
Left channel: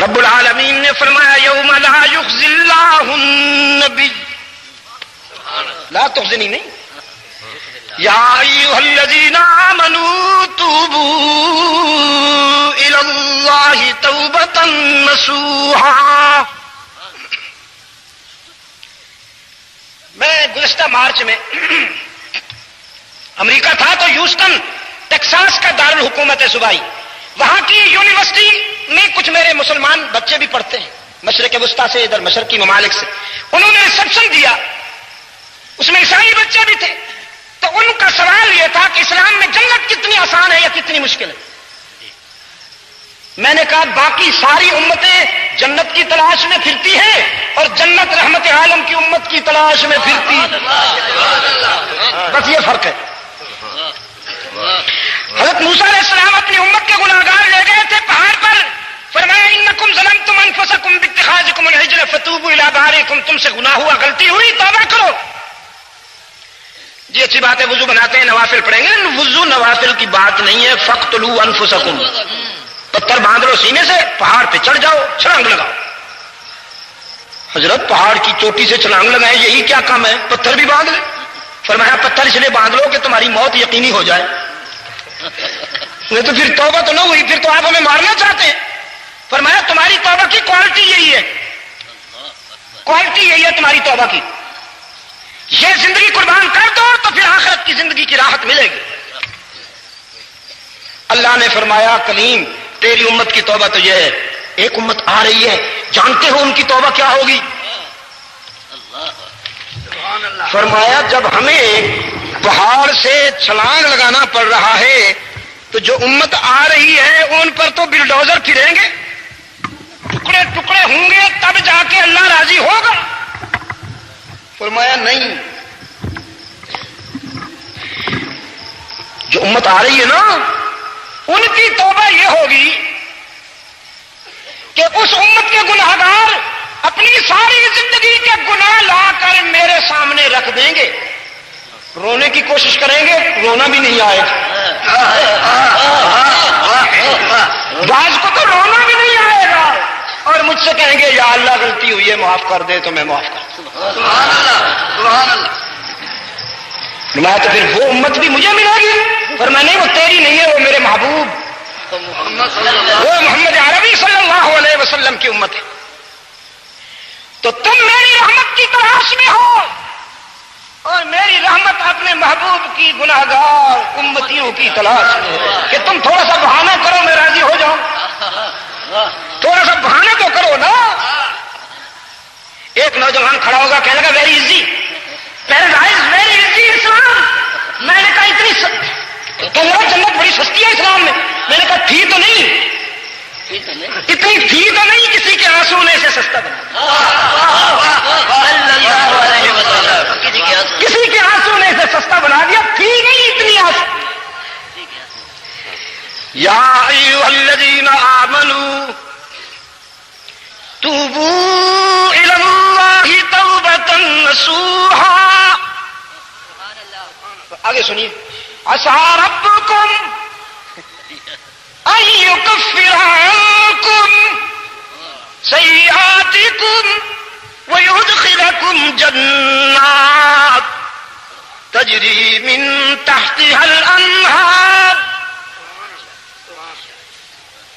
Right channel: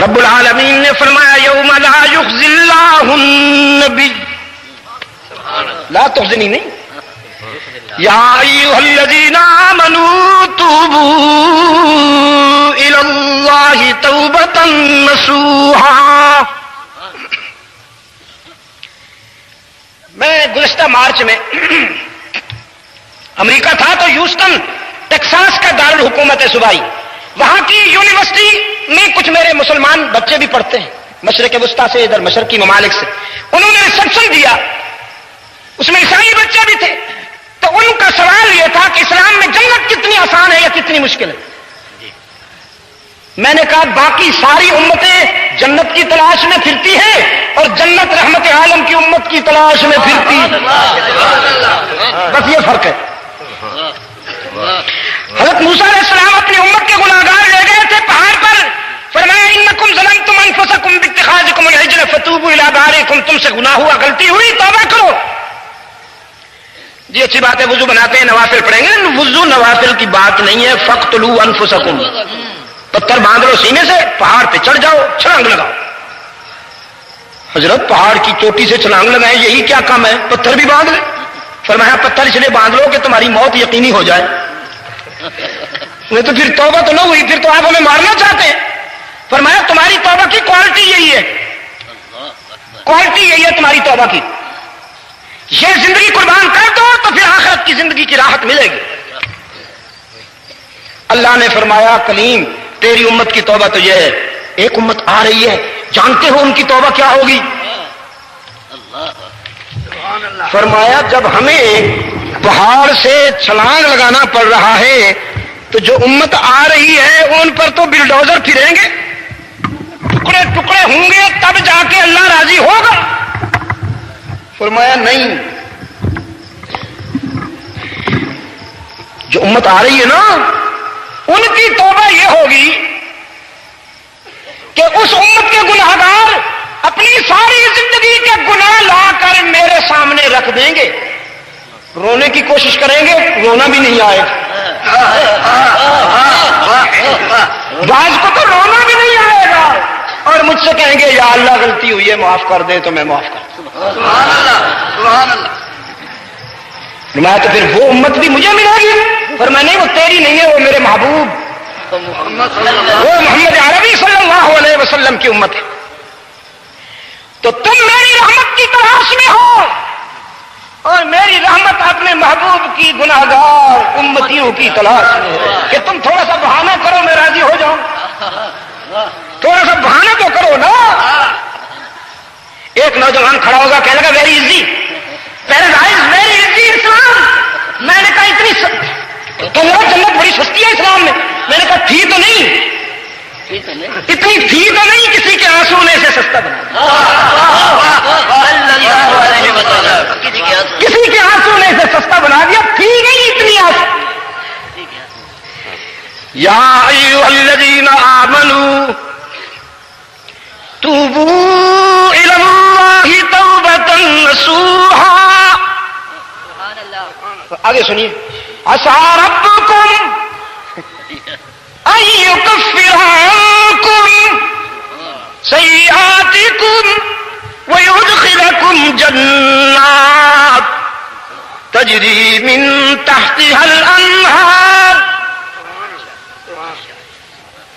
رب العالمین نے فرمایا یوم لا یخزی اللہ النبی، لا تخزنی نہیں، یا ایھا الذین آمنوا توبوا الی اللہ توبۃ نصوحا. میں گزشتہ مارچ میں امریکہ تھا تو ہیوسٹن ٹیکساس کا دارالحکومت ہے صوبائی، وہاں کی یونیورسٹی میں کچھ میرے مسلمان بچے بھی پڑھتے ہیں، مشرق وسطیٰ سے، ادھر مشرقی ممالک سے. انہوں نے ریسپشن دیا، اس میں عیسائی بچے بھی تھے. تو ان کا سوال یہ تھا کہ اسلام میں جنت کتنی آسان ہے یا کتنی مشکل ہے. میں نے کہا باقی ساری امتیں جنت کی تلاش میں پھرتی ہیں اور جنت رحمت عالم کی امت کی تلاش میں پھرتی ہے، بس یہ فرق ہے. حضرت موسیٰ علیہ السلام اپنی امت کے گناہگار لے گئے تھے پہاڑ پر، فرمایا انکم ظلمتم انفسکم باتخاذکم العجل فتوبوا الی بارئکم، تم سے گناہ ہوا، غلطی ہوئی، توبہ کرو. جی اچھی بات ہے، وضو بناتے ہیں، نوافل پڑھیں گے. وضو نوافل کی بات نہیں ہے. فقتلوا انفسکم، پتھر باندھ لو سینے سے، پہاڑ پہ چڑھ جاؤ، چھلانگ لگاؤ. حضرت پہاڑ کی چوٹی سے چھلانگ لگائے، یہی کیا کام ہے؟ پتھر بھی باندھ لیں. فرمایا پتھر اس لیے باندھ لو کہ تمہاری موت یقینی ہو جائے. وہ تو پھر توبہ تو نہ ہوئی، پھر تو آپ ہمیں مارنا چاہتے ہیں. فرمایا تمہاری توبہ کی کوالٹی یہی ہے، کوالٹی یہی ہے تمہاری توبہ کی. یہ زندگی قربان کر دو تو پھر آخرت کی زندگی کی راحت ملے گی. اللہ نے فرمایا کلیم تیری امت کی توبہ تو یہ ہے. ایک امت آ رہی ہے، جانتے ہو ان کی توبہ کیا ہوگی؟ فرمایا جب ہمیں پہاڑ سے چھلانگ لگانا پڑ رہا ہے تو جو امت آ رہی ہے ان پر تو بلڈوزر پھریں گے، ٹکڑے ٹکڑے ہوں گے، تب جا کے اللہ راضی ہوگا. فرمایا نہیں، جو امت آ رہی ہے نا ان کی توبہ یہ ہوگی کہ اس امت کے گناہگار اپنی ساری زندگی کے گناہ لا کر میرے سامنے رکھ دیں گے، رونے کی کوشش کریں گے، رونا بھی نہیں آئے گا. بعض کو تو رونا بھی نہیں آئے گا اور مجھ سے کہیں گے یا اللہ غلطی ہوئی ہے معاف کر دے، تو میں معاف کر دوں. میں تو پھر وہ امت بھی مجھے ملے گی. اور میں نہیں، وہ تیری نہیں ہے، وہ میرے محبوب وہ محمد عربی صلی اللہ علیہ وسلم کی امت ہے. تو تم میری رحمت کی تلاش میں ہو اور میری رحمت اپنے محبوب کی گناہگار امتیوں کی تلاش میں ہو. کہ تم تھوڑا سا بہانہ کرو میں راضی ہو جاؤں، تھوڑا سا بہانہ تو کرو نا. ایک نوجوان کھڑا ہوگا کہنے لگا ویری ایزی، ویری ایزی اسلام. میں نے کہا اتنی جنت بڑی سستی ہے اسلام میں. میں نے کہا تھی تو نہیں، اتنی تھی تو نہیں کسی کے آنسو ہونے سے سستا بنا. کسی کے آنسو ہونے سے سستا بنا دیا، تھی نہیں اتنی آنسو. یا ایھا الذین آمنوا توبوا إلى الله توبة نصوحا. آگے سنیے. عسى ربكم أن يكفر عنكم سيئاتكم ويدخلكم جنات تجری من تحتها الانہار.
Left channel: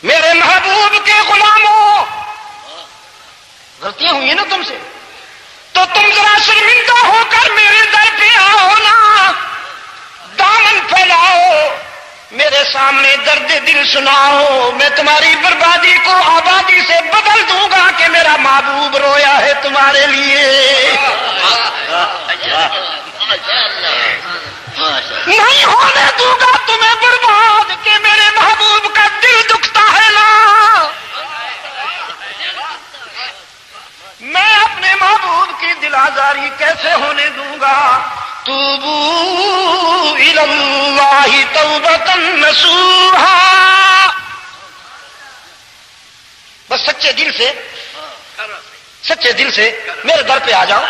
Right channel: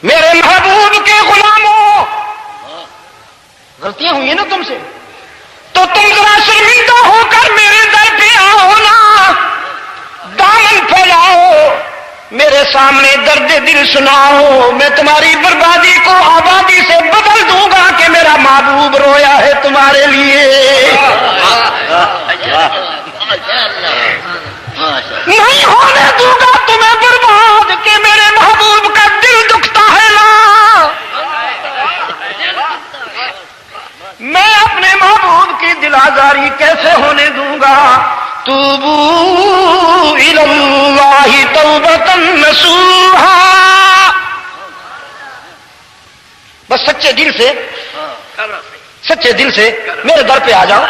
میرے محبوب کے غلاموں، غلطیاں ہوئی نا تم سے تو تم ذرا شرمندہ ہو کر میرے در پہ آؤ نا، دامن پھیلاؤ، میرے سامنے درد دل سناؤ. میں تمہاری بربادی کو آبادی سے بدل دوں گا کہ میرا محبوب رویا ہے تمہارے لیے. نہیں ہونے دوں گا تمہیں برباد کہ میرے محبوب کا دل دکھتا ہے نا. میں اپنے محبوب کی دل آزاری کیسے ہونے دوں گا. توبوا الی اللہ توبۃ نصوحا. بس سچے دل سے میرے در پہ آ جاؤ.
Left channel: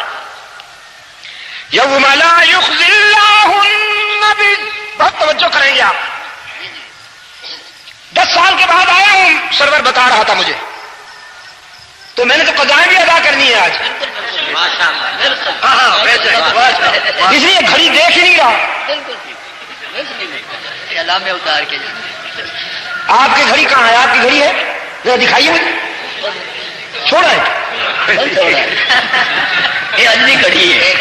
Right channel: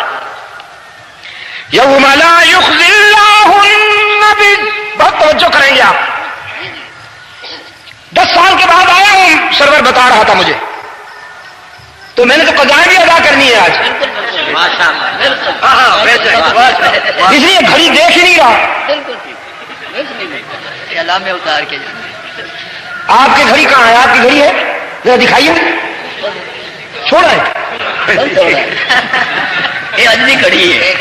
یوم لا یخزی اللہ النبی. بہت توجہ کریں گے آپ. 10 سال کے بعد آیا ہوں، سرور بتا رہا تھا مجھے، تو میں نے تو قضائیں بھی ادا کرنی ہے آج. اس لیے گھڑی دیکھ ہی نہیں رہا. آپ کی گھڑی کہاں ہے؟ آپ کی گھڑی ہے ذرا دکھائیے مجھے. چھوڑا ہے یہ اجلی گھڑی ہے.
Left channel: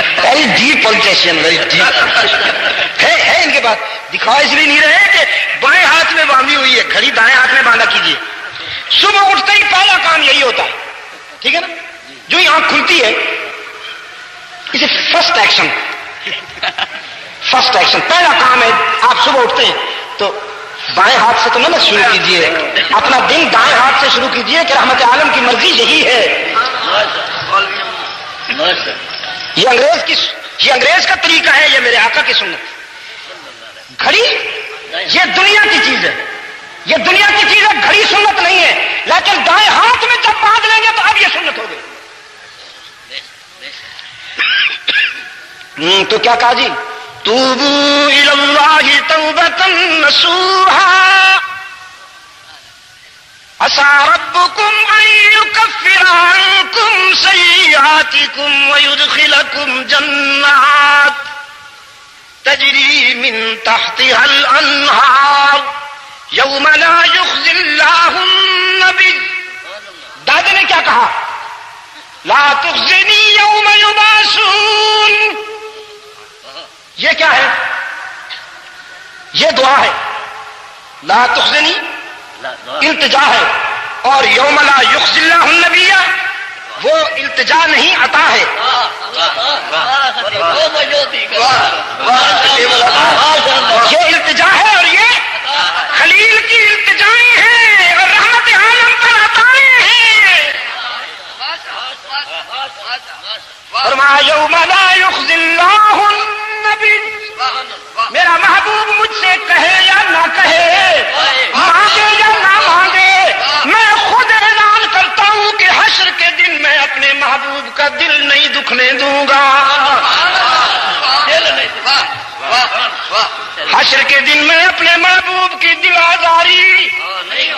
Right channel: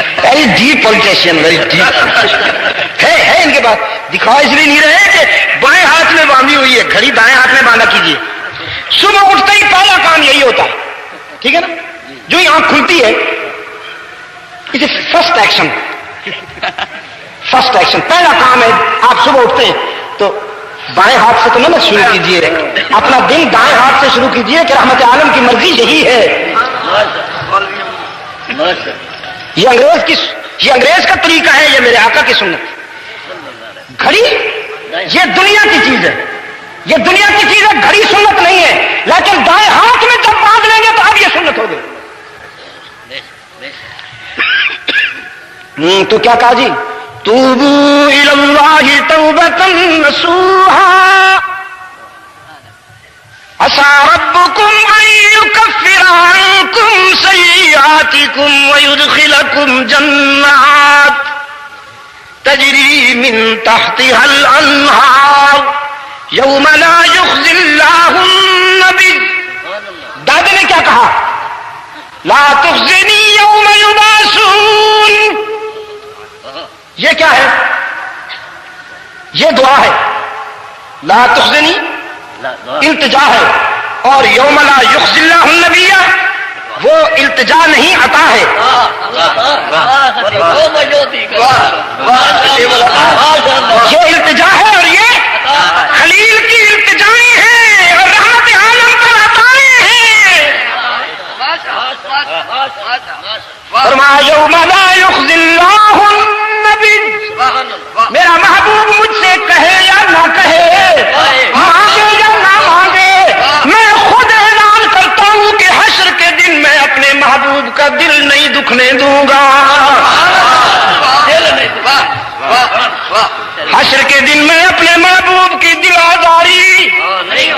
ڈیپ پولٹیشن ہے ان کے پاس. دکھا اس لیے نہیں رہے کہ بائیں ہاتھ میں باندھی ہوئی ہے، گھڑی دائیں ہاتھ میں باندھا کیجیے. صبح اٹھتے ہی پہلا کام یہی ہوتا ہے، ٹھیک ہے نا. جو ہی آنکھ کھلتی ہے اسے فرسٹ ایکشن پہلا کام ہے. آپ صبح اٹھتے ہیں تو بائیں ہاتھ سے تو نہ شروع کیجیے، اپنا دن دائیں ہاتھ سے شروع کیجیے کہ رحمت عالم کی مرضی یہی ہے. یہ انگریز کا طریقہ ہے، یہ میرے آقا کی سنت. گھڑی یہ دنیا کی چیز ہے، گھڑی سنت نہیں ہے. لیکن دائیں ہاتھ میں جب باندھ لیں گے تو اب یہ سنت ہوگی. تو کیا کہا جی؟ توبوا الی اللہ توبۃ نصوحا. عسى ربكم أن يكفر عنكم سيئاتكم ويدخلكم جنات تجري من تحتها الأنهار يوم لا يخزي الله النبي. دادا نے کیا کہا؟ لا تخزني يوم يبعثون. یہ کیا ہے؟ یہ دعا ہے. لا تخزنی التجا ہے، اور یوم لا یخزی اللہ النبی وہ التجا نہیں، عطا ہے. یہ التجا ہے اور یہ خلیل کی التجائیں ہیں اور رحمت عالم پر عطائیں ہیں. فرمایا یوم لا یخزی اللہ النبی. میرا محبوب مجھ سے کہے یا نہ کہے، مانگے یا نہ مانگے، میں خود اعلان کرتا ہوں کہ حشر کے دن میں اپنے محبوب کا دل نہیں دکھنے دوں گا. حشر کے دن میں اپنے محبوب کی دل آزاری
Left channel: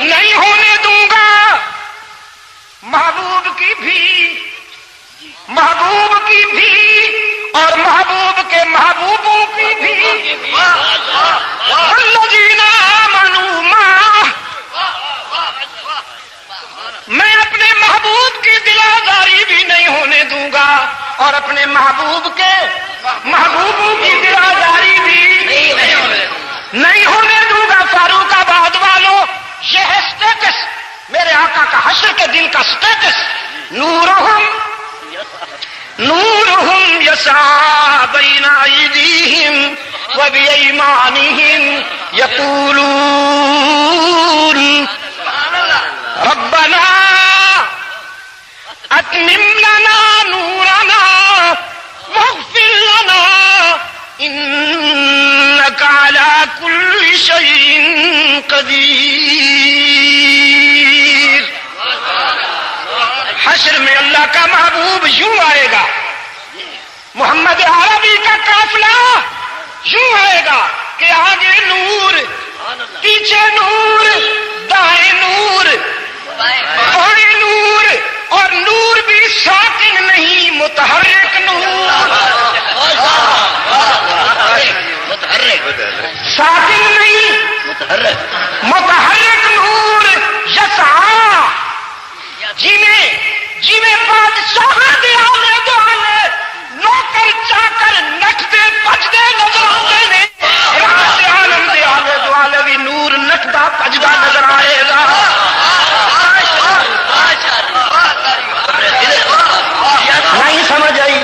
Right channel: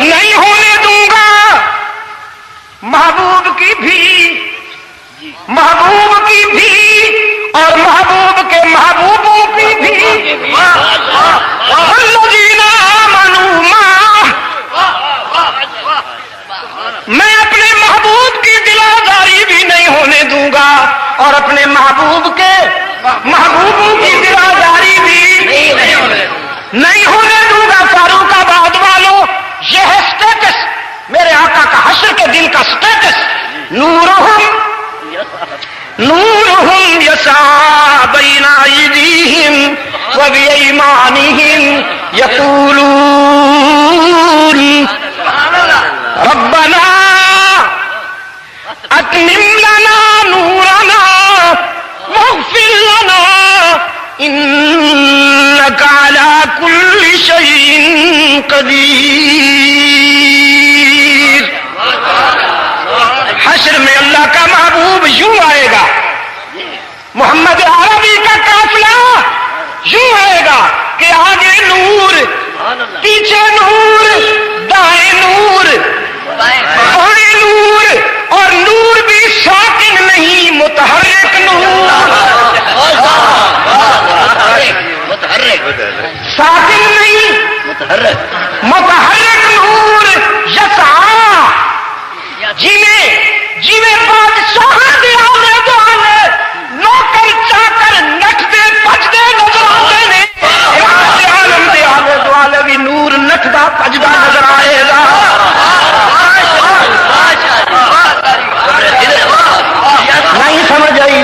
نہیں ہونے دوں گا. محبوب کی بھی اور محبوب کے محبوبوں کی بھی. الذین آمنوا معه. میں اپنے محبوب کی دل آزاری بھی نہیں ہونے دوں گا اور اپنے محبوب کے محبوبوں کی دل آزاری بھی نہیں ہونے دوں گا. فاروق آباد والوں، یہ ہے سٹیٹس میرے آقا کا حشر کے دن کا سٹیٹس. نورہم یسعی بین ایدیہم وبایمانہم یقولون ربنا اتمم لنا نورنا واغفر لنا انک علی کل شیء قدیر. کا محبوب یوں آئے گا، محمد عربی کا قافلہ یوں آئے گا کہ آگے نور، پیچھے نور، دائیں نور، بائیں نور، اور نور بھی ساکن نہیں متحرک نور، ساکن نہیں متحرک نور، یسعا جیویں بادشاہ کے آلے دوالے نوکر چاکر نچدے پجدے نظر آتے ہیں، عالم دے آلے دوالے بھی نور نچدا پجدا نظر آئے گا۔ نہیں سمجھ آئی،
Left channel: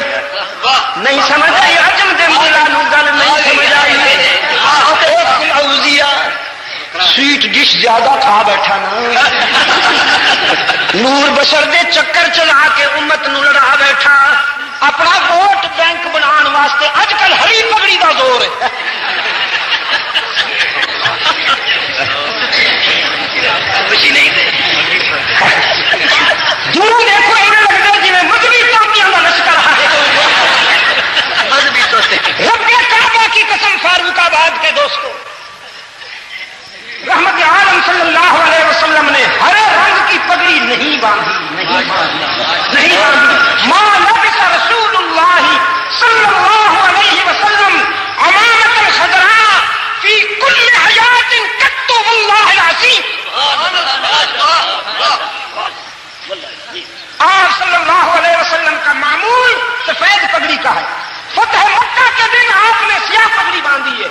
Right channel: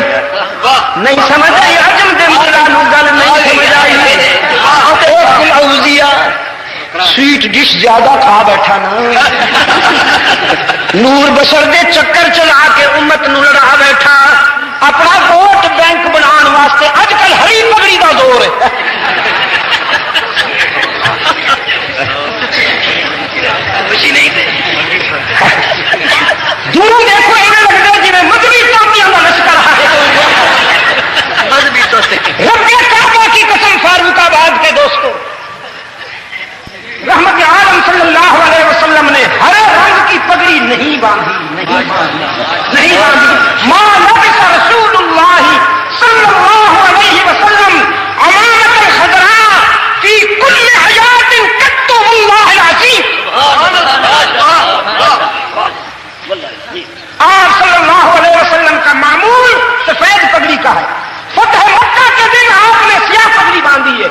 نہیں سمجھ آئی، عجم دے ملانو گل نہیں سمجھ آئی۔ ایک الاولیاء سویٹ ڈش زیادہ کھا بیٹھا نا، نور بشر دے چکر چلا کے امت نو لڑا بیٹھا، اپنا ووٹ بینک بنان واسطے اج کل ہری پگڑی دا دور ہے۔ دونوں دیکھو ایسے لگتا ہے جی مذہبی ٹوپیاں کا لشکر رب کعبہ کی قسم، فاروق آباد کے دوستوں، رحمت عالم صلی اللہ علیہ وسلم نے ہر رنگ کی پگڑی نہیں باندھی، ما لبس رسول اللہ صلی اللہ علیہ وسلم امامت الخضراء فی کل حیات قط واللہ العظیم۔ آپ صلی اللہ علیہ وسلم کا معمول سفید پگڑی کا ہے، فتح مکہ کے دن آپ نے سیاہ پگڑی باندھی ہے،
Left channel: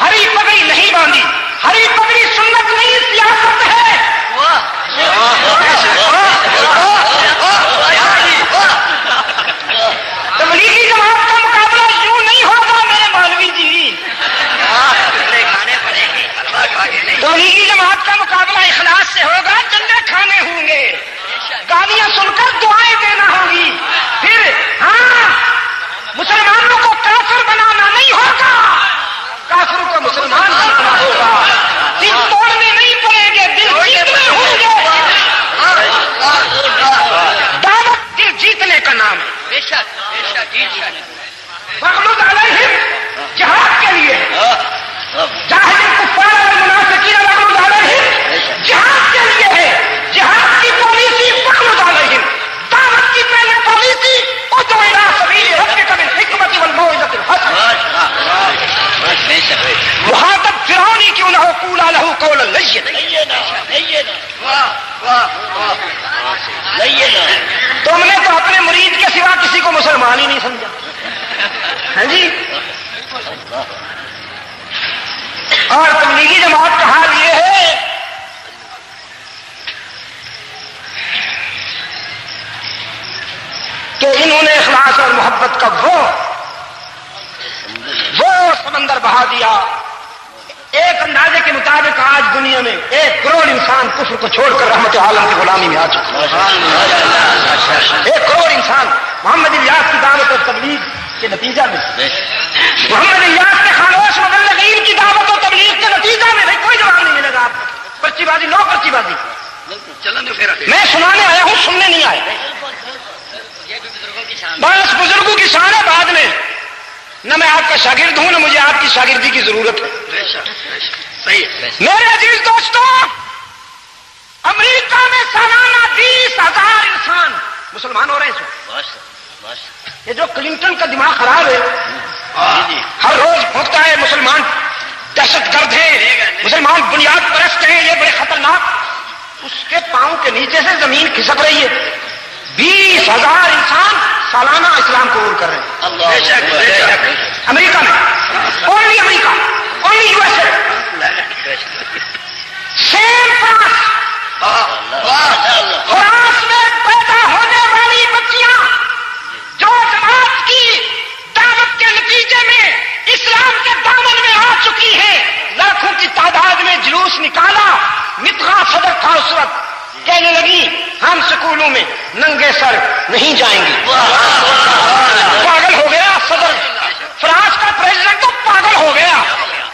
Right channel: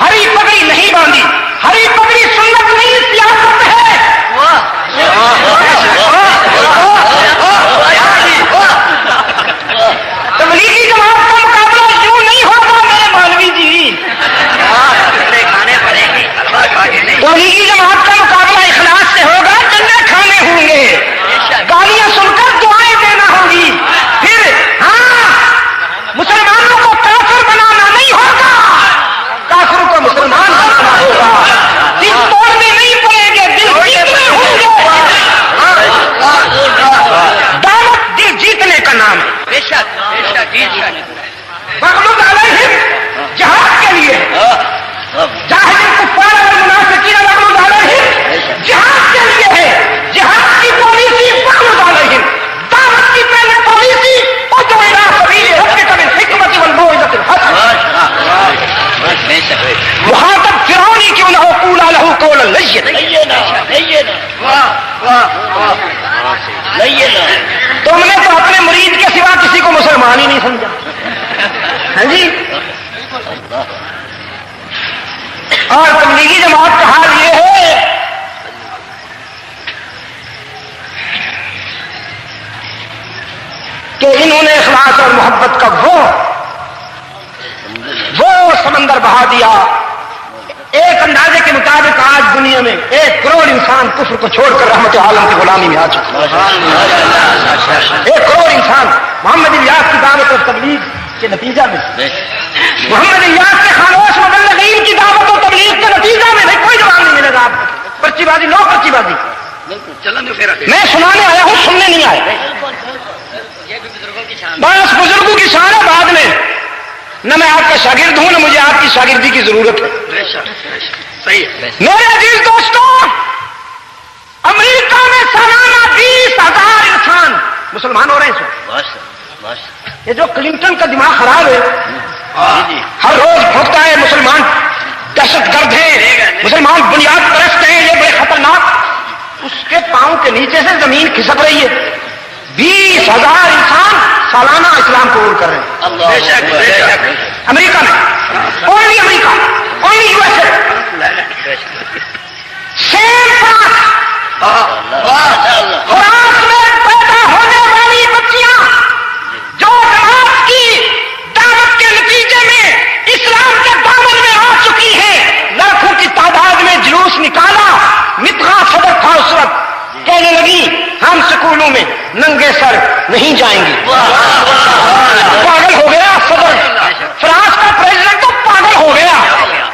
ہری پگڑی نہیں باندھی۔ ہری پگڑی سنت نہیں، سیاست ہے۔ تبلیغی جماعت کا مقابلہ یوں نہیں ہوگا میرے مولوی جی، تبلیغی جماعت کا مقابلہ اخلاص سے ہوگا، جننے کھانے ہوں گے، گالیاں سن کر دعائیں دینا ہوگی، پھر ہاں مسلمانوں کو کافر بنانا نہیں ہوگا، کافروں کو مسلمان بنانا ہوگا، دل توڑنے نہیں پڑیں گے، دل جیتنے ہوں گے۔ دعوت دل جیتنے کا نام ہے، مغلوب علیہم جہاد کے لیے، جاہد الکفار والمنافقین مغلوب علیہم جہاد کے لیے ہے، جہاد کی پالیسی مغلوب علیہم، دعوت کی پہلے پالیسی ادعو الی سبیل ربک بالحکمۃ والموعظۃ الحسنہ۔ مخاطب فرعون ہی کیوں نہ ہو، قولا لہ قولا لینا۔ تم نے تو اپنے مرید کے سوا کسی کو مسلمان ہی نہیں سمجھا، ہاں جی۔ اور تبلیغی جماعت کا حال یہ ہے کہ انہوں نے اخلاص اور محبت کا وہ سمندر بہا دیا۔ ایک اندازے کے مطابق آج دنیا میں 1 کروڑ انسان کفر کو چھوڑ کر رحمت عالم کی غلامی میں آ چکا ہے۔ 1 کروڑ انسان محمد الیاس کی دعوت اور تبلیغ کے نتیجہ میں، محمد الیاس کے خانوش مبلغین کی دعوت اور تبلیغ کے نتیجہ میں کوئی جواب نہیں ملے گا آپ کو۔ پرچی بازی، نو پرچی بازی، میں سنانے آیا ہوں، سننے نہیں آیا۔ بس بزرگوں کی شان ہے، بعد میں نہ میں آپ کا شاگرد ہوں نہ مجھے آپ کی شاگردی کی ضرورت ہے۔ میرے عزیز دوستوں، امریکہ میں سالانہ 20,000 انسان مسلمان ہو رہے ہیں۔ یہ جو کلنٹن کا دماغ خراب ہے، ہر روز بھوکتا ہے مسلمان دہشت گرد ہیں، مسلمان بنیاد پرست ہیں، یہ بڑے خطرناک، اس کے پاؤں کے نیچے سے زمین کھسک رہی ہے۔ 20,000 انسان سالانہ اسلام قبول کر رہے ہیں امریکہ میں، only America, only U S A. Same France میں پیدا ہونے والی بچیاں جو جماعت کی دعوت کے نتیجے میں اسلام کے دامن میں آ چکی ہیں، لاکھوں کی تعداد میں جلوس نکالا، متحا صدر تھا اس وقت، کہنے لگی ہم سکولوں میں ننگے سر نہیں جائیں گے۔ پاگل ہو گیا صدر فرانس کا پریزیڈنٹ، تو پاگل ہو گیا۔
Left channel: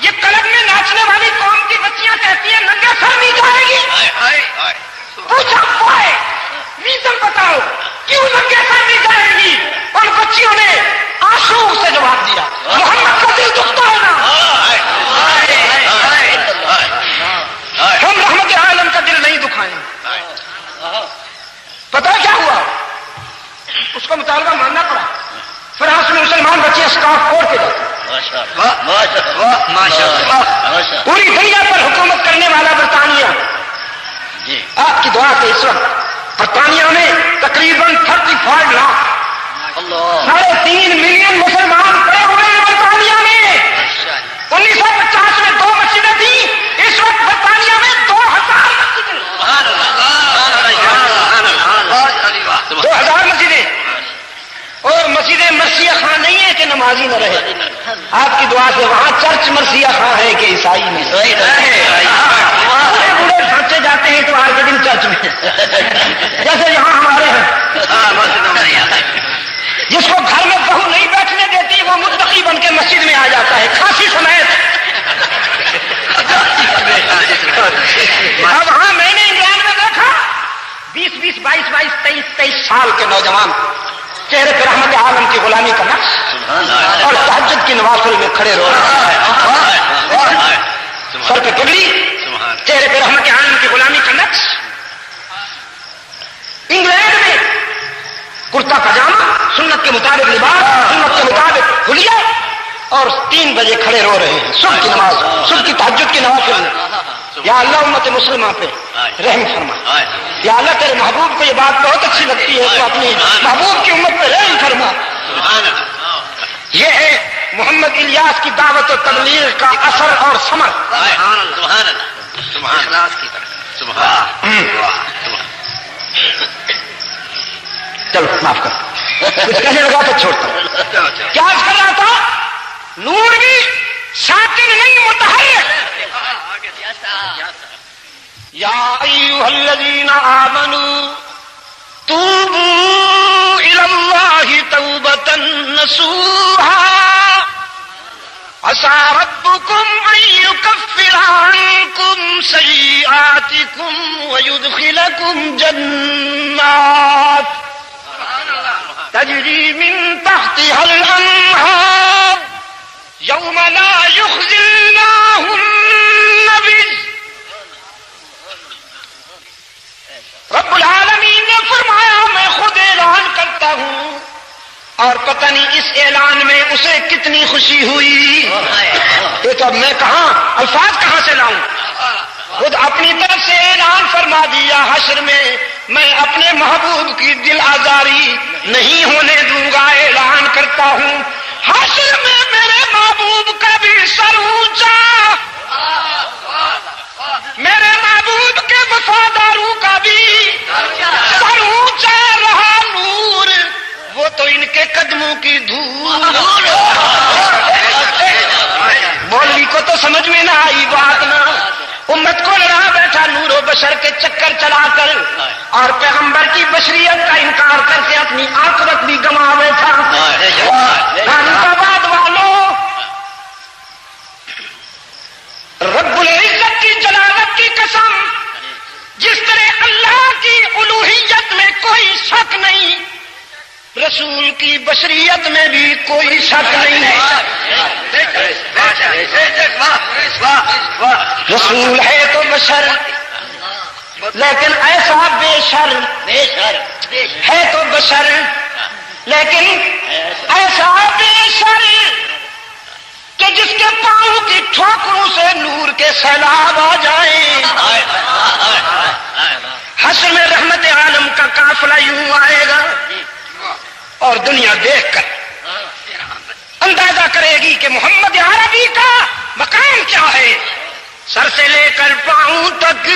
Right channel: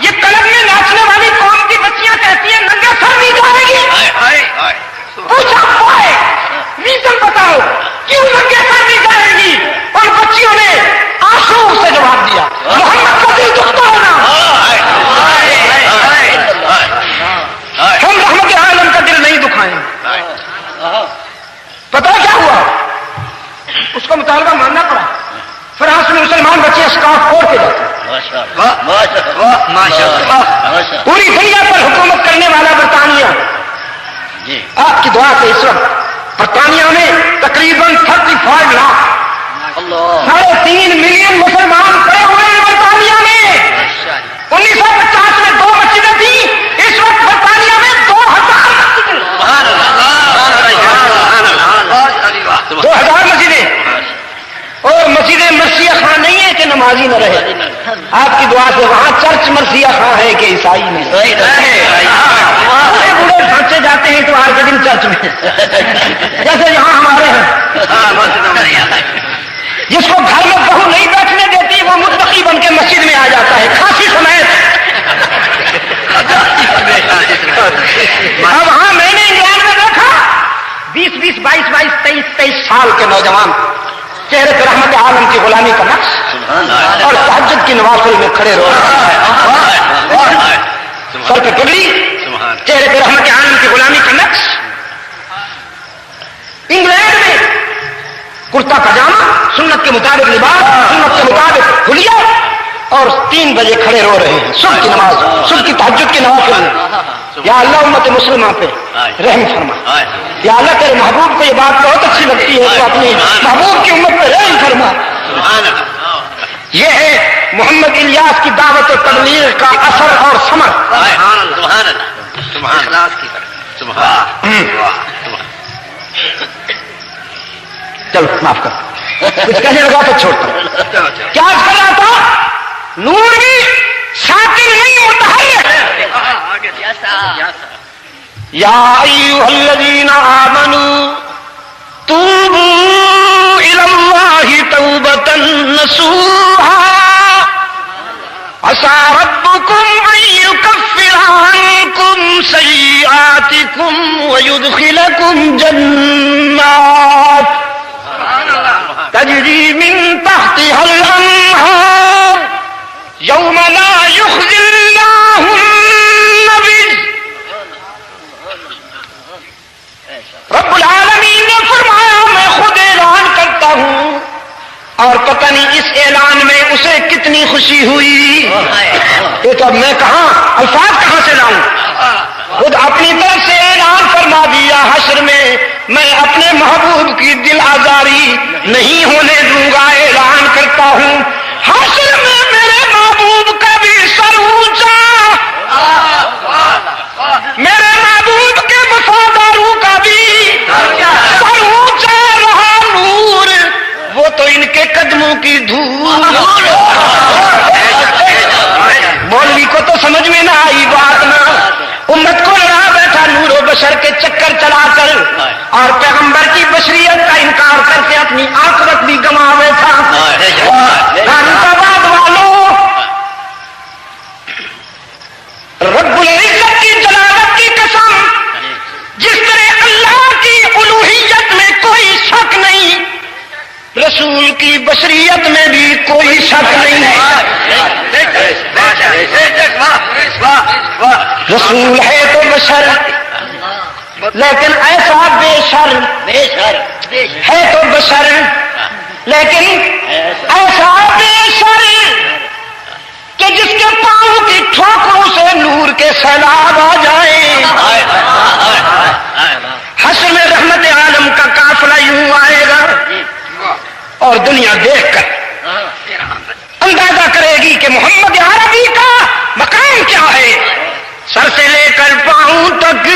یہ کلب میں ناچنے والی قوم کی بچیاں کہتی ہیں ننگے سر نہیں جائیں گی۔ پوچھا وائے، ریزن بتاؤ کیوں ننگے پتہ کیا ہوا؟ اس کو مطالبہ ماننا پڑا. فرانس میں مسلمان بچے اسکاف کوڑ کے جاتے پوری دنیا پر حکومت کرنے والا برطانیہ. آپ کی دعا سے اس وقت برطانیہ میں تقریباً 35 لاکھ 3.5 ملین مسلمان پڑے ہوئے ہیں برطانیہ میں. 1950 میں 2 مسجدیں تھیں، اس وقت برطانیہ میں 2000 مسجدیں. 2000 مسجدیں. اور مسجد مرثیہ خاں نہیں ہے کہ نمازی نہ رہے. آپ کی دعا سے وہاں چرچ مرثیہ خاں ہے کہ عیسائی نہیں. بڑے بوڑھے بچے جاتے ہیں تو آج کے دن چرچ میں جیسے یہاں ہمارے ہیں. جس کو گھر میں بہو نہیں بیٹھنے دیتی وہ متقی بن کے مسجد میں آ جاتا ہے کھانسی سمیت. اب ہاں میں نے انگلینڈ میں دیکھا 20 22 23 سال کے نوجوان چہرے پر رحمت عالم کی غلامی کا نقش اور تہجد کی نوافل میں کھڑے رو رہے ہیں. سر پہ پگڑی، چہرے پر رحمت عالم کی غلامی کا نقش. انگلینڈ میں کرتا پاجامہ، سنت کے مطابق لباس، سنت کے مطابق حلیہ، اور 3 بجے کھڑے رو رہے ہیں صبح کی نماز، صبح کی تہجد کی نوافل میں. یا اللہ امت مسلمہ پہ رحم فرما. یا اللہ تیرے محبوب کو یہ بات بہت اچھی لگتی ہے تو اپنی محبوب کی امت پہ رحم فرما. یہ ہے محمد الیاس کی دعوت و تبلیغ کا اثر اور ثمر. چلو معاف کر، کچھ کہنے لگا تو چھوڑتا ہوں. کیا کر رہا تھا؟ نور بھی شاکر نہیں متحرک. یا ایھا الذین آمنوا توبوا الی اللہ توبۃ نصوحا عسى ربكم ان يكفر عنكم سيئاتكم ويدخلكم جنات تجری من تحتها الانہار یوم لا یخزی اللہ النبی. رب العالمین نے فرمایا میں خود اعلان کرتا ہوں اور پتہ نہیں اس اعلان میں اسے کتنی خوشی ہوئی. یہ تو اب میں کہاں الفاظ کہاں سے لاؤں؟ خود اپنی طرف سے اعلان فرما دیا حشر میں اپنے محبوب کی دل آزاری نہیں ہونے دوں گا. اعلان کرتا ہوں حشر میں میرے محبوب کا بھی سر اونچا، میرے محبوب کے وفاداروں کا بھی سر اونچا رہا. نور وہ تو ان کے قدموں کی دھول. مولوی کو تو سمجھ میں نہ آئی بات نا. امت کو لڑا بیٹھا نور و بشر کے چکر چلا کر اور پیغمبر کی بشریت کا انکار کر کے اپنی آخرت بھی گنوا بیٹھا. حیدرآباد والوں، رب العزت کی جلالت کی قسم، جس طرح اللہ کی الوہیت میں کوئی شک نہیں، رسول کی بشریت میں بھی کوئی شک نہیں ہے. رسول ہے تو بشر لیکن ایسا بے شر ہے تو بشر لیکن ایسا بے شر کہ جس کے پاؤں کی ٹھوکروں سے نور کے سیلاب آ جائیں. حشر میں رحمت عالم کا قافلہ یوں آئے گا اور دنیا دیکھ کر اندازہ کرے گی کہ محمد عربی کا مقام کیا ہے. سر سے لے کر پاؤں تک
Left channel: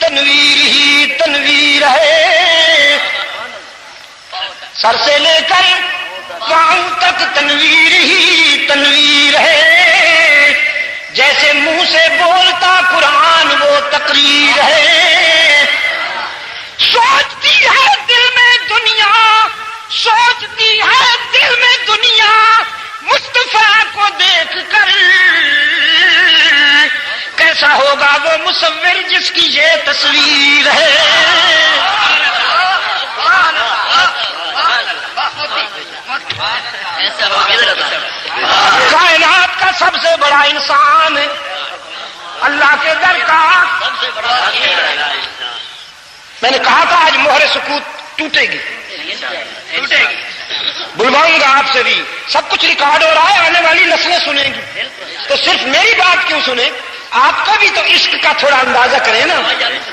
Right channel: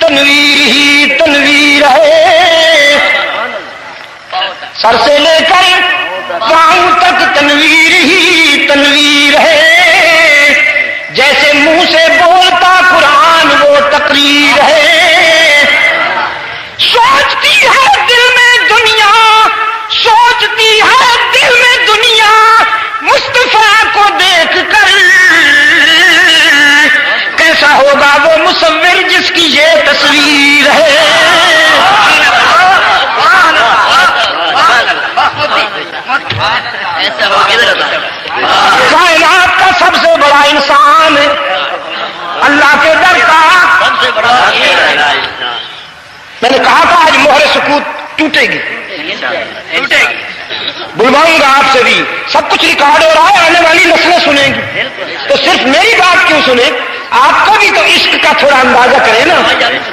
تنویر ہی تنویر ہے. سر سے لے کر پاؤں تک تنویر ہی تنویر ہے. جیسے منہ سے بولتا قرآن وہ تقریر ہے. سوچتی ہے دل میں دنیا، سوچتی ہے دل میں دنیا مصطفیٰ کو دیکھ کر کیسا ہوگا وہ مصور جس کی یہ تصویر ہے. کائنات کا سب سے بڑا انسان اللہ کے در کا میں نے کہا تھا آج مہر سکوت ٹوٹے گی، بلواؤں گا آپ سے بھی، سب کچھ ریکارڈ ہو رہا ہے، آنے والی نسلیں سنیں گی، تو صرف میری بات کیوں سنیں؟ آپ کو بھی تو عشق کا تھوڑا اندازہ کریں نا۔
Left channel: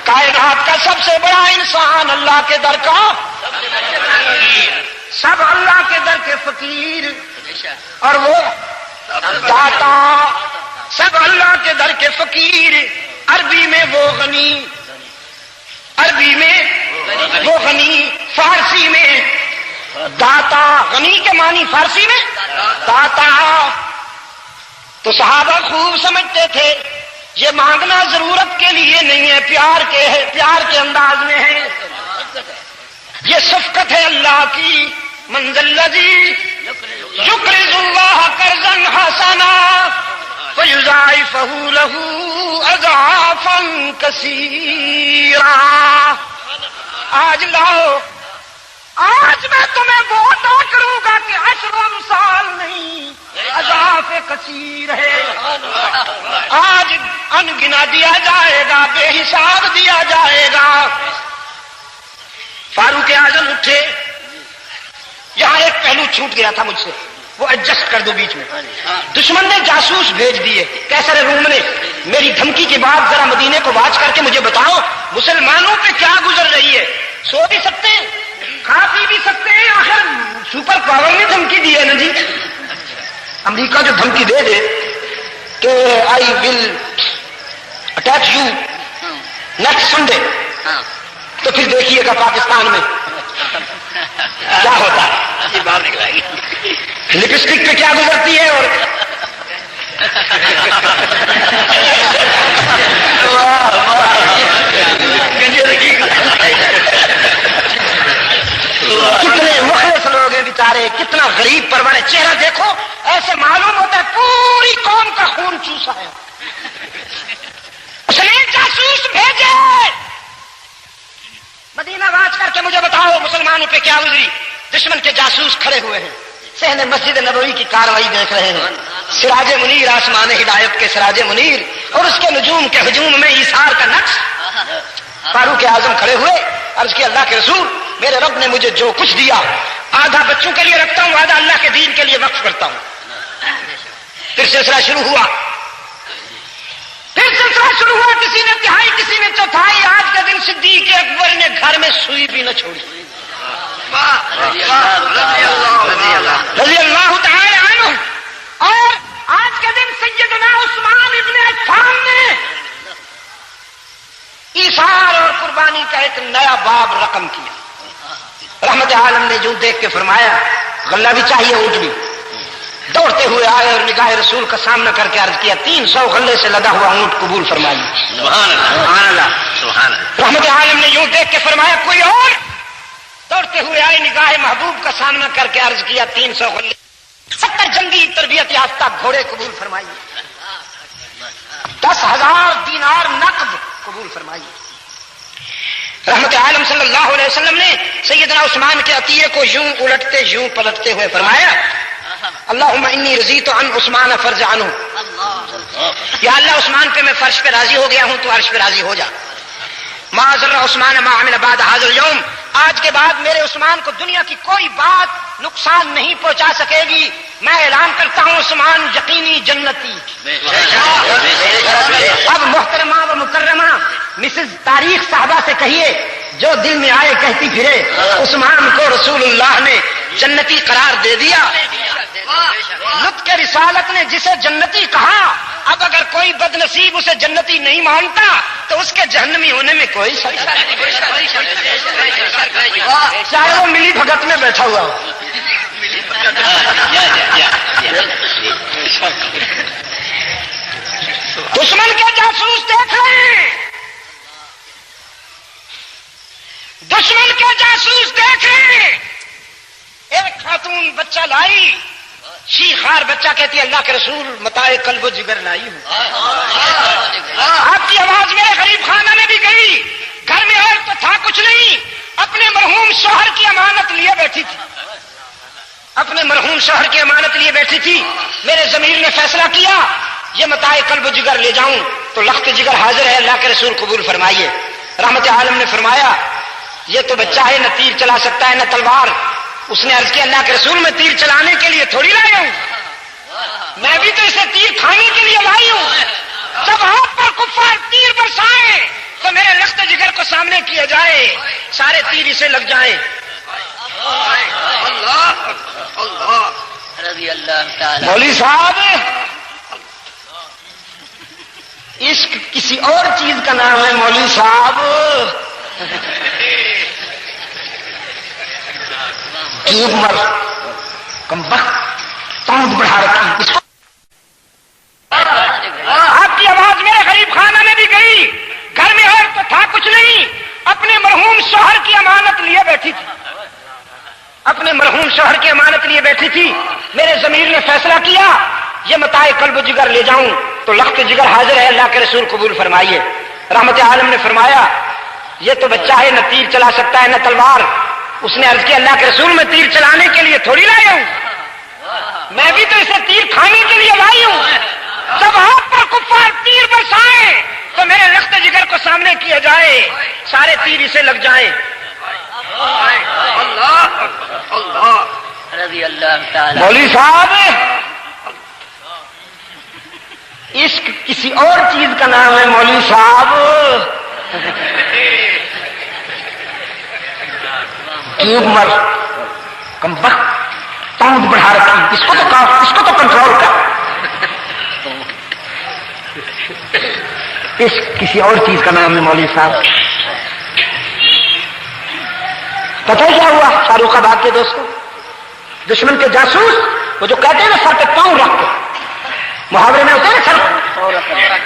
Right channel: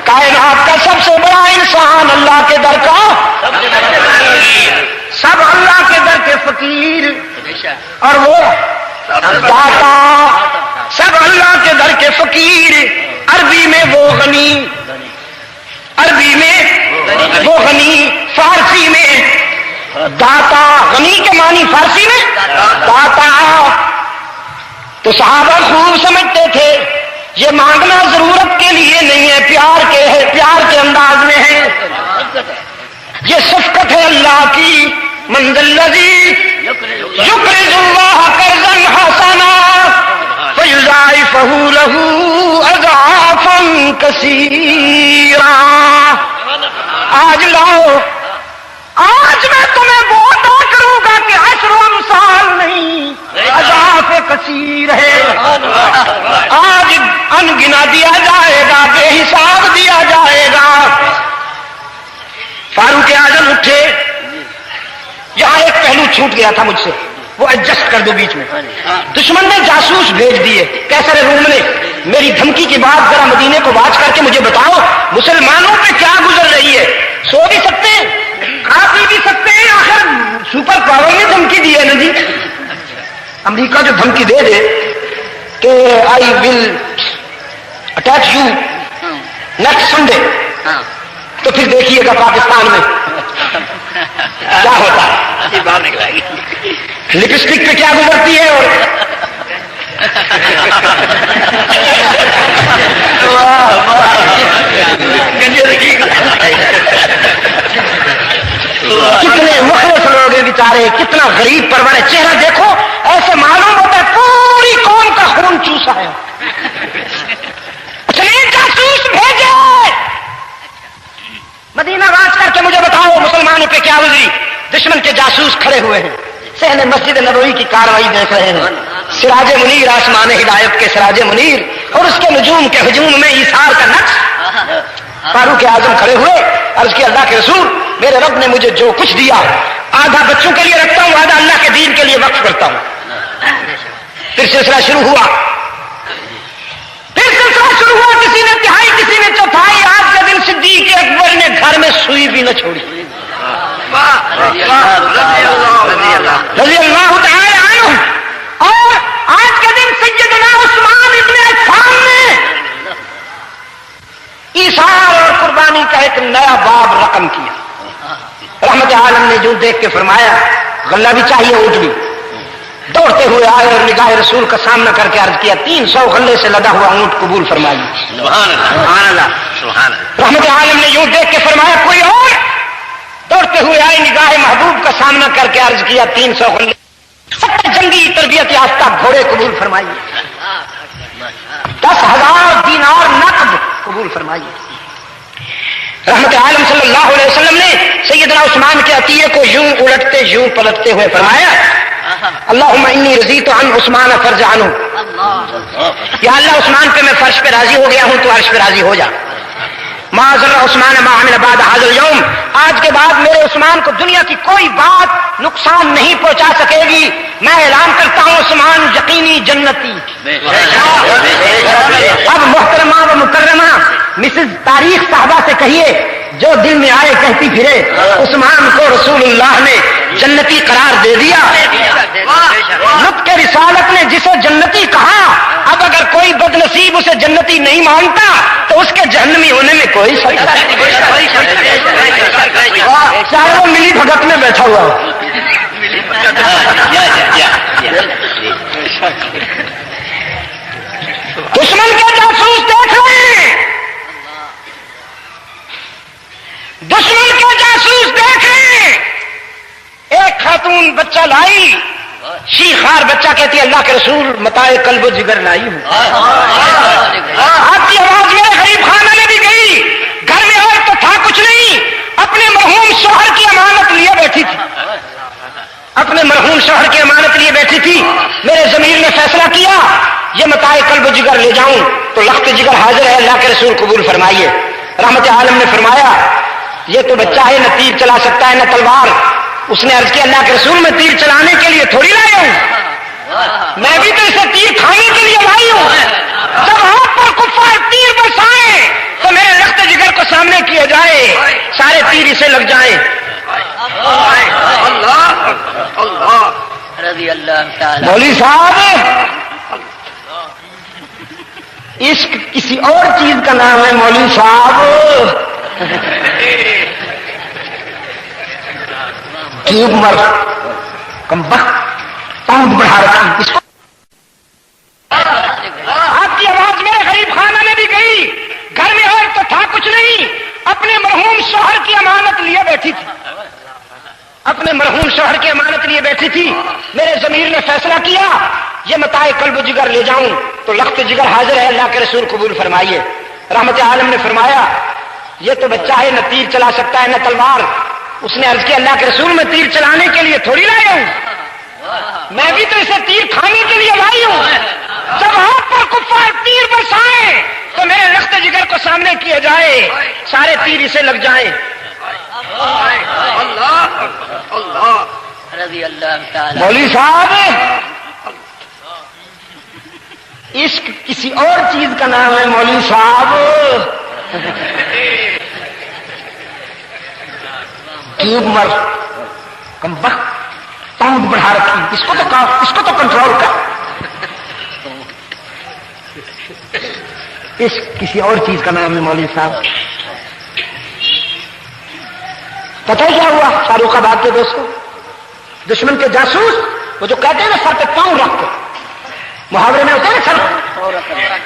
کائنات کا سب سے بڑا انسان اللہ کے در کا، سب اللہ کے در کے فقیر، اور وہ داتا، سب اللہ کے در کے فقیر، عربی میں وہ غنی، عربی میں وہ غنی، فارسی میں داتا، غنی کے معنی فارسی میں داتا۔ تو صحابہ خوب سمجھتے تھے یہ مانگنا ضرورت کے لیے نہیں ہے، پیار کے ہے، پیار کے انداز میں ہے، یہ شفقت ہے اللہ کی۔ من ذا الذی یقرض اللہ قرضا حسنا فیضاعفہ لہ اضعافا کثیرا۔ آج لاؤ، آج میں تمہیں وہ عطا کروں گا کہ عشر امثال نہیں، اضعاف کثیر ہے۔ آج ان گنا دیا جائے گا، بے حساب دیا جائے گا۔ فاروق اعظم اٹھے، یہاں ایک پہلو چھوٹ گیا تھا مجھ سے، وہ ایڈجسٹ کر دو بیچ میں۔ دشمن نے جاسوس بھیج دیے، کیسر روم نے، میری دھمکی کی بات ذرا مدینے کو واچ کر کے مجھے بتاؤ مسلمانوں پہ کیا گزر رہی ہے۔ سو بھی سکتے ہیں، کھا پی بھی سکتے ہیں، آخر سپر پاور نے دھمکی دی ہے نا جی۔ امریکہ جو دھمکی دے دے کہ آئی will attack you next Sunday, تو پھر دیکھیے گا پاکستان میں کیا ہوتا ہے، لپسٹک پہ کیا گزرتی ہے۔ اور کتنے مخلص لوگ ہیں بیچارے، کتنا غریب پرور ہے، چہرہ دیکھو ایسے معلوم ہوتا ہے پوری قوم کا خون چوسا ہے۔ اس نے جاسوس بھیجے، مدینہ واچ کر کے مجھے بتاؤ مسلمانوں پہ کیا گزری۔ دشمن کے جاسوس کھڑے ہوئے ہیں، صحن مسجد نبوی کی کاروائی دیکھ رہے ہیں، سراج منیر، آسمان ہدایت کے سراج منیر اور اس کے نجوم کے ہجوم میں ایثار کا نقش۔ فاروق اعظم کھڑے ہوئے، عرض کی اللہ کے رسول میرے رب نے مجھے جو کچھ دیا آدھا بچوں کے لیے رکھتا ہوں، آدھا اللہ کے دین کے لیے وقف کرتا ہوں۔ پھر سلسلہ شروع ہوا، پھر سلسلہ شروع ہوا، کسی نے تہائی کسی نے چوتھائی۔ آج کے دن صدیق اکبر نے گھر میں سوئی بھی نہ چھوڑی، رضی اللہ تعالی عنہ۔ اور آج کے دن سیدنا عثمان ابن عفان نے ایثار اور قربانی کا ایک نیا باب رقم کیا۔ رحمت عالم نے جو دیکھ کے فرمایا غلہ بھی چاہیے اونٹنی، دوڑتے ہوئے آئے اور نگاہ رسول کا سامنا کر کے عرض کیا 300 غلے سے لدا ہوا اونٹ قبول فرمائیے۔ سبحان اللہ، سبحان اللہ۔ رحمت عالم نے جو دیکھ کے فرمایا کوئی اور، دوڑتے ہوئے آئے نگاہ محبوب کا سامنا کر کے عرض کیا 300 غلے، 70 جنگی تربیت یافتہ گھوڑے قبول فرمائیے، 10,000 دینار نقد قبول فرمائیے۔ رحمت عالم صلی اللہ علیہ وسلم نے سیدنا عثمان کے عطیے کو یوں الٹتے یوں پلٹتے ہوئے فرمایا اللہم انی رضیت عن عثمان فرج عنہ، یا اللہ عثمان پہ میں فرش پہ راضی ہو گیا ہوں، تو عرش پہ راضی ہو جا۔ ما ضر عثمان ما عمل بعد هذا اليوم، آج کے بعد میرے عثمان کو دنیا کی کوئی بات نقصان نہیں پہنچا سکے گی۔ میں اعلان کرتا ہوں عثمان یقینی جنتی۔ اب محترمہ و مکرمہ مسز تاریخ صاحبہ سے کہیے جو دل میں آئے کہتی پھرے عثمان کو رسول اللہ نے جنتی قرار دے دیا۔ نطق رسالت نے جسے جنتی کہا، اب اگر کوئی بد نصیب اسے جنتی نہیں مانتا تو اس کے جہنمی ہونے میں کوئی شک نہیں، چاہے وہ ملی بھگت میں بیٹھا ہوا ہو۔ دشمن کے جاسوس دیکھ رہے ہیں، دشمن کے جاسوس دیکھ رہے ہیں۔ ایک خاتون بچہ لائی، شیخار بچہ کہتی ہے اللہ کے رسول متاع قلب و جگر لائی ہوں۔ آپ کی آواز میرے غریب خانہ میں بھی گئی، گھر میں اور تو تھا کچھ نہیں، اپنے مرحوم شوہر کی امانت لیے بیٹھی تھی، اپنے مرحوم شوہر کی امانت لیے بیٹھی تھی۔ میرے ضمیر نے فیصلہ کیا یہ متاع قلب و جگر لے جاؤں، تو لخت جگر حاضر ہے، اللہ کے رسول قبول فرمائیے۔ رحمت عالم نے فرمایا یہ تو بچہ ہے، نہ تیر چلا سکتا ہے نہ تلوار. اس نے عرض کیا اللہ کے رسول میں تیر چلانے کے لیے تھوڑی لایا ہوں، میں بھی تو اسے تیر کھانے کے لیے لائی ہوں. جب ہاتھ پر کفار تیر برسائیں تو میرے لخت جگر کو سامنے کیا جائے، سارے تیر اسے لگ جائیں. رضی اللہ تعالی. مولوی صاحب عشق کسی اور چیز کا نام ہے مولوی صاحب. ٹیوب مر کم وقت ٹانگ بڑھا رکھی اس کو. آپ کی آواز میرے غریب خانہ میں بھی گئی. گھر میں اور تو تھا کچھ نہیں، اپنے مرحوم شوہر کی امانت لیے بیٹھی تھی، اپنے مرحوم شوہر کی امانت لیے بیٹھی تھی. میرے ضمیر نے فیصلہ کیا یہ متاع قلب و جگر لے جاؤں تو لخت جگر حاضر ہے، اللہ کے رسول قبول فرمائیے. رحمت عالم نے فرمایا یہ تو بچہ ہے، نہ تیر چلا سکتا ہے نہ تلوار. اس نے عرض کیا اللہ کے رسول میں تیر چلانے کے لیے تھوڑی لایا ہوں، میں بھی تو اسے تیر کھانے کے لیے لائی ہوں. جب ہاتھ پر کفار تیر برسائیں تو میرے لخت جگر کو سامنے کیا جائے، سارے تیر اسے لگ جائیں. رضی اللہ تعالی. مولوی صاحب عشق کسی اور چیز کا نام ہے مولوی صاحب. ٹیوب مر کم وقت ٹانگ بڑھا رکھی اس کو تو کنٹرول کر. عشق کسی اور چیز کا نام ہے مولوی صاحب. پتہ ہے کیا ہوا فاروق آباد کے دوستوں؟ دشمن کے جاسوس وہ جو کہتے ہیں نا سر پہ پاؤں رکھ کے، محاورے میں ہوتے ہیں سر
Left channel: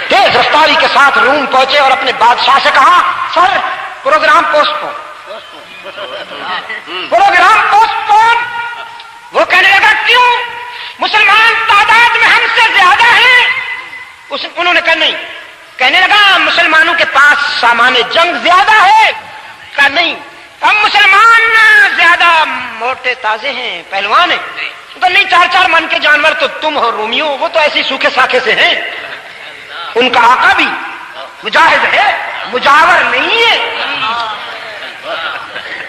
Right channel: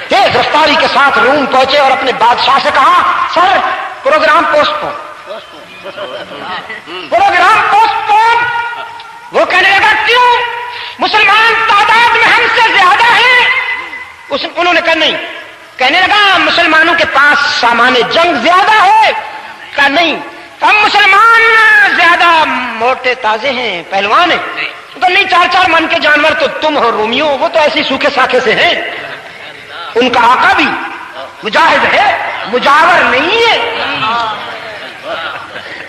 تیز رفتاری کے ساتھ روم پہنچے اور اپنے بادشاہ سے کہا سر پروگرام پوسٹ پون، پروگرام پوسٹ پون. وہ کہنے لگا کیوں؟ مسلمان تعداد میں ہم سے زیادہ ہیں. انہوں نے کہا نہیں. کہنے لگا مسلمانوں کے پاس سامان جنگ زیادہ ہے. کہا نہیں، ہم مسلمان زیادہ موٹے تازے ہیں، پہلوان ہیں. تو نہیں، 4 من کے جانور تو تم ہو رومیوں، وہ تو ایسی سوکھے ساکھے سے ہیں. ان کا آقا بھی مجاہد ہے، مجاور نہیں ہے.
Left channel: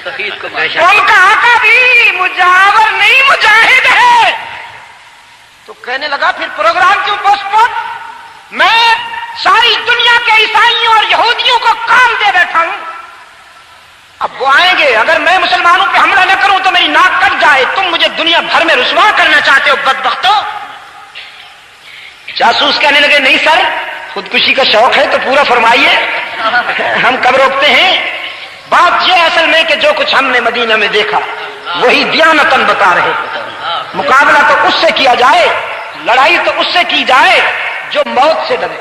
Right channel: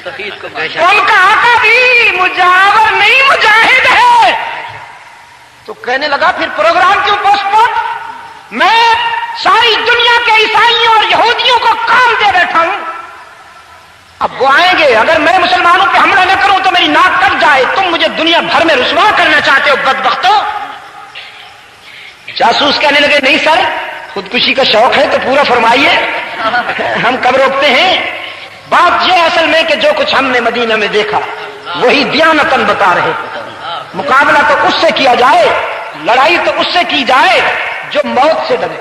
ان کا آقا بھی مجاور نہیں، مجاہد ہے. تو کہنے لگا پھر پروگرام کیوں پوسٹ پون؟ میں ساری دنیا کے عیسائیوں اور یہودیوں کو کام دے بیٹھا ہوں. اب وہ آئیں گے، اگر میں مسلمانوں پہ حملہ نہ کروں تو میری ناک کٹ جائے. تم مجھے دنیا بھر میں رسوا کرنا چاہتے ہو بدبختو. جاسوس کہنے لگے نہیں سر، خودکشی کا شوق ہے تو پورا فرمائیے، ہم کب روکتے ہیں. بات یہ اصل میں کہ جو کچھ ہم نے مدینہ میں دیکھا وہی دیانتاً بتا رہے. مقابلہ تو اس سے کیا جائے، لڑائی تو اس سے کی جائے جو موت سے ڈرے.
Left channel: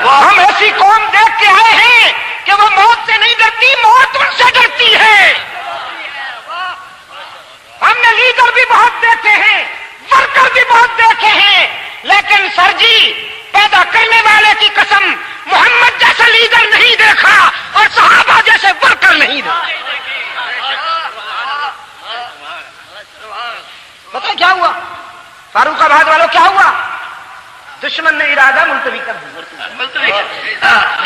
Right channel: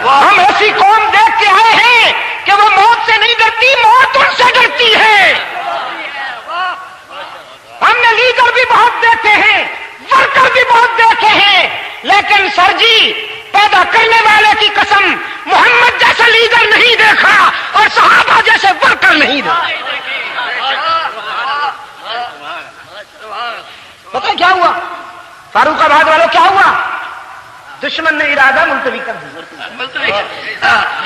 ہم ایسی قوم دیکھ کے آئے ہیں کہ وہ موت سے نہیں ڈرتی، موت ان سے ڈرتی ہے. ہم نے لیڈر بھی بہت دیکھے ہیں، ورکر بھی بہت دیکھے ہیں، لیکن سر جی پیدا کرنے والے کی قسم محمد جیسا لیڈر نہیں دیکھا اور صحابہ جیسے ورکر نہیں دیکھا. پتہ کیا ہوا فاروق آباد والوں؟ کیا ہوا؟ دشمن نے ارادہ ملتوی کر دیا،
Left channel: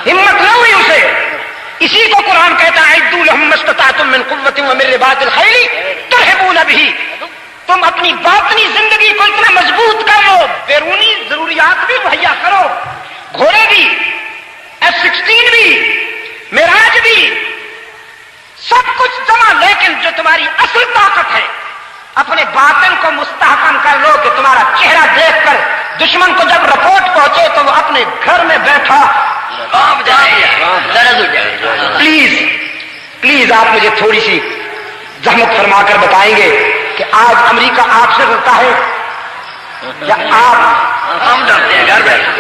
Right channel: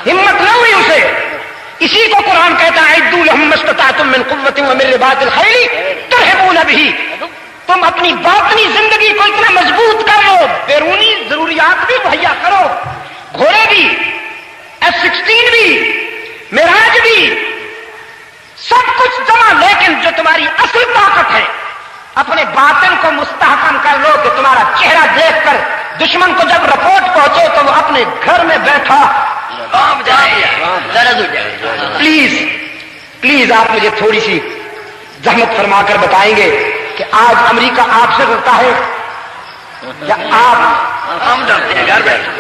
ہمت نہ ہوئی اسے. اسی کو قرآن کہتا ہے اعدوا لهم ما استطعتم من قوة ومن رباط الخيل ترهبون به. تم اپنی باطنی زندگی کو اتنا مضبوط کر لو، بیرونی ضروریات بھی مہیا کرو، گھوڑے بھی، F-16 بھی، معراج بھی، سب کچھ جمع. لیکن جو تمہاری اصل طاقت ہے اپنے باطن کو مستحکم کر لو کہ تمہارا چہرہ دیکھ کر دشمن کو جب رپورٹ پہنچے تو وہ اپنے گھر میں بیٹھا پلیز آپ مجھے تھوڑی سی زحمت فرما کر بتائیں گے کہ آج امریکہ آپ سے ڈرتا ہے یا آپ ڈرتے ہیں؟ گھر بیٹھے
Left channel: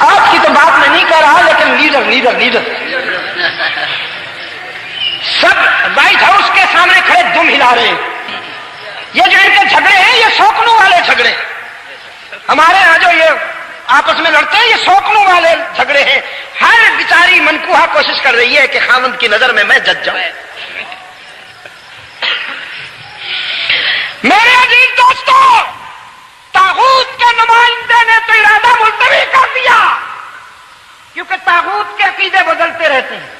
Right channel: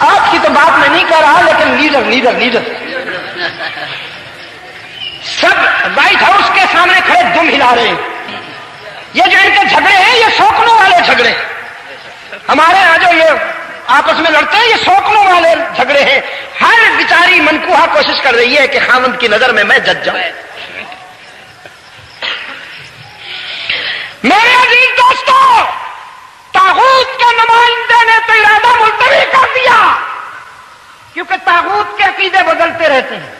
آپ کی تو بات میں نہیں کہہ رہا، لیکن لیڈر سب وائٹ ہاؤس کے سامنے کھڑے دم ہلا رہے ہیں. یہ جو ان کے جھگڑے ہیں یہ سوکنوں والے جھگڑے. ہمارے یہاں جو یہ آپس میں لڑتے ہیں یہ سوکنوں والے جھگڑے ہیں. ہر بیچاری منکوہا کوشش کر رہی ہے کہ خاوند کی نظر میں جج جاؤں. میرے عزیز دوستوں، طاغوت کے نمائندے نے تو ارادہ ملتوی کر دیا. کیونکہ طاغوت کے عقیدے بدلتے رہتے ہیں،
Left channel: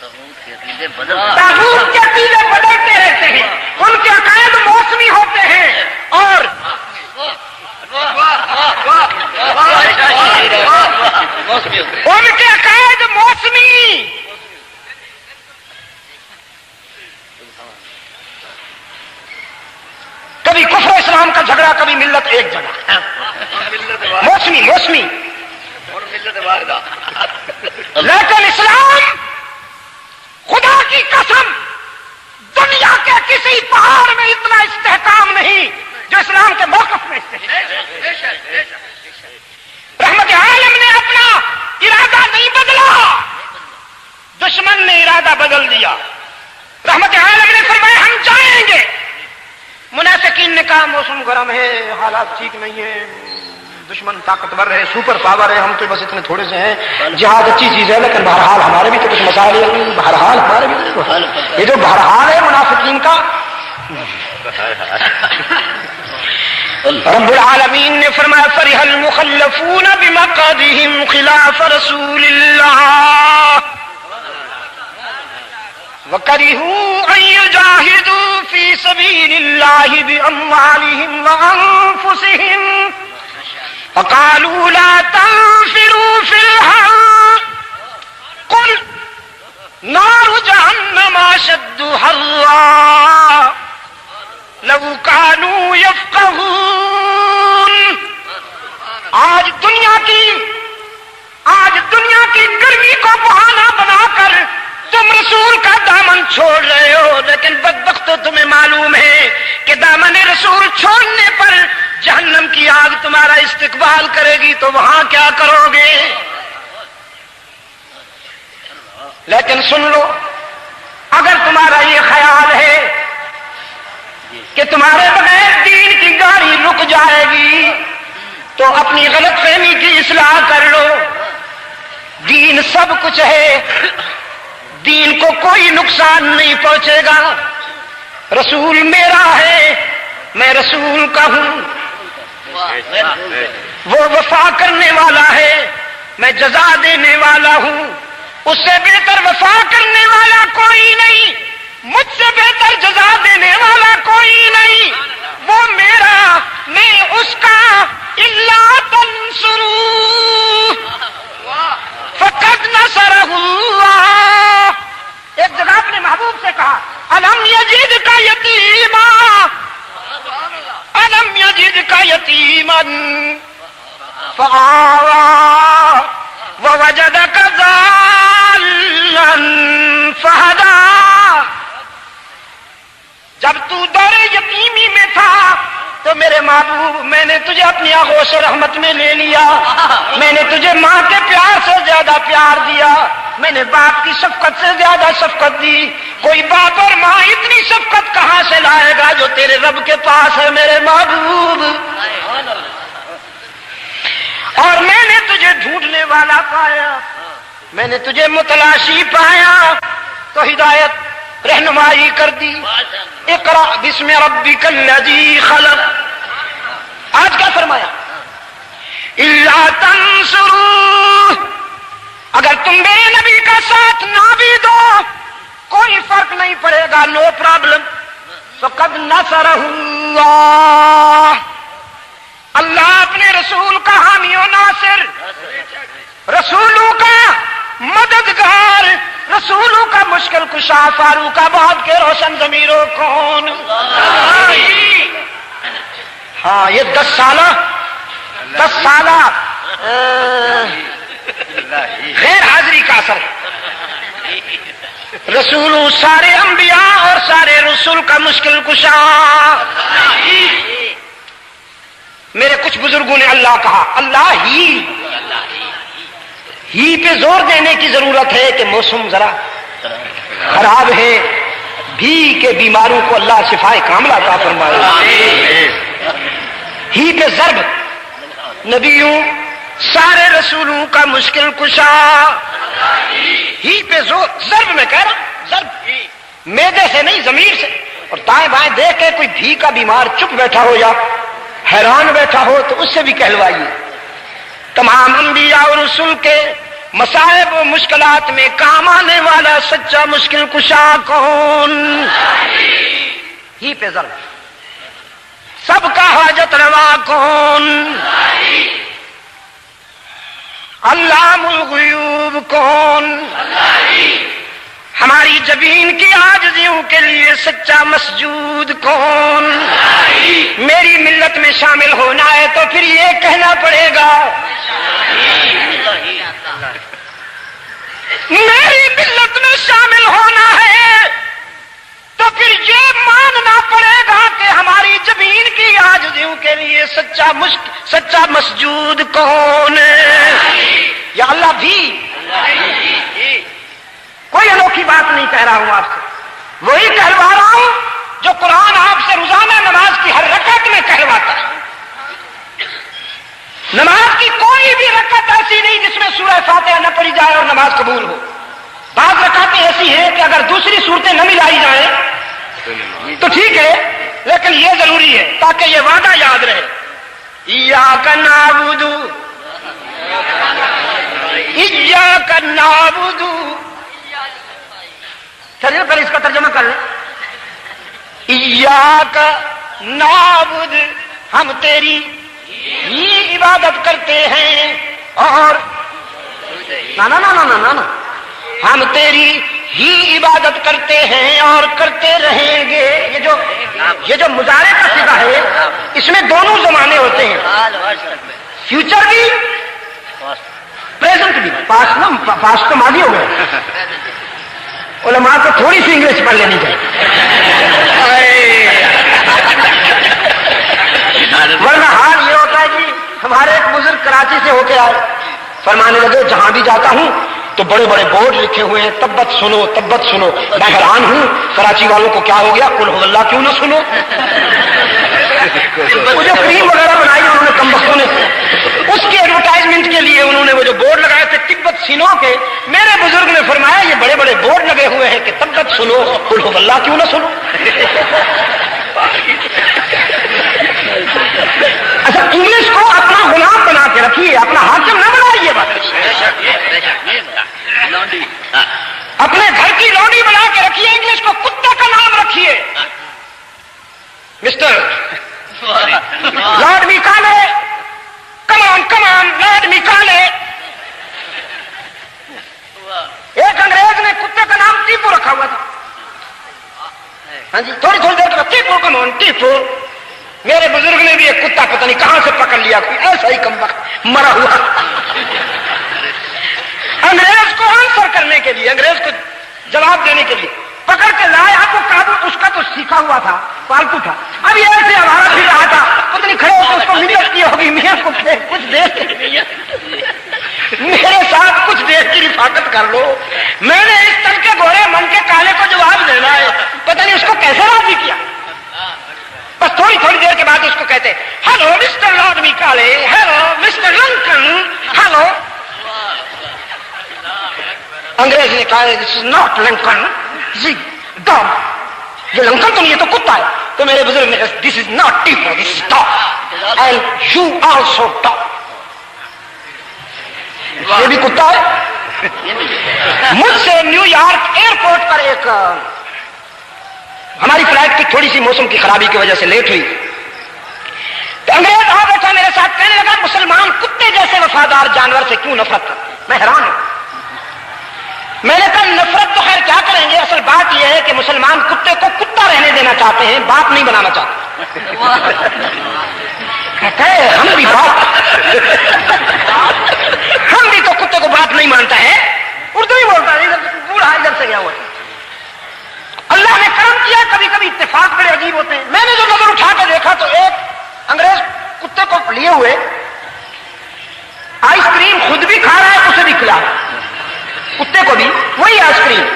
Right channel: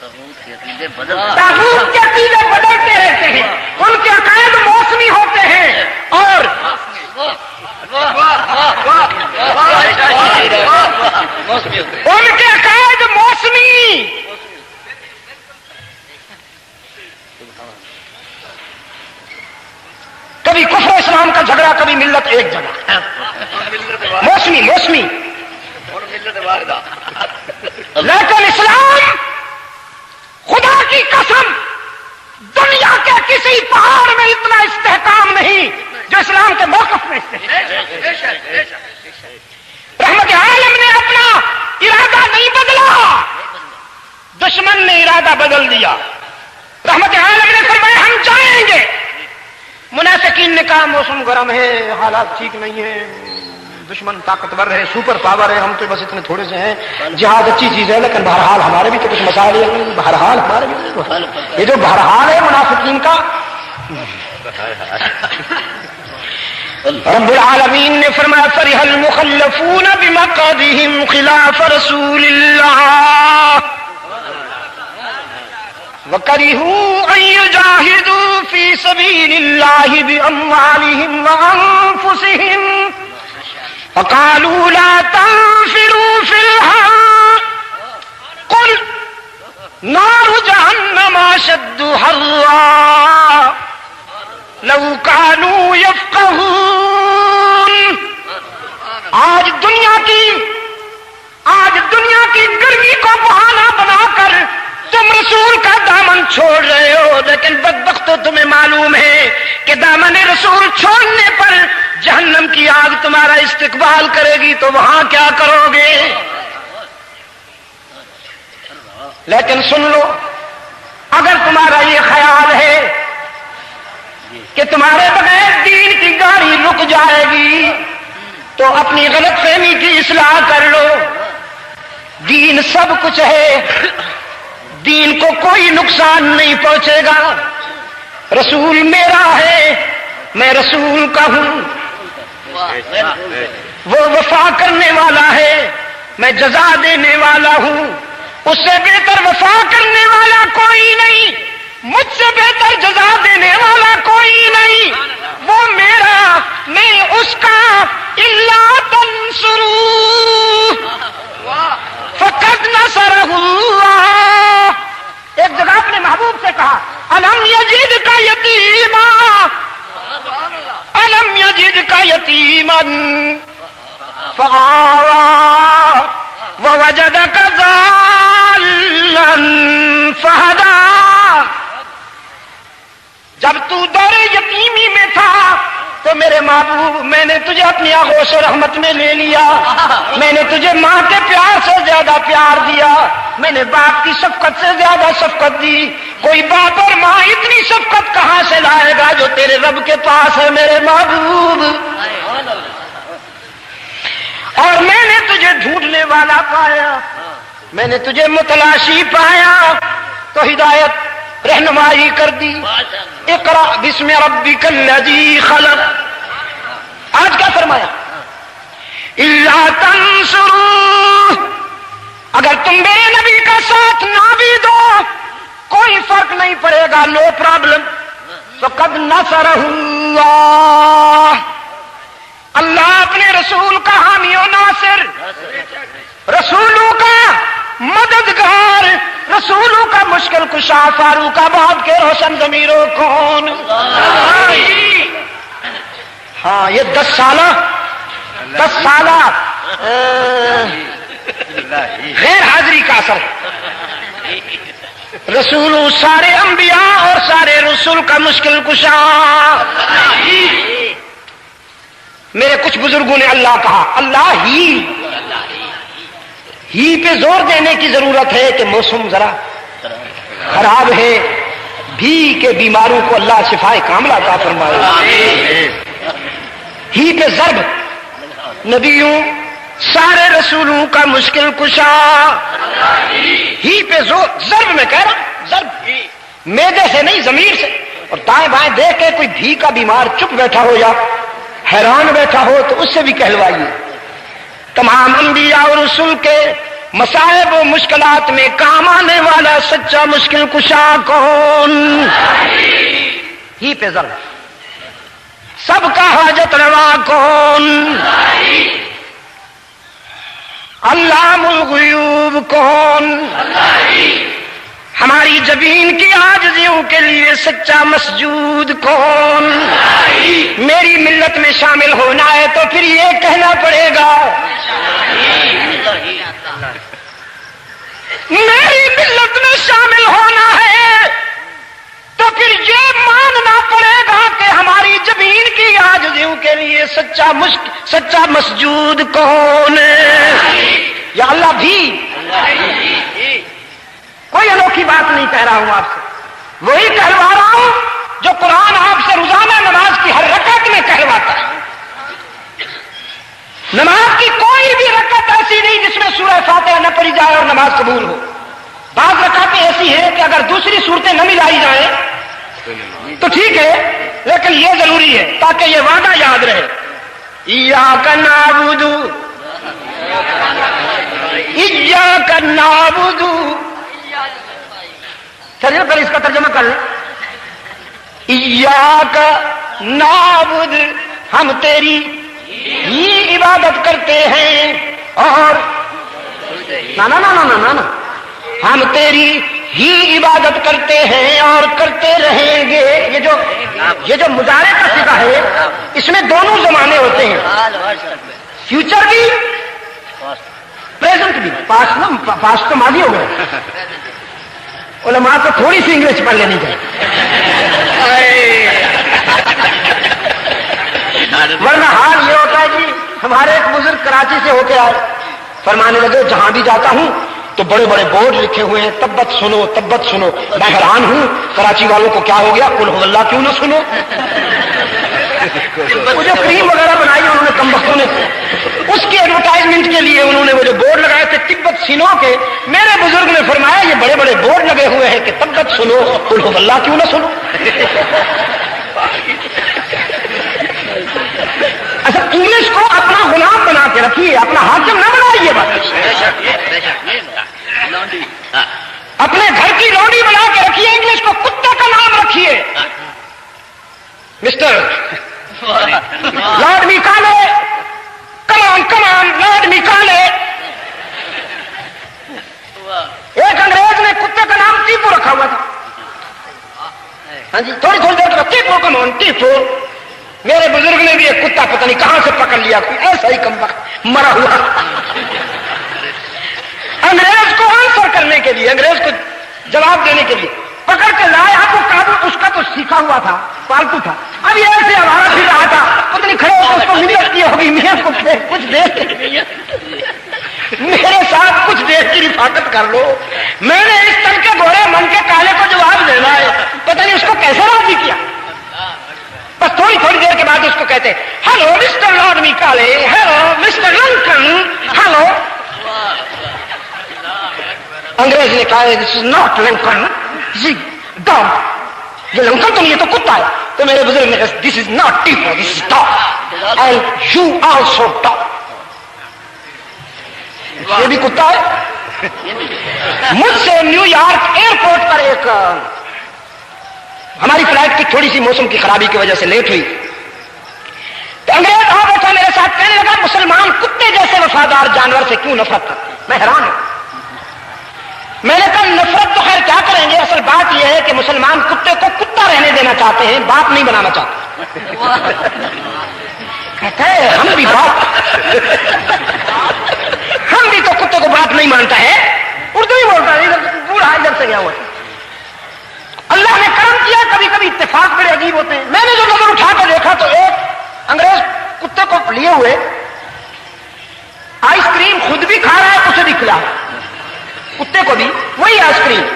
طاغوت کے عقیدے بدلتے رہتے ہیں، ان کے عقائد موسمی ہوتے ہیں، اور ان کے عقائد موسمی، کبھی کفر اسلام کا جھگڑا، کبھی ملت ایک جگہ، موسمی موسمی۔ لیکن اسلام، خدا کی قسم، دنیا کے کسی پہاڑ میں اتنا استحکام نہیں جو اسلام کے موقف میں استحکام۔ رحمت عالم نے اپنا ارادہ نہیں بدلا، دشمن نے ارادہ بدل دیا۔ رحمت عالم نے فرمایا ہم جائیں گے، منافقین نے کہا موسم گرم ہے، حالات ٹھیک نہیں ہیں، دشمن طاقتور ہے، سپر پاور ہے، ہم تو بس اتنے تھوڑے سے ہیں، جہاد اچھی چیز ہے لیکن بہرحال ہمارے بھی تو کچھ مسائل ہیں، بہرحال ہمارے بھی یہ جو بہرحال ہے منافقین کا۔ رب العالمین نے فرمایا فرح المخلفون بمقعدهم خلاف رسول اللہ وَكَرِهُوا أَن يُجَاهِدُوا فِي سَبِيلِ اللَّهِ بِأَمْوَالِهِمْ وَأَنفُسِهِمْ فَقَالُوا لَا تَنفِرُوا فِي الْحَرِّ قُلْ نَارُ جَهَنَّمَ أَشَدُّ حَرًّا لَوْ كَانُوا يَفْقَهُونَ۔ آج دنیا کی گرمی کو بہانہ بنا کر تم رسول کا دامن چھوڑ رہے ہو، لیکن بدبختو تمہیں معلوم ہے کہ دامن رسول چھوڑنے پر جہنم کی آگ تمہارا استقبال کرے گی، تو وہاں کیا کرو گے؟ لیکن سن لو، اگر تمہارا یہ خیال ہے کہ تمہارے بغیر دین کی گاڑی رک جائے گی تو اپنی غلط فہمی کی اصلاح کر لو۔ دین سب کچھ ہے، دین کو کوئی نقصان نہیں پہنچے گا۔ رسول میرا ہے، میں رسول کا ہوں، وہ وفا کرنے والا ہے، میں جزا دینے والا ہوں، اس سے بہتر وفا کرنے والا کوئی نہیں، مجھ سے بہتر جزا دینے والا کوئی نہیں، وہ میرا، میں اس کا۔ الا تنصروہ فقد نصرہ اللہ۔ ایک جگہ اپنے محبوب سے کہا الم یجدک یتیما، الم یجدک یتیما فآویٰ ووجدک ضالا فہدیٰ۔ جب تو دور یتیمی میں تھا تو میرے محبوب میں نے تجھے اپنی آغوش رحمت میں لے لیا، میں نے تجھے ماں کے پیار سے زیادہ پیار دیا، میں نے باپ کی شفقت سے زیادہ شفقت دی۔ کوئی باپ اور ماں اتنی شفقت کہاں سے لائے گا جو تیرے رب کے پاس ہے میرے محبوب۔ اور میں نے تجھے ڈھونڈنے والا پایا، میں نے تجھے متلاشی پایا تو ہدایت رہنمائی کر دی۔ اقرأ بسم ربک الذی خلق۔ آج کیا فرمایا؟ الا تنصروہ، اگر تم میرے نبی کا ساتھ نہ بھی دو کوئی فرق نہیں پڑے گا، نو پرابلم۔ فقد نصرہ اللہ، اللہ اپنے رسول کا حامی و ناصر، رسولوں کا مددگار، رسولوں کا مشکل کشا، فاروق آباد کے روشن ضمیروں کون؟ ہاں یہ 10 سالہ غیر حاضری کا اثر ہے۔ رسولوں سارے انبیاء اور سارے رسول کا مشکل کشا۔ میرے کچھ بزرگوں نے اللہ کہا، اللہ ہی پہ زور دینے کی ضرورت ہے کہ موسم ذرا خراب ہے، بھی کے بیماروں کو اللہ شفائے کاملہ عطا فرمائے۔ ہی پہ ضرب، نبیوں سارے رسولوں کا مشکل کشا، ہی پہ زور، ضرب میں کہہ رہا ہوں، ضرب میدے سے نہیں ضمیر سے۔ اور دائیں بائیں دیکھ کے کوئی بھی کا بیمار چپ بیٹھا ہو یا حیران بیٹھا ہو تو اس سے بھی کہلوائیے۔ تمام انبیاء اور رسول کے مصائب و مشکلات میں کام آنے والا سچا مشکل کشا کون؟ ہی پہ ضرب، سب کا حاجت روا کون؟ علام الغیوب کون؟ ہماری جبین کی عاجزیوں کے لیے سچا مسجود کون؟ میری ملت میں شامل ہونا ہے تو پھر یہ کہنا پڑے گا، میری ملت میں شامل ہونا ہے تو پھر یہ ماننا پڑے گا کہ ہماری جبین کی عاجزیوں کے لیے سچا مسجود کون؟ یا اللہ بھی کوئی انوکھی بات نہیں کہہ رہا ہوں آپ سے، وہی کہلوا رہا ہوں جو قرآن آپ سے روزانہ نماز کی ہر رکعت میں کہلواتا ہے۔ نماز کی کوئی بھی رکعت ایسی نہیں جس میں سورہ فاتحہ نہ پڑھی جائے اور نماز قبول ہو۔ بعض رکعتیں ایسی ہیں کہ اگر دوسری صورتیں نہ ملائی جائیں تو ٹھیک ہے، لیکن یہ ضروری ہے تاکہ یہ وعدہ یاد رہے، ایاک نعبد ایاک نعبد۔ چلیے پہلے اس کا ترجمہ کر لیں، ایاک نعبد، ہم تیری ہی عبادت کرتے ہیں، اور نا ہم تیری ہی عبادت کرتے ہیں اور کرتے رہیں گے۔ یہ جو مضارع کا صیغہ ہے اس میں دونوں زمانے ہوتے ہیں، فیوچر بھی پریزنٹ بھی، پاسٹ تو ماضی ہو گیا۔ علماء کو تھوڑی سی انگلش پڑھ لینی چاہیے، ورنہ حال یہ ہوتا ہے جی۔ ہمارے ایک بزرگ کراچی سے ہو کے آئے، فرمانے لگے جہاں بھی جاتا ہوں تو بڑے بڑے بورڈ لکھے ہوئے ہیں، تبت سنو تبت سنو۔ میں حیران ہوں کراچی والوں کو کیا ہو گیا، قل هو اللہ کیوں نہ سنو؟ وہ جو کریم وغیرہ بنائی انہوں نے کم بختوں نے، اس کی ایڈورٹائزمنٹ کے لیے انہوں نے وہ جو بورڈ لگائے تھے تبت سنو کے، میرے بزرگ نے فرمایا یہ بڑے بڑے بورڈ لگے ہوئے ہیں کہ تبت سنو قل هو اللہ کیوں نہ سنو؟ اچھا، انگلش کو اپنا غلام بنا کے رکھیے، اپنا حاکم نہ بنائیے، بات اپنے گھر کی لونڈی بنا کے رکھیے، انگلش کو کتے کا نام رکھیے۔ مسٹر لارڈ میکالے، کمان لارڈ میکالے۔ ایک انگریز نے کتے کا نام ٹیپو رکھا ہوا تھا، ہاں جی، تھوڑی دیر کا ٹیپو کمان ٹیپو۔ میرے بزرگ نے بھی ایک کتا پتہ نہیں کہاں سے پکڑ لیا، کوئی ایسا ہی کم وقت مرا ہوا، انگریز کو آنسر کرنے کے لیے، انگریز کو جواب دینے کے لیے پکڑ کے لایا تو قابو اس کا تو سیکھا ہوا تھا، پالتو تھا، اب یہ ایسے ہمارا پھر رہا تھا، پتہ نہیں کھڑے ہو اس کو ملت کی ہوگی، میاں کو کچھ دیکھ کے میرے ساتھ کچھ دیکھ کی رفاقت کر لو، میں نے اس طرح کے گورے من کے کالے کو جواب دینا ہے، پتہ نہیں اس کو کیسے راضی کیا۔ بس تھوڑی دیر کے بعد اس کو کہتے hello mister Lord Macaulay, hello mister Lincoln, hello. انگریز نے کہا دس از ناٹ لنکن، جی ڈاگ، یہ لنکن تو نہیں، یہ تو کتا ہے۔ تو میرے بزرگ نے کہا this is not Tipu, this is dog and you also dog, یہ بھی کتا ہے۔ مجھ سے نیو یارک ایئرپورٹ پر ایک ہماری فلائٹ کی تھوڑی سی موسم کی خرابی کی وجہ سے لیٹ ہوئی، تو انگریز آ بیٹھا میرے ساتھ، کہنے لگا مسلمان کتے جیسے وفادار جانور سے کیوں نفرت کرتے؟ میں حیران ہوں۔ میں نے کہا نفرت تو خیر کیا کریں گے، اصل بات یہ ہے کہ مسلمان کتے کو کتا رہنے دینا چاہتے ہیں، باپ نہیں بنانا چاہتے۔ کہتا ہے ہم بھی تو کتے کو باپ نہیں مانتا ہے، اردو ہی بولتا ہے، بوڑھا ادھر سے گیا ہوا۔ اللہ نے کرم کیا، کبھی کبھی اتفاق بڑے عجیب ہوتے ہیں۔ میں نے جو نظر اٹھا کے دیکھا تو ایک انگریز کتے کو لیے ہوئے آئس کریم خود بھی کھا رہا ہے، اسے بھی کھلا رہا ہے، کتے کو بھی وہی آئس کریم،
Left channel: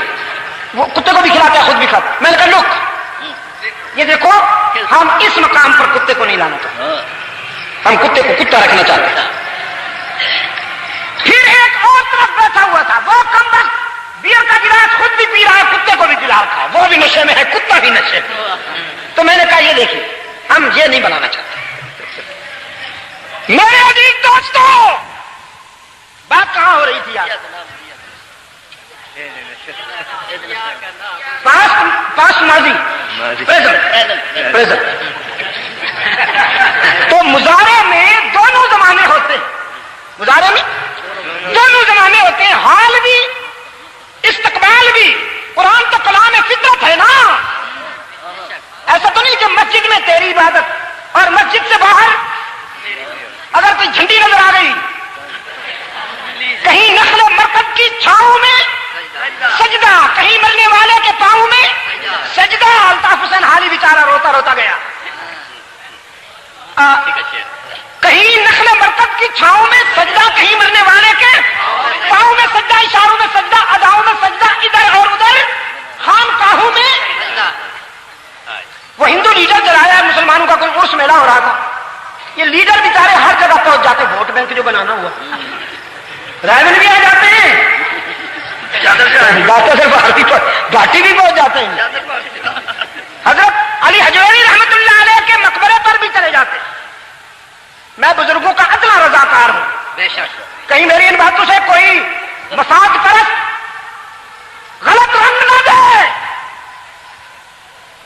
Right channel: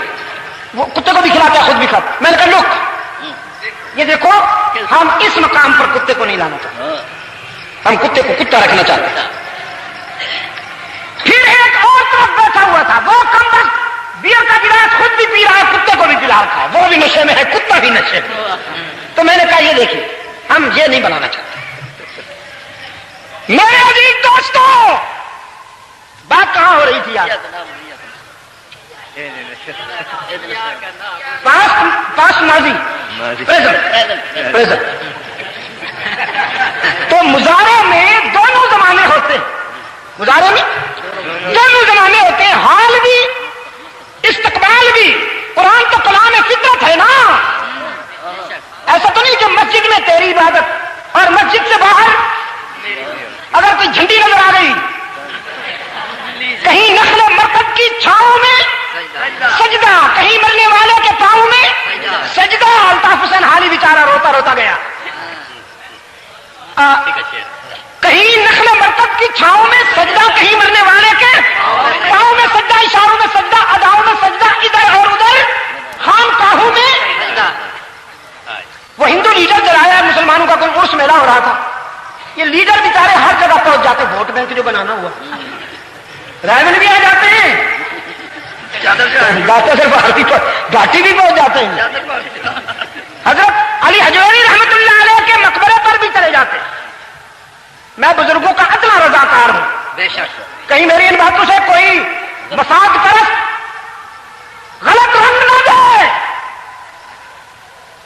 وہ کتے کو بھی کھلاتا ہے خود بھی کھاتا۔ میں نے کہا لک، یہ دیکھو ہم اس مقام پر کتے کو نہیں لانا چاہتے، ہم کتے کو کتا رکھنا چاہتے ہیں۔ پھر ایک اور طرف بیٹھا ہوا تھا، وہ کم وقت بیئر کا گلاس خود بھی پی رہا ہے، کتے کو بھی پلا رکھا ہے، وہ بھی نشے میں ہے، کتا بھی نشے میں۔ تو میں نے کہا یہ دیکھیے ہم یہ نہیں بنانا چاہتے۔ میرے عزیز دوستو، بات کہاں ہو رہی تھی پاس ماضی پریزنٹ. تو مضارع میں دونوں زمانے ہوتے ہیں. مضارع میں دونوں زمانے ہوتے ہیں، حال بھی استقبال بھی. قرآن تو کلام فطرت ہے نا. ایسا تو نہیں کہ مسجد میں تیری عبادت اور مسجد سے باہر اگر کوئی جھنڈی نظر آ گئی، کہیں نخل مرکب کی چھاؤں میں سجدہ، کہیں مرنے والے کے پاؤں میں سجدہ. الطاف حسین حالی بیچارہ روتا روتا گیا. کہیں نخل مرکب کی چھاؤں میں سجدہ، کہیں مرنے والے کے پاؤں میں سجدہ، اشاروں میں سجدہ، اداؤں میں سجدہ، ادھر اور ادھر خانقاہوں میں. وہ ہندو لیڈر جلایا ہے مسلمانوں کا، کوئی عرس میلہ ہو رہا تھا. یہ لیڈر بیچارے ہر جگہ پہنچ جاتے. ووٹ بینک جو بنانا ہوا، رائے بھی آ جاتے ہیں، گھاٹی بھی پہنچ جاتے ہیں. حضرت علی حجویری رحمت اللہ علیہ کے مقبرے پر بھی چلے جاتے ہیں. میں بزرگوں کا اتنا رضاکار ہوں. بے شک کہیں میری ان باتوں سے کوئی مساق پرست غلط رنگ نہ دے.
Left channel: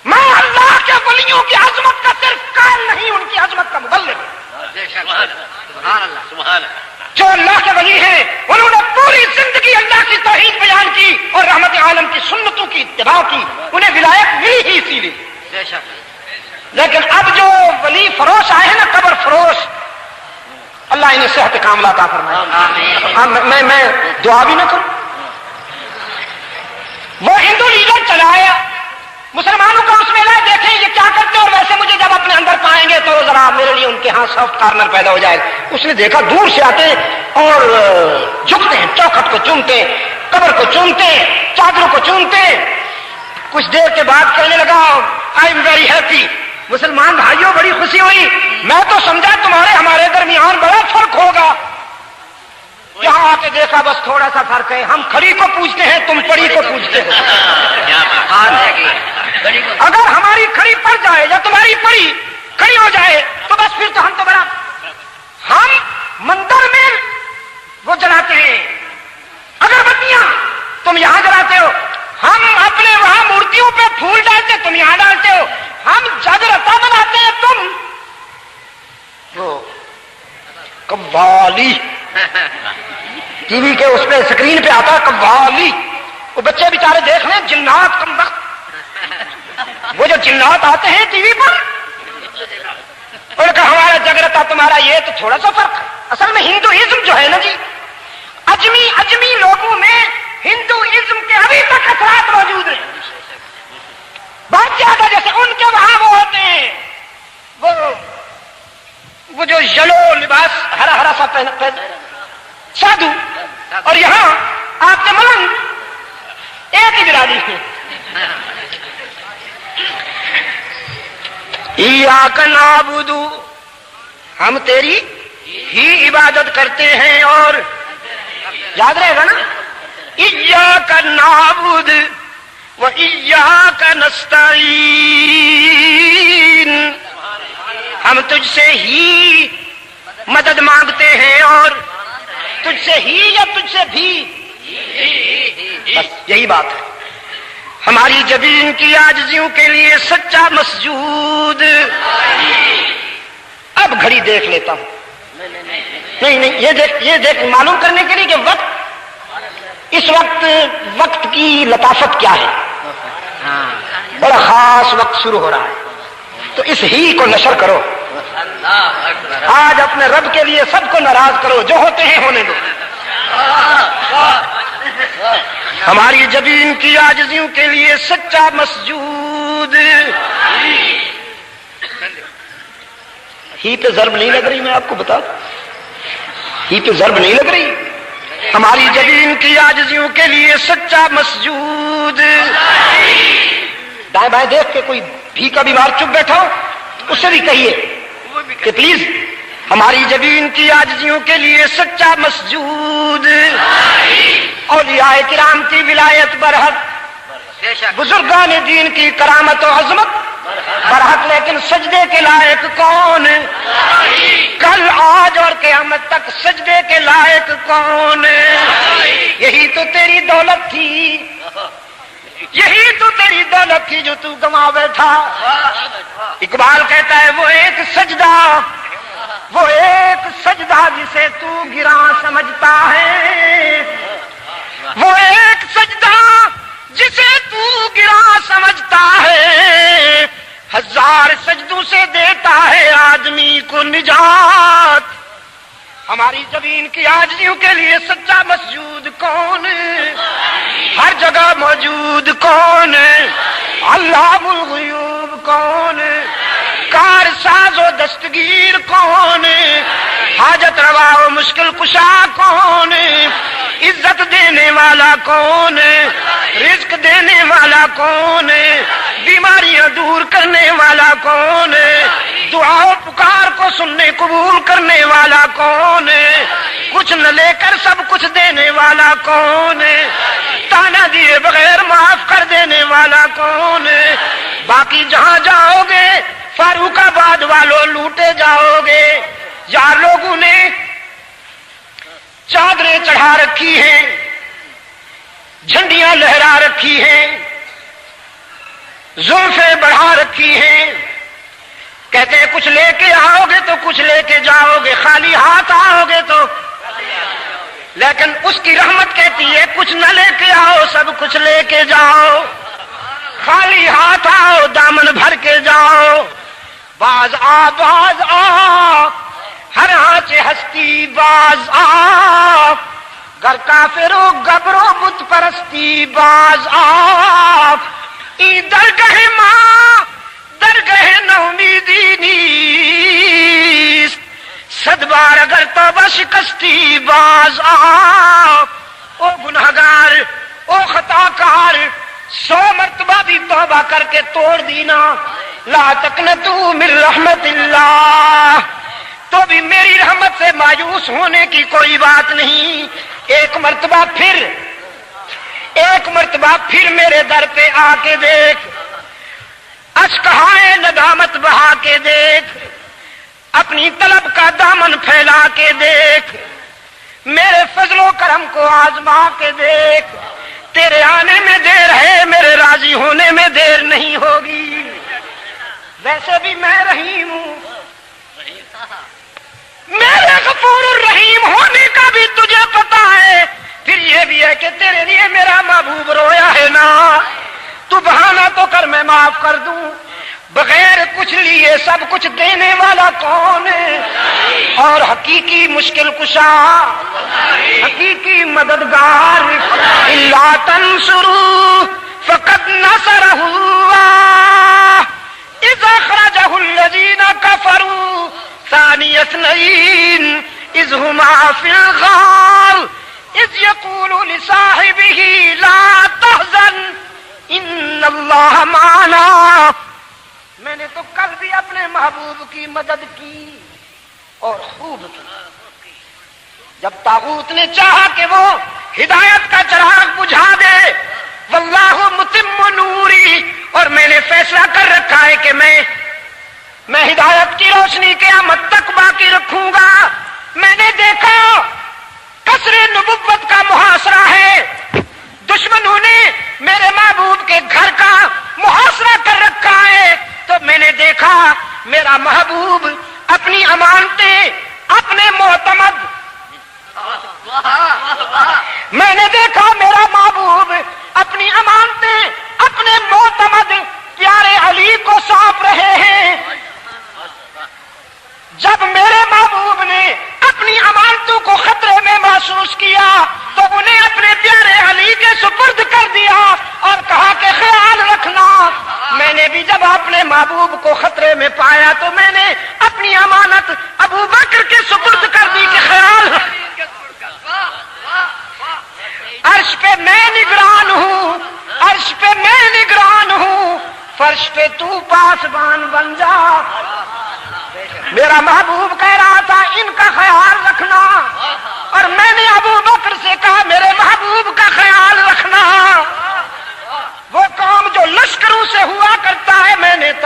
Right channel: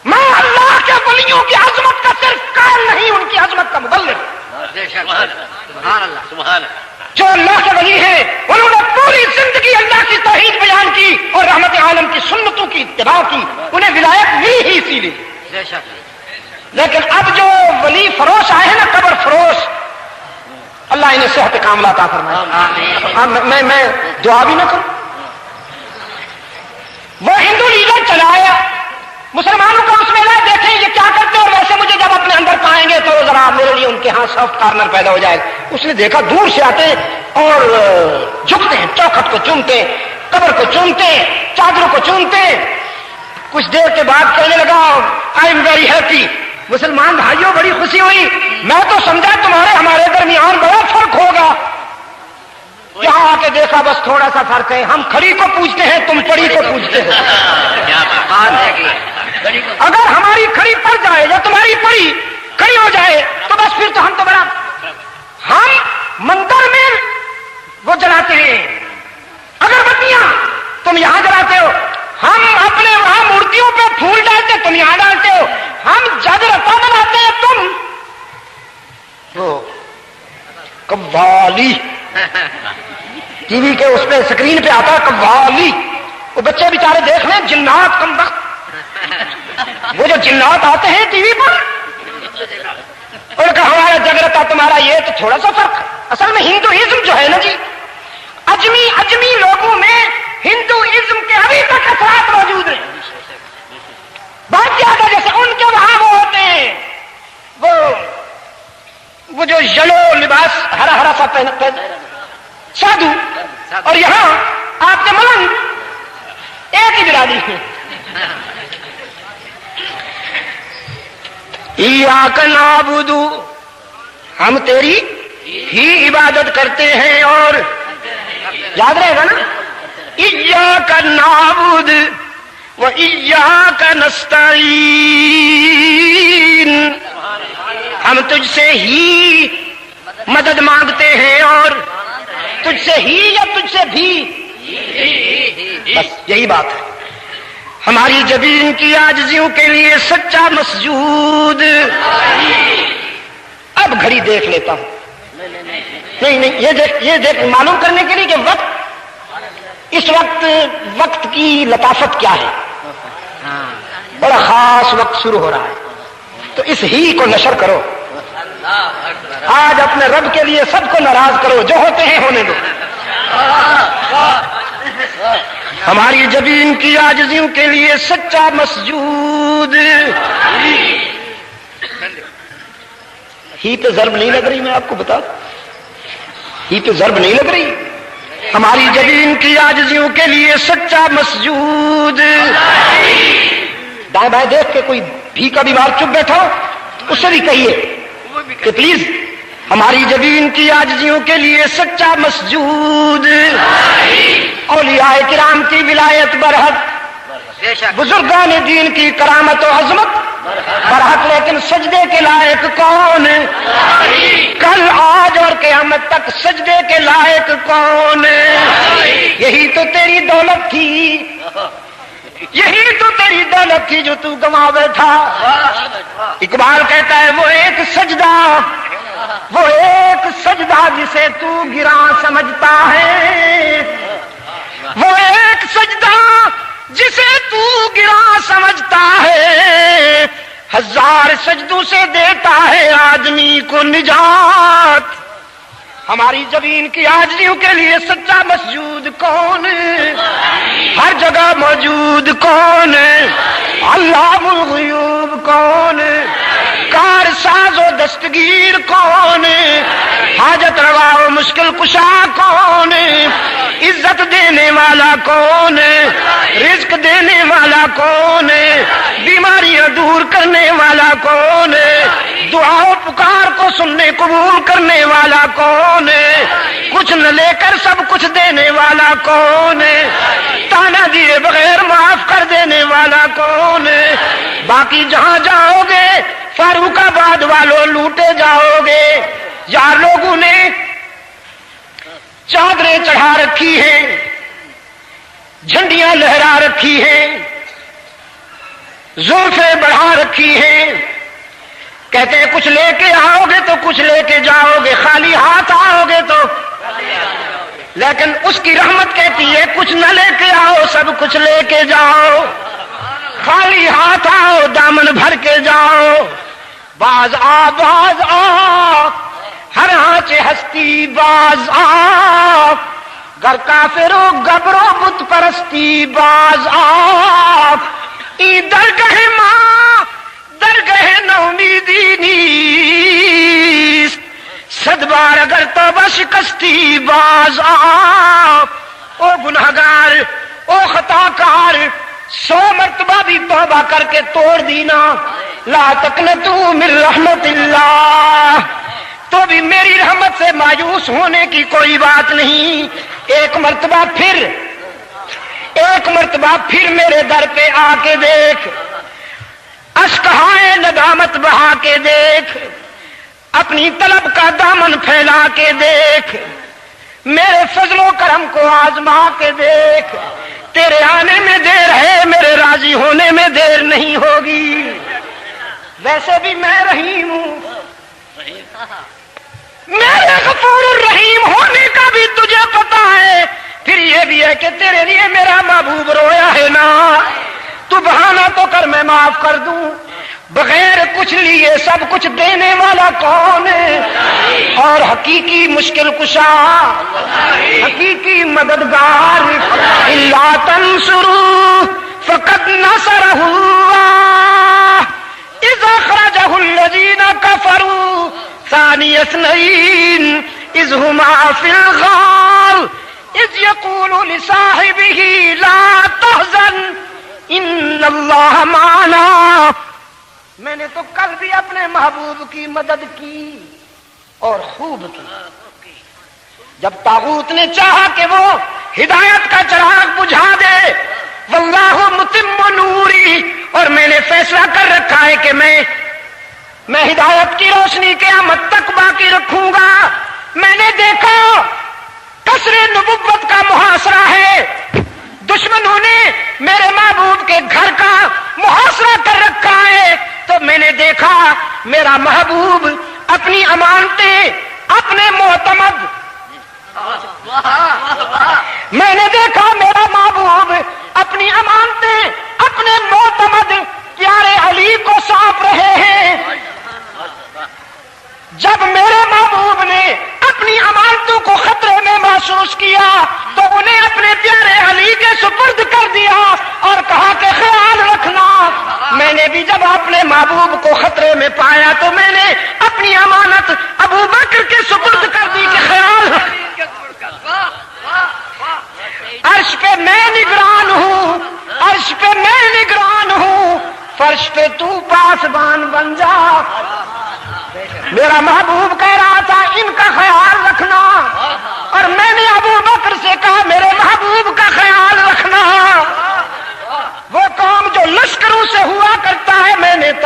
میں اللہ کے ولیوں کی عظمت کا صرف قائل نہیں، ان کی عظمت کا مبلغ. سبحان اللہ سبحان اللہ. جو اللہ کے ولی ہیں انہوں نے پوری زندگی اللہ کی توحید بیان کی اور رحمت عالم کی سنتوں کی اتباع کی. انہیں ولایت ملی ہی اسی لیے. بے شک. لیکن اب جو ولی فروش آئے ہیں نا، قبر فروش، اللہ انہیں صحت کاملہ عطا فرمائے. میں دعا بھی نہ کروں. وہ ہندو لیڈر چلایا مسلمانوں کا اس میلہ، دیکھیں یہ کیا کرتے، اور ویسے مجھے جب اپنے اندر پائیں گے تو ذرا میرے لیے ان کے ہاں سافٹ کارنر پیدا ہو جائے. اس نے دیکھا دور سے آتے ہیں اور جھکتے ہیں، چوکھٹ کو چومتے ہیں، قبر کو چومتے ہیں، چادروں کو چومتے ہیں. کچھ دیر کے بعد کہنے لگا آئی ایم ویری ہیپی. مسلمان بھائیوں بڑی خوشی ہوئی. میں تو سمجھا تمہارے ہمارے درمیان بڑا فرق ہوگا. یہاں آ کے دیکھا بس تھوڑا سا فرق ہے. ہم کھڑی کو پوچھتے ہیں، تم پڑی کو پوچھتے ہو. اگر ہماری کھڑی پڑ جائے یا تمہاری پڑی کھڑی ہو جائے تو بس پھر تو ہم تو بڑا. ہم مندر میں وہ جلاتے ہیں اگربتیاں، تم یہاں جلاتے ہو. ہم اپنے وہاں مورتیوں پہ پھول ڈالتے، تم یہاں ڈالتے ہو. ہم جاگرتا بناتے ہیں، تم وہ قوالی ٹی وی کے اس پہ اسکرین پہ آتا ہے قوالی. وہ بچے بیچارے دیکھ لیں، جنات کم وقت. وہ جو جنات آتے ہیں ٹی وی پر، ان کا ہمارا جاگرتا تمہارا یہ تو تھوڑا سا فرق ہے. اصل میں ہندوازم جو ہے نا جی، اجمی لوگوں میں ہندوازم کے ابھی تک اثرات موجود ہیں. بہت زیادہ. جیسے ان کے وہاں وہ ہوتے ہیں وہ جو یلو لباس ہرا ہرا سا پہن سادھو، اور یہاں آپ کے ملنگ ایک ہی برادری ہے. ایاک نعبد، ہم تیری ہی عبادت کرتے ہیں. اور یاد رہے گا نا، ایاک نعبد و ایاک نستعین، ہم تجھ سے ہی مدد مانگتے ہیں اور تجھ سے ہی یا تجھ سے بھی. بس یہی بات ہے. ہماری جبین کی عاجزیوں کے لیے سچا مسجود. اب گھڑی دیکھ لیتا ہوں. نہیں یہ دیکھ معلوم کرنے کے لیے کہ اس وقت کی لطافت کیا ہے. بڑا خاص وقت شروع ہو رہا ہے، تو اس ہی کو نشر کرو. آج اپنے رب کے لیے سب کو ناراض کرو، جو ہوتے ہیں ہونے دو. ہماری جبین کی عاجزیوں کے لیے سچا مسجود. ہی پہ ضرب نہیں لگ رہی، میں آپ کو بتا دوں، ہی پہ ضرب نہیں لگ رہی. ہماری جبین کی عاجزیوں کے لیے سچا مسجود. دائیں بائیں دیکھ کے کوئی بھی کا بیمار چپ بیٹھا ہو، اس سے بھی کہیے کہ پلیز ہماری جبین کی عاجزیوں کے لیے سچا مسجود. اولیاء کرام کی ولایت برحق، بزرگان دین کی کرامت و عظمت برحق لیکن سجدے کے لائق کون؟ کل آج اور قیامت تک سجدے کے لائق کون؟ یہی تو تیری دولت تھی، یہی تو تیری دولت تھی جو تو گنوا بیٹھا۔ اقبال کہتا ہے وہ ایک سجدہ، وہ ایک سجدہ جسے تو گراں سمجھتا ہے، وہ ایک سجدہ جسے تو گراں سمجھتا ہے، ہزار سجدوں سے دیتا ہے آدمی کو نجات۔ ہماری زمین کی عاجزیوں کے لیے سچا مسجود کون؟ ہر جگہ موجود کون؟ علام الغیوب کون؟ کار ساز و دستگیر کون؟ حاجت روا و مشکل کشا کون؟ عزت دینے والا کون؟ رزق دینے والا کون؟ بیماریاں دور کرنے والا کون؟ دعا و پکار کو سننے قبول کرنے والا کون؟ کچھ نہ لے کر سب کچھ دینے والا کون؟ تانا دیے بغیر معاف کر دینے والا کون؟ باقی جہاں جاؤ گے فاروق آباد والوں لوٹے جاؤ گے۔ یار لوگوں نے چادریں چڑھا رکھی ہیں، جھنڈیاں لہرا رکھی ہیں، زلفیں بڑھا رکھی ہیں، کہتے ہیں کچھ لے کے آؤ گے تو کچھ لے کے جاؤ گے، خالی ہاتھ آؤ گے تو، لیکن اس کی رحمت کہتی ہے کچھ نہ لے کے آؤ سب کچھ لے کے جاؤ، خالی ہاتھ آؤ دامن بھر کے جاؤ۔ باز آ ہر آنچ ہستی باز آ، گر کافرو گبرو بت پرستی باز آ، ای درگہ ماں درگہ نومیدی نیست، صد بار اگر توبہ شکستی باز آ۔ او گنہگار او خطاکار 100 مرتبہ بھی توبہ کر کے توڑ دینا، لا تقنطوا من رحمت اللہ، تو بھی میری رحمت سے مایوس ہونے کی کوئی بات نہیں۔ ایک مرتبہ پھر میرے در پہ آ کے دیکھ، اشکہائے ندامت بہا کے دیکھ، اپنی طلب کا دامن پھیلا کے دیکھ، میرے فضل و کرم کو آزما کے دیکھ، تیرے آنے میں دیر ہے میرے راضی ہونے میں دیر نہیں ہوگی۔ ویسے بھی میں رحیم ہوں، میرے غفور الرحیم ہونے کا بھی تجھے پتا ہے، پھر یہ بھی ہے کہ تیرے لیے میرا محبوب رویا ہے نا، تو بہانہ تو کر میں معاف کر دوں۔ بغیر کچھ لیے سب کچھ دینے والا کون ہے؟ اور حقیقی مشکل کشا، حقیقی مددگار، الا تنصروا فقد نصرہ اللہ اذ اخرجہ الذین کفروا ثانی اثنین اذ ہما فی الغار اذ یقول لصاحبہ لا تحزن ان اللہ معنا۔ میں نے تو کل بھی اپنے محبوب کی مدد کی اور خوب کی، جب طاغوت نے چاہا کہ وہ ہدایت کا چراغ بجھا دے، واللہ متم نوری، اور میں نے فیصلہ کر رکھا ہے کہ میں ہدایت کی روشنی قیامت تک باقی رکھوں گا۔ میں نے دیکھا قصر نبوت کا محاصرہ ہے، دشمنوں نے میرے محبوب کے گھر کا محاصرہ کر رکھا ہے، تو میں نے دیکھا میرا محبوب اپنی امانتیں اپنے معتمد، میں نے دیکھا میرا محبوب اپنی امانتیں اپنے معتمد پیارے علی کو سونپ رہے ہیں۔ جب میرے محبوب نے اپنی امانتوں کو خطرے میں محسوس کیا تو انہیں اپنے پیارے علی کے سپرد کر دیا اور کہا کہ خیال رکھنا۔ میں نے بھی جب اپنے محبوب کو خطرے میں پایا تو میں نے اپنی امانت ابو بکر کے سپرد کر دی کہ خیال عرش پہ میں نگران ہوں، عرش پہ میں نگران ہوں، فرش پہ تو پاسبان بن جا۔ میرا محبوب کہہ رہا تھا ان کا خیال رکھنا، اور میں نے ابو بکر سے کہا میرے محبوب کا خیال رکھنا۔ وہ کام جو لشکروں سے ہوا کرتا ہے میں نے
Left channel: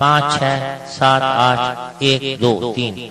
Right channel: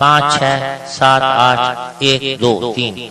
567812 3।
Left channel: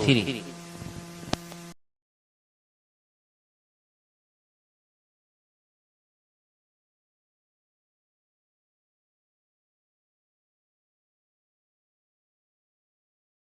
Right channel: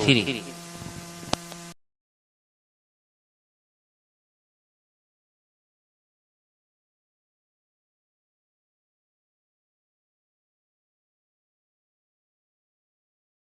3।